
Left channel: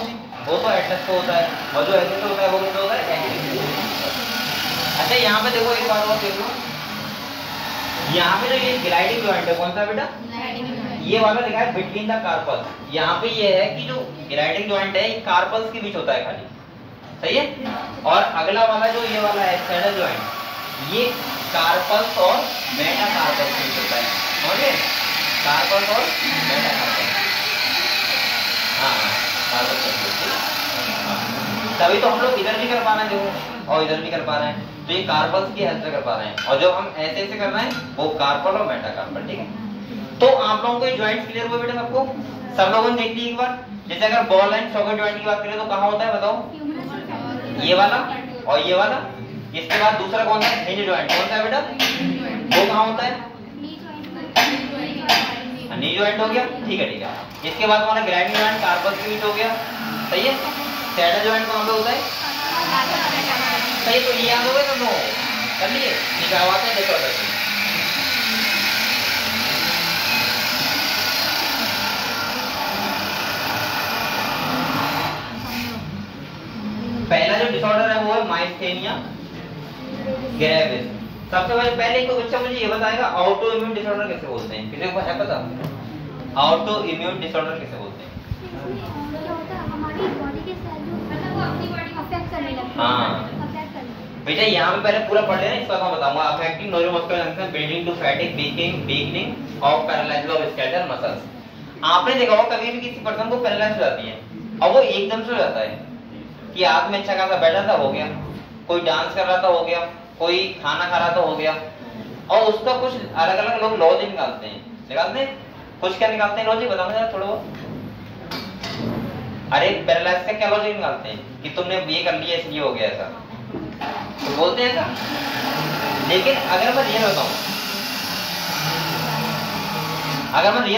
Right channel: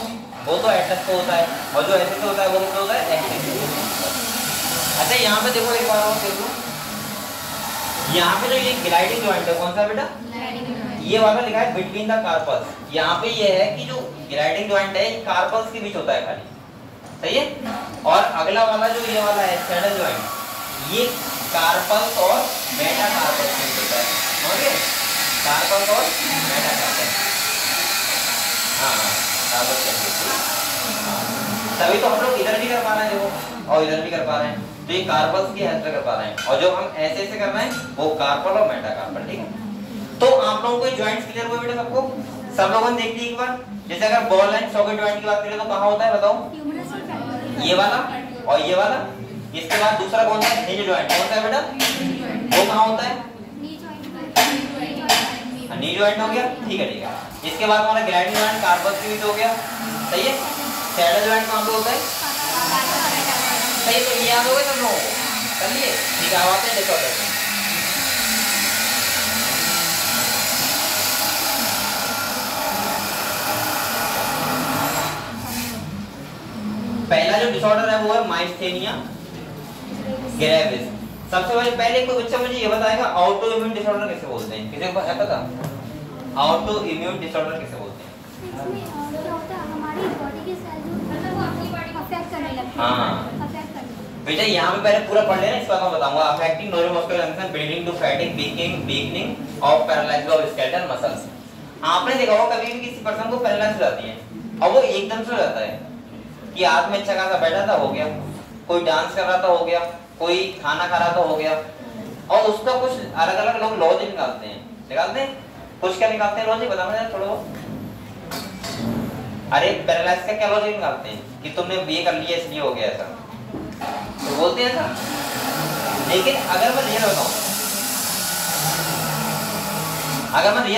वो तो एटलस को होता है, और जो ऐसे से होता है वो क्या होता है? एक्सिस। अच्छा यहाँ पे देखो एक बार और देख लो, यहाँ पे जो ये ग्लाइडिंग जॉइंट है कौन सा बेटा? ये वाला लिखा है बिटवीन द कार्पल्स। यहाँ पे ये है कि जो ग्लाइडिंग जॉइंट है कार्पल्स के बीच होता है खाली। सही है? और अगला वाला जो ये वाला है सैडल जॉइंट, ये कार्पल्स और मेटाकार्पल्स के बीच होता है। समझ गए? कार्पल्स और मेटाकार्पल्स। हाँ कार्पल्स के बीच। तभी तो हम लोग इधर भी कर पा रहे हैं देखो, और इधर भी कर पा रहे हैं, तो ये कार्पल्स की हेल्प से कर पा रहे हैं। और जो हम ऐसे ऐसे कर रहे हैं वो कार्पल और मेटाकार्पल। ठीक है? तो आप लोगों को जॉइंट्स क्लियर हुए बेटा सबको? सब लोगों ने देख ली एक बार? जैसे अगर बॉल एंड सॉकेट जॉइंट की बात करें तो कहाँ होता है बताओ? ये वाला और ये वाला। इसके बाद दूसरा कौन सा है? Hinge joint. कौन सा है बेटा? वो कहाँ होता है? नी जॉइंट हो गया। ठीक है, ठीक है। इसके बाद हमारा ग्लाइडिंग जॉइंट कार्पल्स के बीच हो गया। सही है? सैडल जॉइंट कहाँ पे होता है? सही, तो ये याद हो गए तुम लोगों को? कर लिए? ठीक है, आवाज है देखो करते हैं। पहला जो डिसऑर्डर है वो है माइस्थेनिया ग्रेविस। सबसे पहले कोई बच्चा मुझे ये बताएगा ऑटो इम्यून डिसऑर्डर कैसे बोलते हैं? किसी को है पता? ऑटो इम्यून डिसऑर्डर कैसे बोलते हैं? हमारी बॉडी के सेल मतलब वो अपनी बॉडी को अफेक्ट करने लगते हैं। हां बेटा यहाँ पे पहले पूरा पढ़ लेना, इसका मैं बताऊंगा। Affecting neuromuscular junction building to fatigue weakening of paralysis of skeletal muscles. आपने देखा होगा कभी भी किसी पर्सन को पैरालिसिस हो जाती है और वो एकदम से हो जाता है कि आदमी अच्छा खासा बैठा था हो गया, कोई डांस कर रहा था हो गया, कोई खाना खा रहा था हो गया, और उसका कुछ अलग अलग लोग लॉजिक निकालते हैं। कुछ क्या निकालते हैं लॉजिक? बताना जरा थोड़ा बहुत। अरे पैरालिसिस से क्या लॉजिक निकालते हैं कि तुमने ये कर लिया इसलिए हो गया ऐसा, तो बोलते हैं ऐसा। लेकिन अगर मैं रियल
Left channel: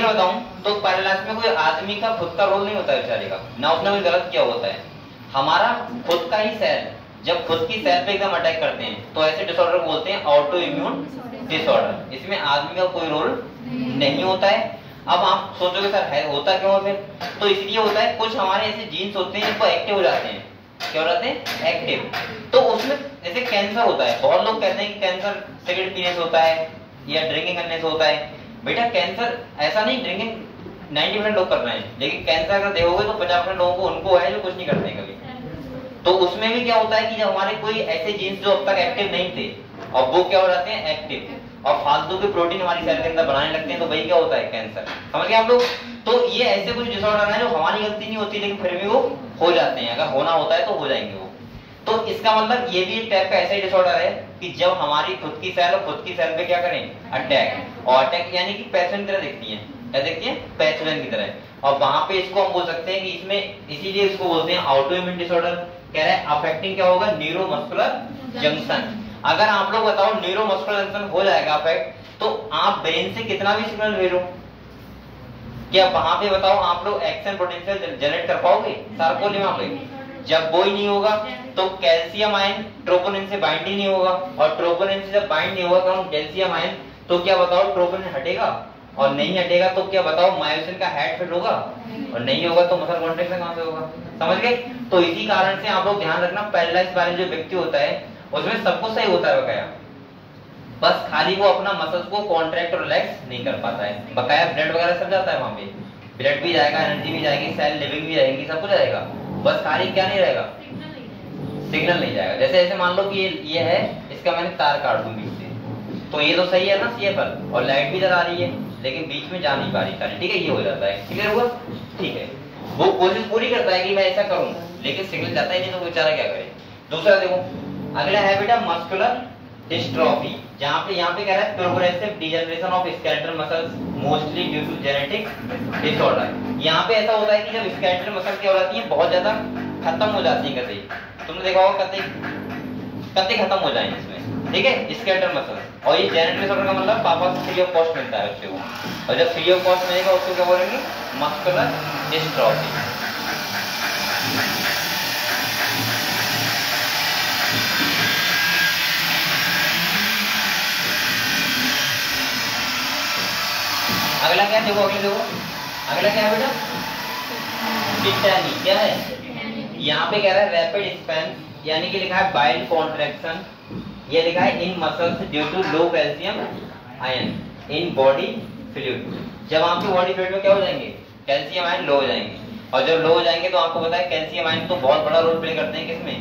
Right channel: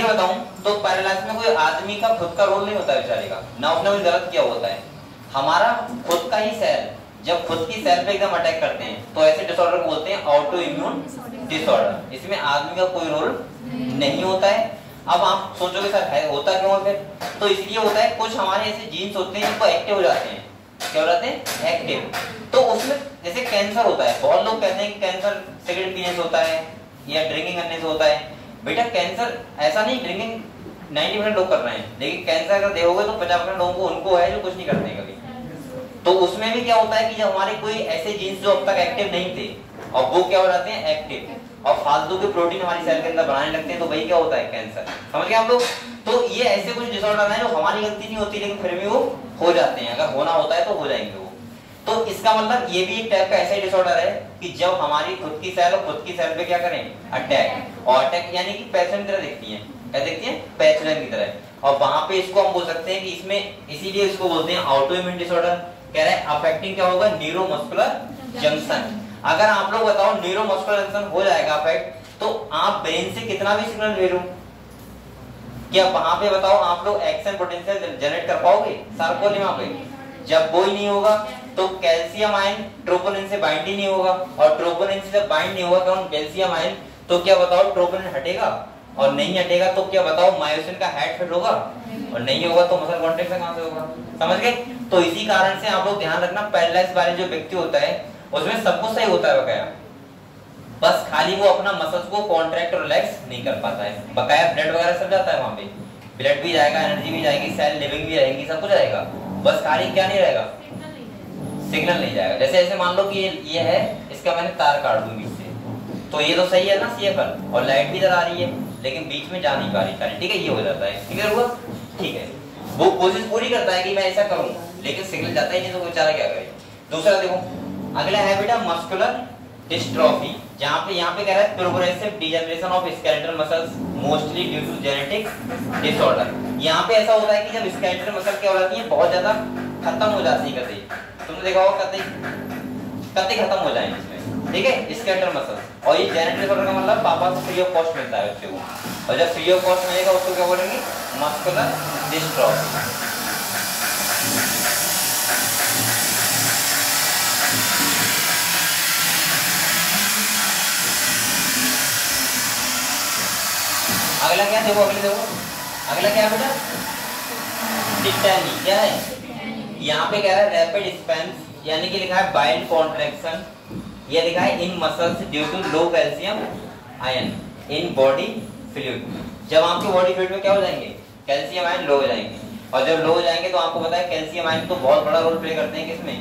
बताऊं तो पैरालिसिस में कोई आदमी का खुद का रोल नहीं होता है बेचारे का, ना उसने कोई गलत किया होता है। हमारा खुद का ही सेल जब खुद की सेल पे एकदम अटैक करते हैं तो ऐसे डिसऑर्डर को बोलते हैं ऑटो इम्यून डिसऑर्डर। इसमें आदमी का कोई रोल नहीं होता है। अब आप सोचोगे सर है होता क्यों है? तो इसलिए होता है कुछ हमारे ऐसे जीन्स होते हैं जो एक्टिव हो जाते हैं। क्या हो जाते हैं? एक्टिव। तो उसमें जैसे कैंसर होता है, बहुत लोग कहते हैं कि कैंसर सिगरेट पीने से होता है या ड्रिंकिंग करने से होता है। बेटा कैंसर ऐसा नहीं, ड्रिंकिंग 90% लोग कर रहे हैं, लेकिन कैंसर अगर देखोगे तो 50% लोगों को उनको है जो कुछ नहीं करते कभी। तो उसमें भी क्या होता है कि जब हमारे कोई ऐसे जीन्स जो अब तक एक्टिव नहीं थे और वो क्या हो जाते हैं एक्टिव और फालतू के प्रोटीन हमारी सेल के अंदर बनाने लगते हैं, तो वही क्या होता है? कैंसर। समझ गए आप लोग? तो ये ऐसे कुछ डिसऑर्डर है जो हमारी गलती नहीं होती लेकिन फिर भी वो हो जाते हैं। अगर होना होता है तो हो जाएंगे वो। तो इसका मतलब ये भी एक टाइप का ऐसा ही डिसऑर्डर है कि जब हमारी खुद की सेल और खुद की सेल पे क्या करें? अटैक। और अटैक यानी कि पैथोजन की तरह दिखती है। क्या दिखती है? पैथोजन की तरह। और वहां पे इसको हम बोल सकते हैं कि इसमें इसीलिए इसको बोलते हैं ऑटो इम्यून डिसऑर्डर। कह रहे हैं अफेक्टिंग क्या होगा? Neuromuscular junction. अगर आप लोग बताओ न्यूरोमस्कुलर जंक्शन हो जाएगा अफेक्ट तो आप ब्रेन से कितना भी सिग्नल भेजो, क्या वहां पे बताओ आप लोग एक्शन पोटेंशियल जनरेट कर पाओगे? सार्कोली वहां पे जब वो ही नहीं होगा तो कैल्शियम आयन ट्रोपोनिन से बाइंड ही नहीं होगा, और ट्रोपोनिन से जब बाइंड नहीं होगा तो कैल्शियम आयन, तो क्या बताओ ट्रोपोनिन हटेगा? और नहीं हटेगा तो क्या बताओ मायोसिन का हेड फिट होगा? और नहीं होगा तो मसल कॉन्ट्रैक्शन कहां से होगा? समझ गए? तो इसी कारण से आप लोग ध्यान रखना, पैरालाइज वाले जो व्यक्ति होता है उसमें सब कुछ सही होता है बकाया, बस खाली वो अपना मसल्स को कॉन्ट्रैक्ट और रिलैक्स नहीं कर पाता है। बकाया ब्लड वगैरह सब जाता है वहां पे, ब्लड भी जाएगा, एनर्जी भी जाएगी, सेल लिविंग भी रहेगी, सब कुछ आएगा, बस खाली क्या नहीं रहेगा? सिग्नल नहीं जाएगा। जैसे ऐसे मान लो कि ये है, इसका मैंने तार काट दूं बीच से, तो ये तो सही है ना CFL, और लाइट भी इधर आ रही है लेकिन बीच में जा नहीं पा रही तार, ठीक है? ये हो जाता है। क्लियर हुआ? ठीक है। वो कोशिश पूरी करता है कि मैं ऐसा करूं लेकिन सिग्नल जाता ही नहीं तो बेचारा क्या करे। दूसरा देखो, अगला है बेटा मस्कुलर डिस्ट्रॉफी, जहाँ पे यहाँ पे कह रहा है progressive degeneration of skeletal muscles mostly due to genetic disorder. यहाँ पे ऐसा होता है कि जब स्केलेटल मसल क्या हो जाती है, बहुत ज्यादा खत्म हो जाती है, कतई तुमने देखा होगा कतई खत्म हो जाएंगे इसमें, ठीक है, स्केलेटल मसल। और ये जेनेटिक डिसऑर्डर का मतलब पापा से फ्री ऑफ कॉस्ट मिलता है बच्चे को, और जब फ्री ऑफ कॉस्ट मिलेगा उसको क्या बोलेंगे, मस्कुलर डिस्ट्रॉफी। अगला क्या देखो, अगला क्या है बेटा, टिटैनी। क्या है, यहाँ पे कह रहा है रैपिड स्पैन, यानी कि लिखा है बाइल कॉन्ट्रैक्शन, ये लिखा है in muscles due to low calcium ion in body fluid. जब आपकी बॉडी फ्लूइड में क्या हो जाएंगे, कैल्शियम आयन लो हो जाएंगे, और जब लो हो जाएंगे तो आपको पता है कैल्शियम आयन तो बहुत बड़ा रोल प्ले करते हैं किसमें,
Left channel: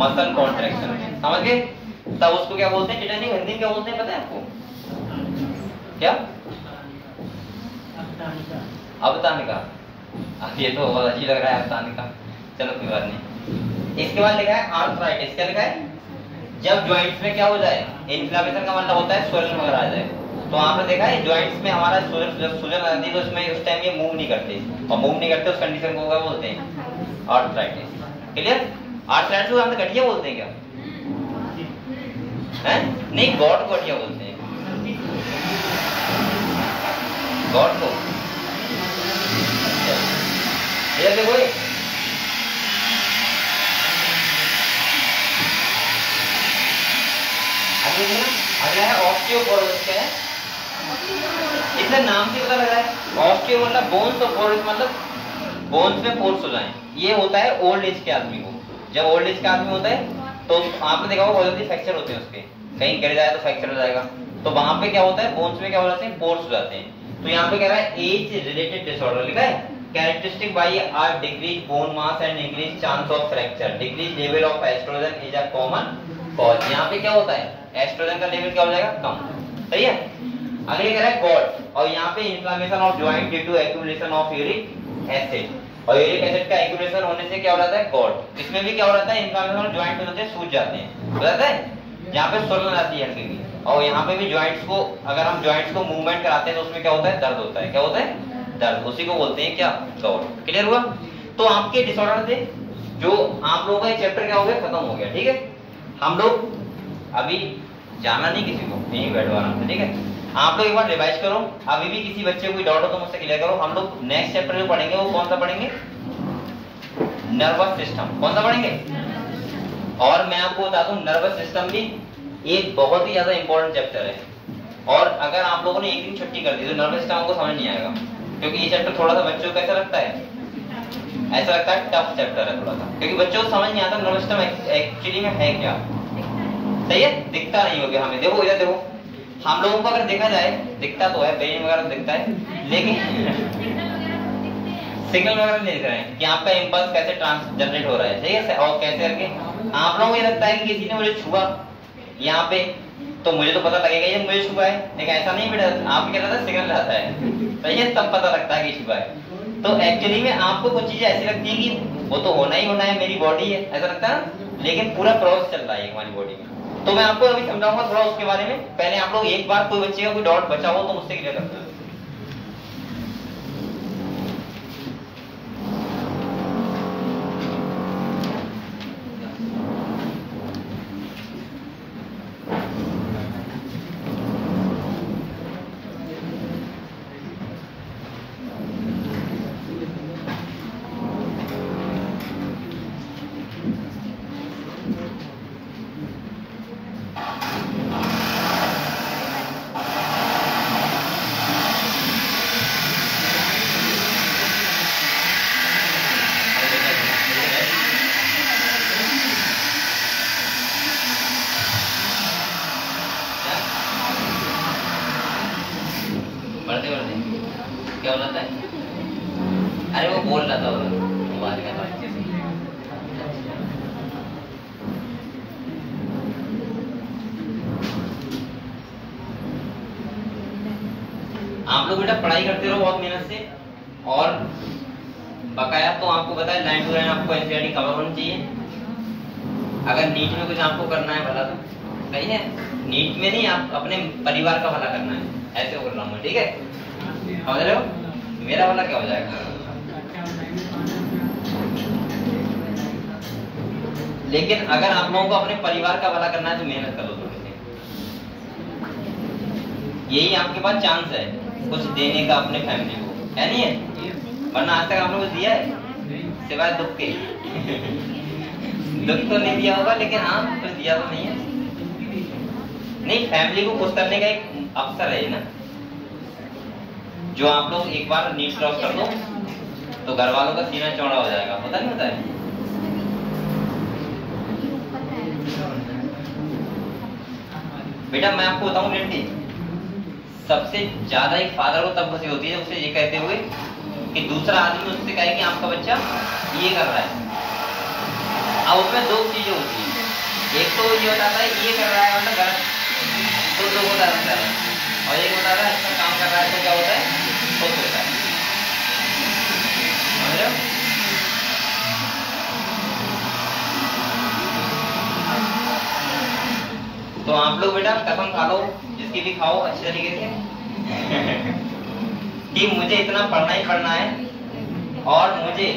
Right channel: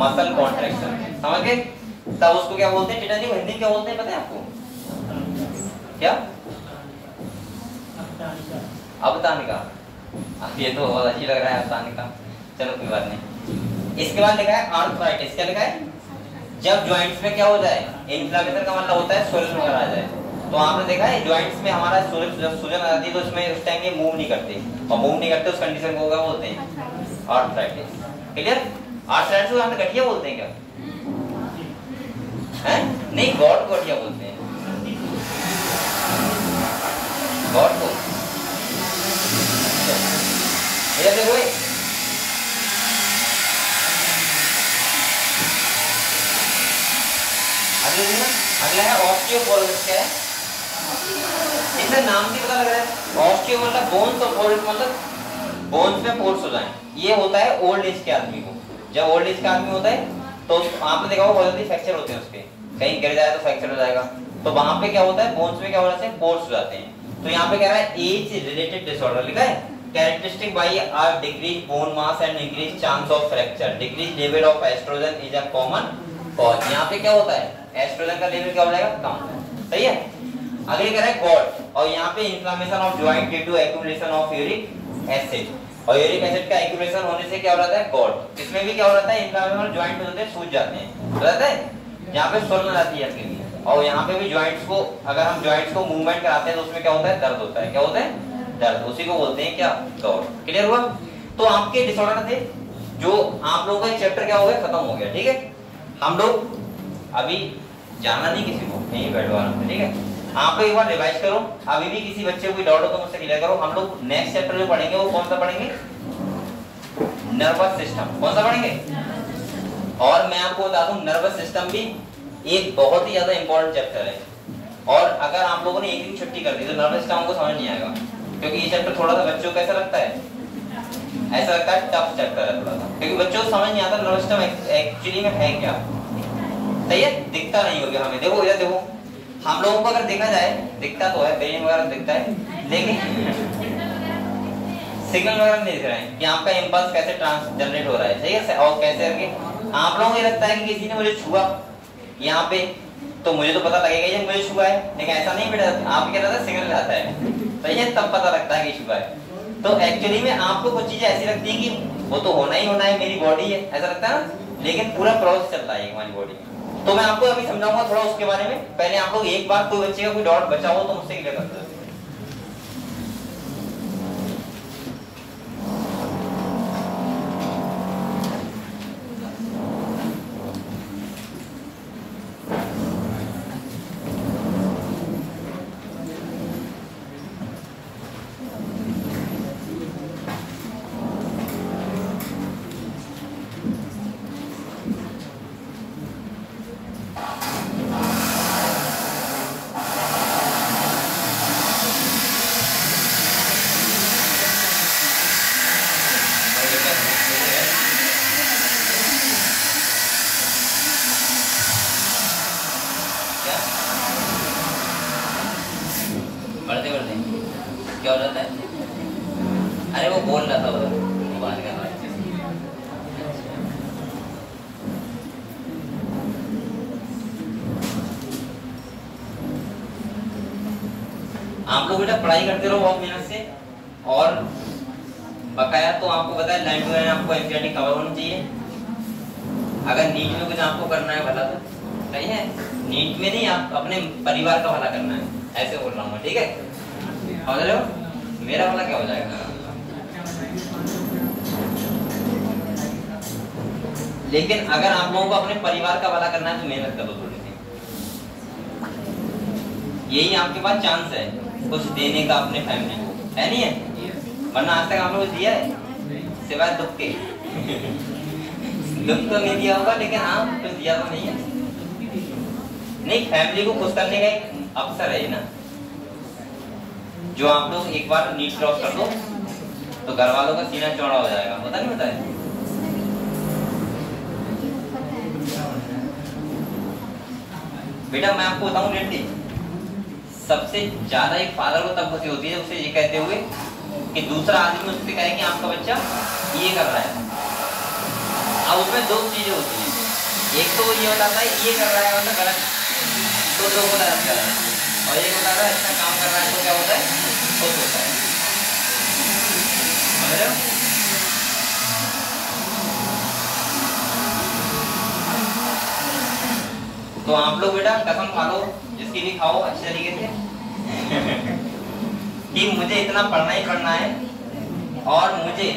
मसल कॉन्ट्रैक्शन, समझ गए। तब उसको क्या बोलते हैं, टिटैनी। हिंदी क्या बोलते हैं पता है आपको, क्या, अवतानिका। ये तो बहुत अच्छी लग रहा है अवतानिका, चलो कोई बात नहीं। इसके बाद लिखा है आर्थराइटिस। क्या लिखा है, जब जॉइंट्स में क्या हो जाए, इन्फ्लेमेशन का मतलब होता है स्वलन वगैरह आ जाए। तो आपने देखा है जॉइंट्स में हमारा सूजन आ जाती है, तो इसमें उस टाइम ये मूव नहीं करते, और मूव नहीं करते उस कंडीशन को क्या बोलते हैं, आर्थराइटिस। क्लियर। आर्थराइटिस को हम गठिया बोलते हैं क्या, हैं? नहीं, गॉड गठिया बोलते हैं, गॉड को। इधर देखो, अगला है ऑस्टियोपोरोसिस। क्या है, इसका नाम से पता लग रहा है, ऑस्टियो मतलब बोन्स और पोरोसिस मतलब बोन्स में पोर्स हो जाए। ये होता है ओल्ड एज के आदमी को, जब ओल्ड एज का आदमी होता है तो आपने देखा होगा बहुत जल्दी फ्रैक्चर होते हैं उसके, कहीं गिर जाए तो फ्रैक्चर हो जाएगा, तो वहां पे क्या होता है, बोन्स में क्या हो जाते हैं, पोर्स हो जाते हैं। तो यहाँ पे कह रहा है एज रिलेटेड डिसऑर्डर लिखा है, characteristic by are decrease bone mass and increase chance of fracture, decrease level of estrogen is a common cause. यहाँ पे क्या होता है, एस्ट्रोजन का लेवल क्या हो जाएगा, कम, सही है। अगले कह रहा है गॉट, और यहाँ पे inflammation of joint due to accumulation of uric acid, और यूरिक एसिड का एक्यूमुलेशन होने से क्या हो जाता है, गॉट। इसमें भी क्या हो जाता है, इन्फ्लेमेशन ऑफ जॉइंट हो जाते हैं, सूज जाते हैं, हो जाता है, यहाँ पे स्वर्ण आ जाती है हल्की भी। और यहाँ पे भी जॉइंट्स को, अगर हम जॉइंट्स को मूवमेंट कराते हैं तो उसमें क्या होता है, दर्द होता है। क्या होता है, दर्द, उसी को बोलते हैं क्या, गॉट। क्लियर हुआ। तो आपके डिसऑर्डर थे जो आप लोगों का चैप्टर क्या हो गया, खत्म हो गया, ठीक है। हम लोग अभी जाना नहीं किसी को, यहीं बैठवाना, ठीक है। आप लोग एक बार रिवाइज करो, अभी भी किसी बच्चे को कोई डाउट हो तो मुझसे क्लियर करो। हम लोग नेक्स्ट चैप्टर जो पढ़ेंगे वो कौन सा पढ़ेंगे, नर्वस सिस्टम। कौन सा पढ़ेंगे, और मैं आपको बता दूं नर्वस सिस्टम भी एक बहुत ही ज्यादा इंपॉर्टेंट चैप्टर है, और अगर आप लोगों ने एक दिन छुट्टी कर दी तो नर्वस सिस्टम को समझ नहीं आएगा, क्योंकि ये चैप्टर थोड़ा सा बच्चों को कैसा लगता है, ऐसा लगता है टफ चैप्टर है थोड़ा सा, क्योंकि बच्चों को समझ नहीं आता नर्वस सिस्टम एक्चुअली में है क्या, सही है। दिखता नहीं होगा हमें, देखो इधर देखो, हम लोगों को अगर देखा जाए दिखता तो है, ब्रेन वगैरह दिखता है, लेकिन सिग्नल वगैरह नहीं दिख रहे हैं कि आपका इंपल्स कैसे जनरेट हो रहा है, सही है, और कैसे करके आप लोगों को ये लगता है कि किसी ने मुझे छुआ यहाँ पे तो मुझे तो पता लगेगा ये मुझे छुआ है, लेकिन ऐसा नहीं बेटा, आप क्या रहता है, सिग्नल आता है, सही है, तब पता लगता है कि छुआ है। तो एक्चुअली में आपको कुछ चीजें ऐसी लगती है कि वो तो होना ही होना है, मेरी बॉडी है, ऐसा लगता है ना, लेकिन पूरा प्रोसेस चल रहा है हमारी बॉडी में। तो मैं आपको अभी समझाऊंगा थोड़ा उसके बारे में। पहले आप लोग एक बार, कोई बच्चे का कोई डाउट बचा हो तो मुझसे क्लियर कर दो। क्या हो रहा था, अरे वो बोल रहा था मोबाइल का था। आप लोग बेटा पढ़ाई करते रहो बहुत मेहनत से, और बकाया तो आपको पता है लाइन टू लाइन आपको एनसीईआरटी कवर होनी चाहिए। अगर नीट में कुछ आपको करना है भला तो सही है, नीट में नहीं, आप अपने परिवार का भला करना है, ऐसे बोल रहा हूँ, ठीक है? समझ रहे हो? मेरा भला क्या हो जाएगा? लेकिन अगर आप लोगों को अपने परिवार का भला करना है तो मेहनत करो थोड़ी सी, यही आपके पास चांस है कुछ देने का अपने फैमिली को, है नहीं है? वरना आज तक आप लोगों को दिया है सिवाय दुख के? दुख तो नहीं दिया होगा, लेकिन हाँ कुछ दिया तो नहीं है। नहीं, फैमिली को खुश करने का एक अवसर है ना, जो आप लोग एक बार नीट क्रॉस कर दो तो घर वालों का सीना चौड़ा हो जाएगा, पता नहीं होता है? बेटा मैं आपको बताऊं लेटी, सबसे ज्यादा एक फादर को तब खुशी होती है उसे ये कहते हुए कि दूसरा आदमी उससे कहे कि आपका बच्चा ये कर रहा है। अब उसमें दो चीजें होती हैं, एक तो ये होता है ये कर रहा है मतलब गलत, तो लोग होता रहता है, और एक होता है अच्छा काम कर रहा है तो क्या होता है, खुश होता है। समझ रहे हो? तो आप लोग बेटा कसम खा लो, जिसकी भी खाओ अच्छे तरीके से कि मुझे इतना पढ़ना ही पढ़ना है और मुझे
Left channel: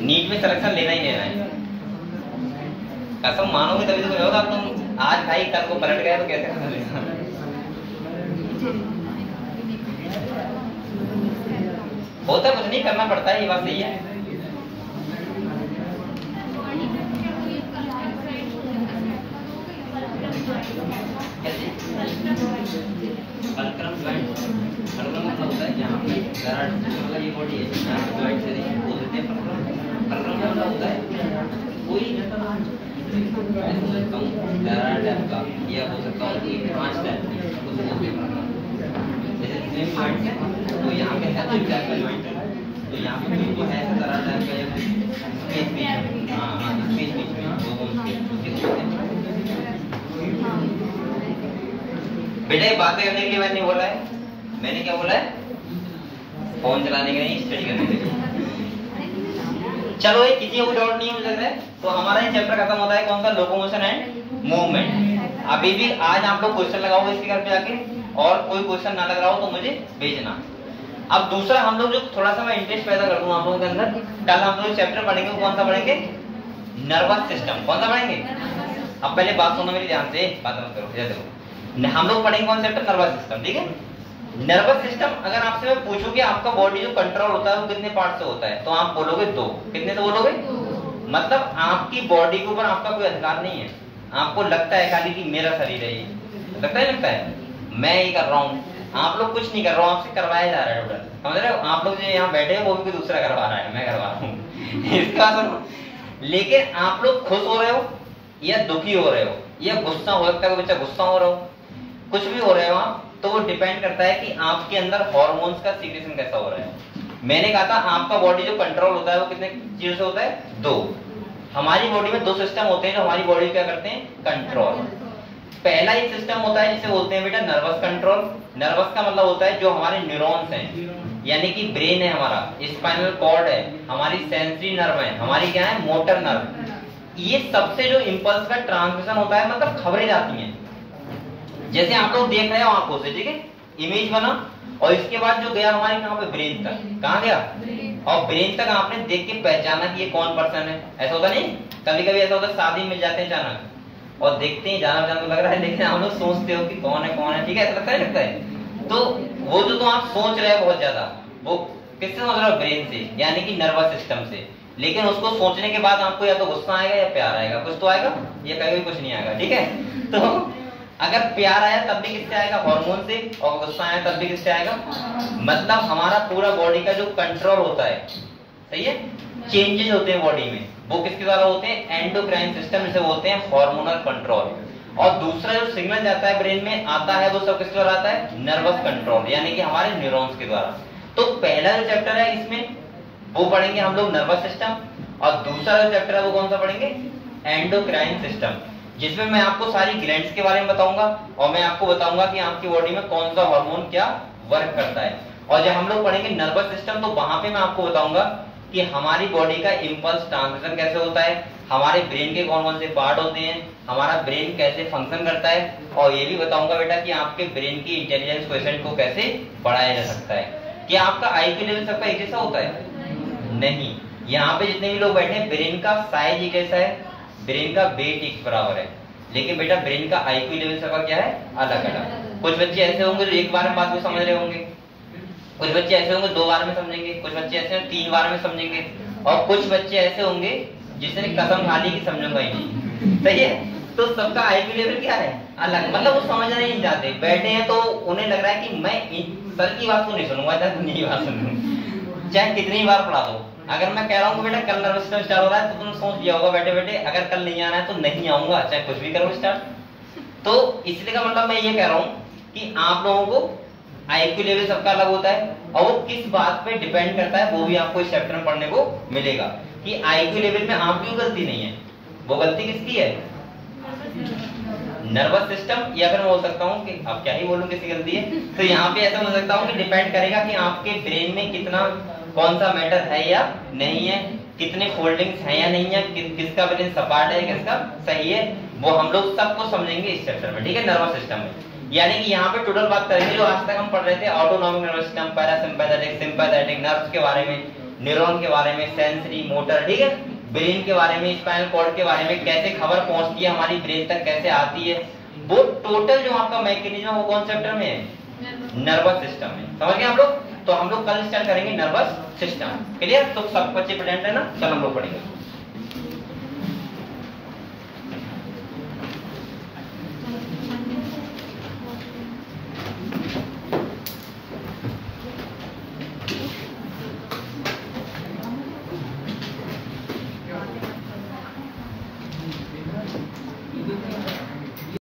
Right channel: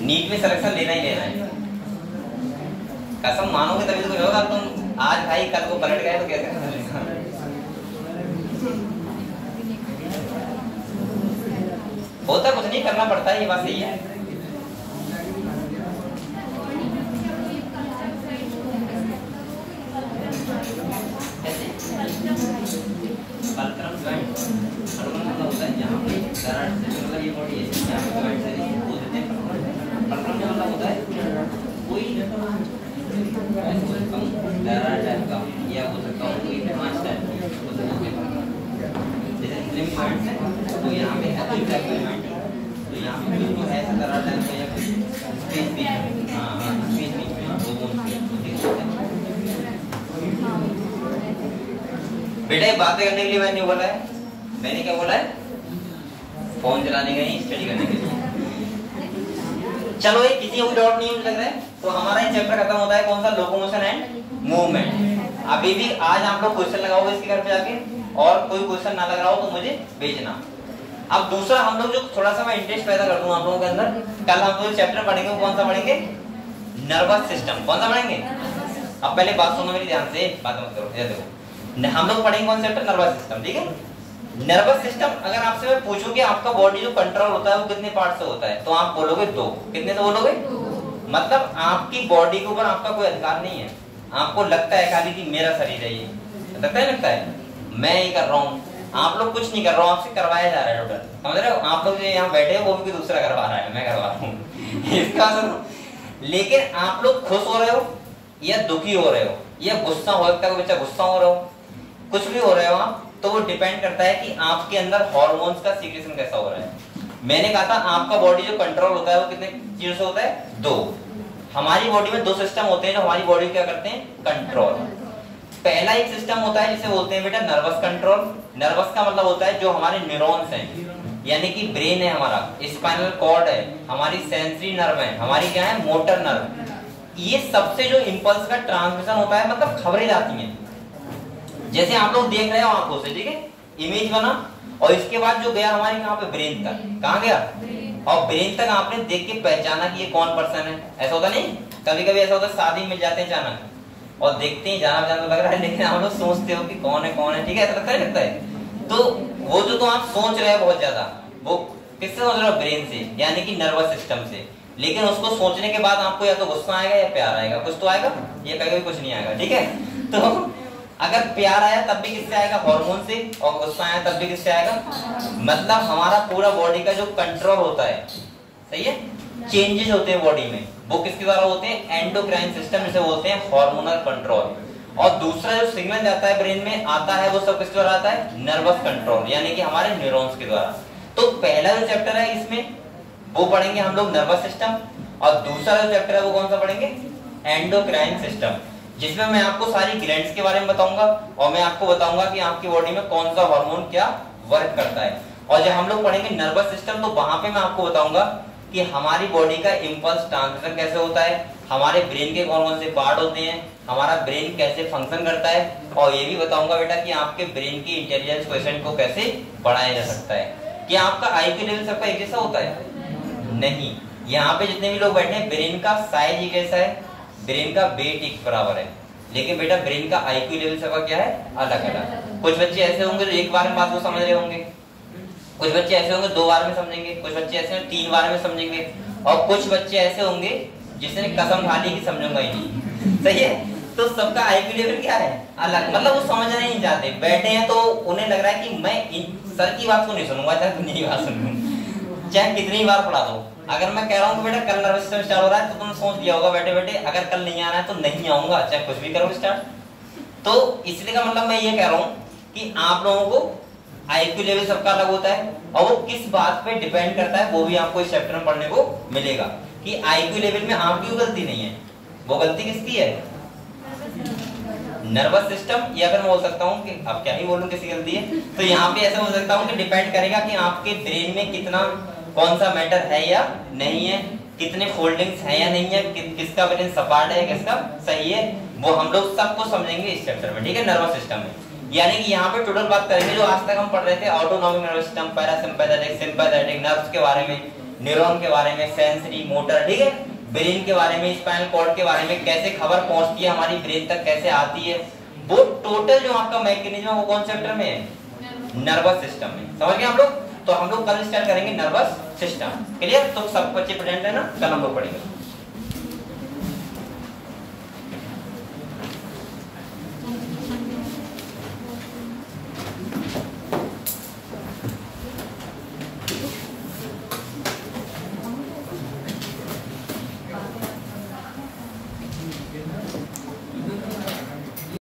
नीट में सिलेक्शन लेना ही लेना है। कसम मानोगे तभी तो कुछ होगा। तुम आज भाई कल को पलट गए तो कैसे होता? कुछ नहीं करना पड़ता है, ये बात सही है। तो यहाँ पे बेटा ये बातें करने के लिए मैंने बोला है, मैंने क्या बोला है? फोन चलाने के लिए, स्टडी करने के लिए। चलो ये किसी को डाउट नहीं हो लग रहा है तो हमारा ये चैप्टर खत्म होता है। कौन सा? Locomotion and movement. अभी भी आज आप लोग क्वेश्चन लगाओगे इसके घर पे जाके, और कोई क्वेश्चन ना लग रहा हो तो मुझे भेजना। अब दूसरा हम लोग जो थोड़ा सा मैं इंटरेस्ट पैदा कर दूं आप लोगों के अंदर, कल हम लोग चैप्टर पढ़ेंगे, वो कौन सा पढ़ेंगे? Nervous system. कौन सा पढ़ेंगे? अब पहले बात सुनो मेरी ध्यान से, बात मत करो। देखो हम लोग पढ़ेंगे कौन सा चैप्टर? नर्वस सिस्टम, ठीक है? नर्वस सिस्टम अगर आपसे मैं पूछूं कि आपका बॉडी जो कंट्रोल होता है वो कितने पार्ट से होता है, तो आप बोलोगे दो। कितने से बोलोगे? मतलब आपकी बॉडी के ऊपर आपका कोई अधिकार नहीं है। आपको लगता है खाली कि मेरा शरीर है, ये लगता है मैं ये कर रहा हूँ। आप लोग कुछ नहीं कर रहा हूँ, आपसे करवाया जा रहा है टोटल। समझ रहे हो? आप लोग जो यहाँ बैठे हो वो भी कोई दूसरा करवा रहा है, मैं करवा रहा हूँ इसका सुनो। लेकिन आप लोग खुश हो रहे हो या दुखी हो रहे हो या गुस्सा हो सकता है, कोई बच्चा गुस्सा हो रहे हो, कुछ भी हो रहे हो आप, तो वो डिपेंड करता है कि आपके अंदर हार्मोन्स का सीक्रेशन कैसा हो रहा है। मैंने कहा था आपका बॉडी जो कंट्रोल होता है वो कितने चीजों से होता है? दो। हमारी बॉडी में दो सिस्टम होते हैं जो हमारी बॉडी क्या करते हैं? कंट्रोल। पहला एक सिस्टम होता है जिसे बोलते हैं बेटा नर्वस कंट्रोल। नर्वस का मतलब होता है जो हमारे न्यूरॉन्स हैं, यानी कि ब्रेन है हमारा, स्पाइनल कॉर्ड है, हमारी सेंसरी नर्व है, हमारी क्या है? Motor nerve. ये सबसे जो इंपल्स का ट्रांसमिशन होता है, मतलब खबरें जाती हैं। जैसे आप लोग देख रहे हो आंखों से, ठीक है? इमेज बना और इसके बाद जो गया हमारे कहाँ पे? ब्रेन तक। कहाँ गया? और ब्रेन तक आपने देख के पहचाना कि ये कौन पर्सन है। ऐसा होता नहीं? कभी कभी ऐसा होता है शादी मिल जाते हैं अचानक और देखते ही जाना तो लग रहा है, लेकिन आप लोग सोचते हो कि कौन है, ठीक है? ऐसा लगता है। तो वो जो तो आप सोच रहे हो बहुत ज्यादा, वो किससे सोच रहे हो? ब्रेन से, यानी कि नर्वस सिस्टम से। लेकिन उसको सोचने के बाद आपको या तो गुस्सा आएगा या प्यार आएगा, कुछ तो आएगा, या कहीं कुछ नहीं आएगा, ठीक है? तो अगर प्यार आया तब भी किससे आएगा? हार्मोन से। और गुस्सा आया तब भी किससे आएगा? मतलब हमारा पूरा बॉडी का जो कंट्रोल होता है, सही है, चेंजेस होते हैं बॉडी में, वो किसके द्वारा होते हैं? एंडोक्राइन सिस्टम, जिसे बोलते हैं हार्मोनल कंट्रोल। और दूसरा जो सिग्नल जाता है ब्रेन में आता है, वो सब किसके द्वारा आता है? नर्वस कंट्रोल, यानी कि हमारे न्यूरॉन्स के द्वारा। तो पहला जो चैप्टर है इसमें वो पढ़ेंगे हम लोग नर्वस सिस्टम, और दूसरा जो चैप्टर है वो कौन सा पढ़ेंगे? एंडोक्राइन सिस्टम, जिसमें मैं आपको सारी ग्लैंड्स के बारे में बताऊंगा और मैं आपको बताऊंगा कि आपकी बॉडी में कौन सा हार्मोन क्या वर्क करता है। और जब हम लोग पढ़ेंगे नर्वस सिस्टम तो वहां पे मैं आपको बताऊंगा कि हमारी बॉडी का इंपल्स ट्रांसमिशन कैसे होता है, हमारे ब्रेन के कौन कौन से पार्ट होते हैं, हमारा ब्रेन कैसे फंक्शन करता है, और ये भी बताऊंगा बेटा कि आपके ब्रेन की इंटेलिजेंस कोएफिशिएंट को कैसे बढ़ाया जा सकता है। क्या आपका आईक्यू लेवल सबका एक जैसा होता है? नहीं। यहाँ पे जितने भी लोग बैठे हैं ब्रेन का साइज एक जैसा है, ब्रेन का वेट एक बराबर है, लेकिन बेटा ब्रेन का आईक्यू लेवल सबका क्या है? अलग अलग। कुछ बच्चे ऐसे होंगे जो एक बार में बात को समझ रहे होंगे, कुछ बच्चे ऐसे होंगे 2 बार में समझेंगे, कुछ बच्चे ऐसे होंगे 3 बार में समझेंगे, और कुछ बच्चे ऐसे होंगे जिसने कसम खा ली कि समझूंगा ही नहीं। सही है? तो सबका आईक्यू लेवल क्या है? अलग। मतलब वो समझना नहीं चाहते, बैठे हैं तो उन्हें लग रहा है कि मैं सर की बात को नहीं सुनूंगा, चाहे दुनिया की बात सुन लूं, चाहे कितनी बार पढ़ा दो। अगर मैं कह रहा हूँ बेटा कल नर्वस सिस्टम स्टार्ट हो रहा है तो तुमने सोच लिया होगा बैठे बैठे अगर कल नहीं आना है तो नहीं आऊंगा, चाहे कुछ भी करो स्टार्ट। तो इसलिए का मतलब मैं ये कह रहा हूँ कि आप लोगों को आईक्यू लेवल सबका अलग होता है, और वो किस बात पे डिपेंड करता है वो भी आपको इस चैप्टर में पढ़ने को मिलेगा कि आईक्यू लेवल में आपकी गलती नहीं है, वो गलती किसकी है? Nervous system. या फिर मैं बोल सकता हूँ कि अब क्या ही बोलूं किसकी गलती है, तो यहाँ पे ऐसा बोल सकता हूँ कि डिपेंड करेगा कि आपके ब्रेन में कितना कौन सा मैटर है या नहीं है, कितने फोल्डिंग्स हैं या नहीं है, किसका ब्रेन सपाट है किसका सही है, वो हम लोग सब कुछ समझेंगे इस चैप्टर में। ठीक है? नर्वस सिस्टम में यानी कि यहाँ पे टोटल बात करेंगे जो आज तक हम पढ़ रहे थे, autonomic nervous system, parasympathetic, sympathetic, nerves के बारे में, न्यूरॉन के बारे में, सेंसरी, मोटर, ठीक है, ब्रेन के बारे में, स्पाइनल कॉर्ड के बारे में, कैसे खबर पहुंचती है हमारी ब्रेन तक, कैसे आती है, वो टोटल जो आपका मैकेनिज्म है वो कौन चैप्टर में है? नर्वस सिस्टम में। समझ गए आप लोग? तो हम लोग कल स्टार्ट करेंगे नर्वस सिस्टम। क्लियर? तो सब बच्चे प्रेजेंट है ना? कल हम लोग पढ़ेंगे।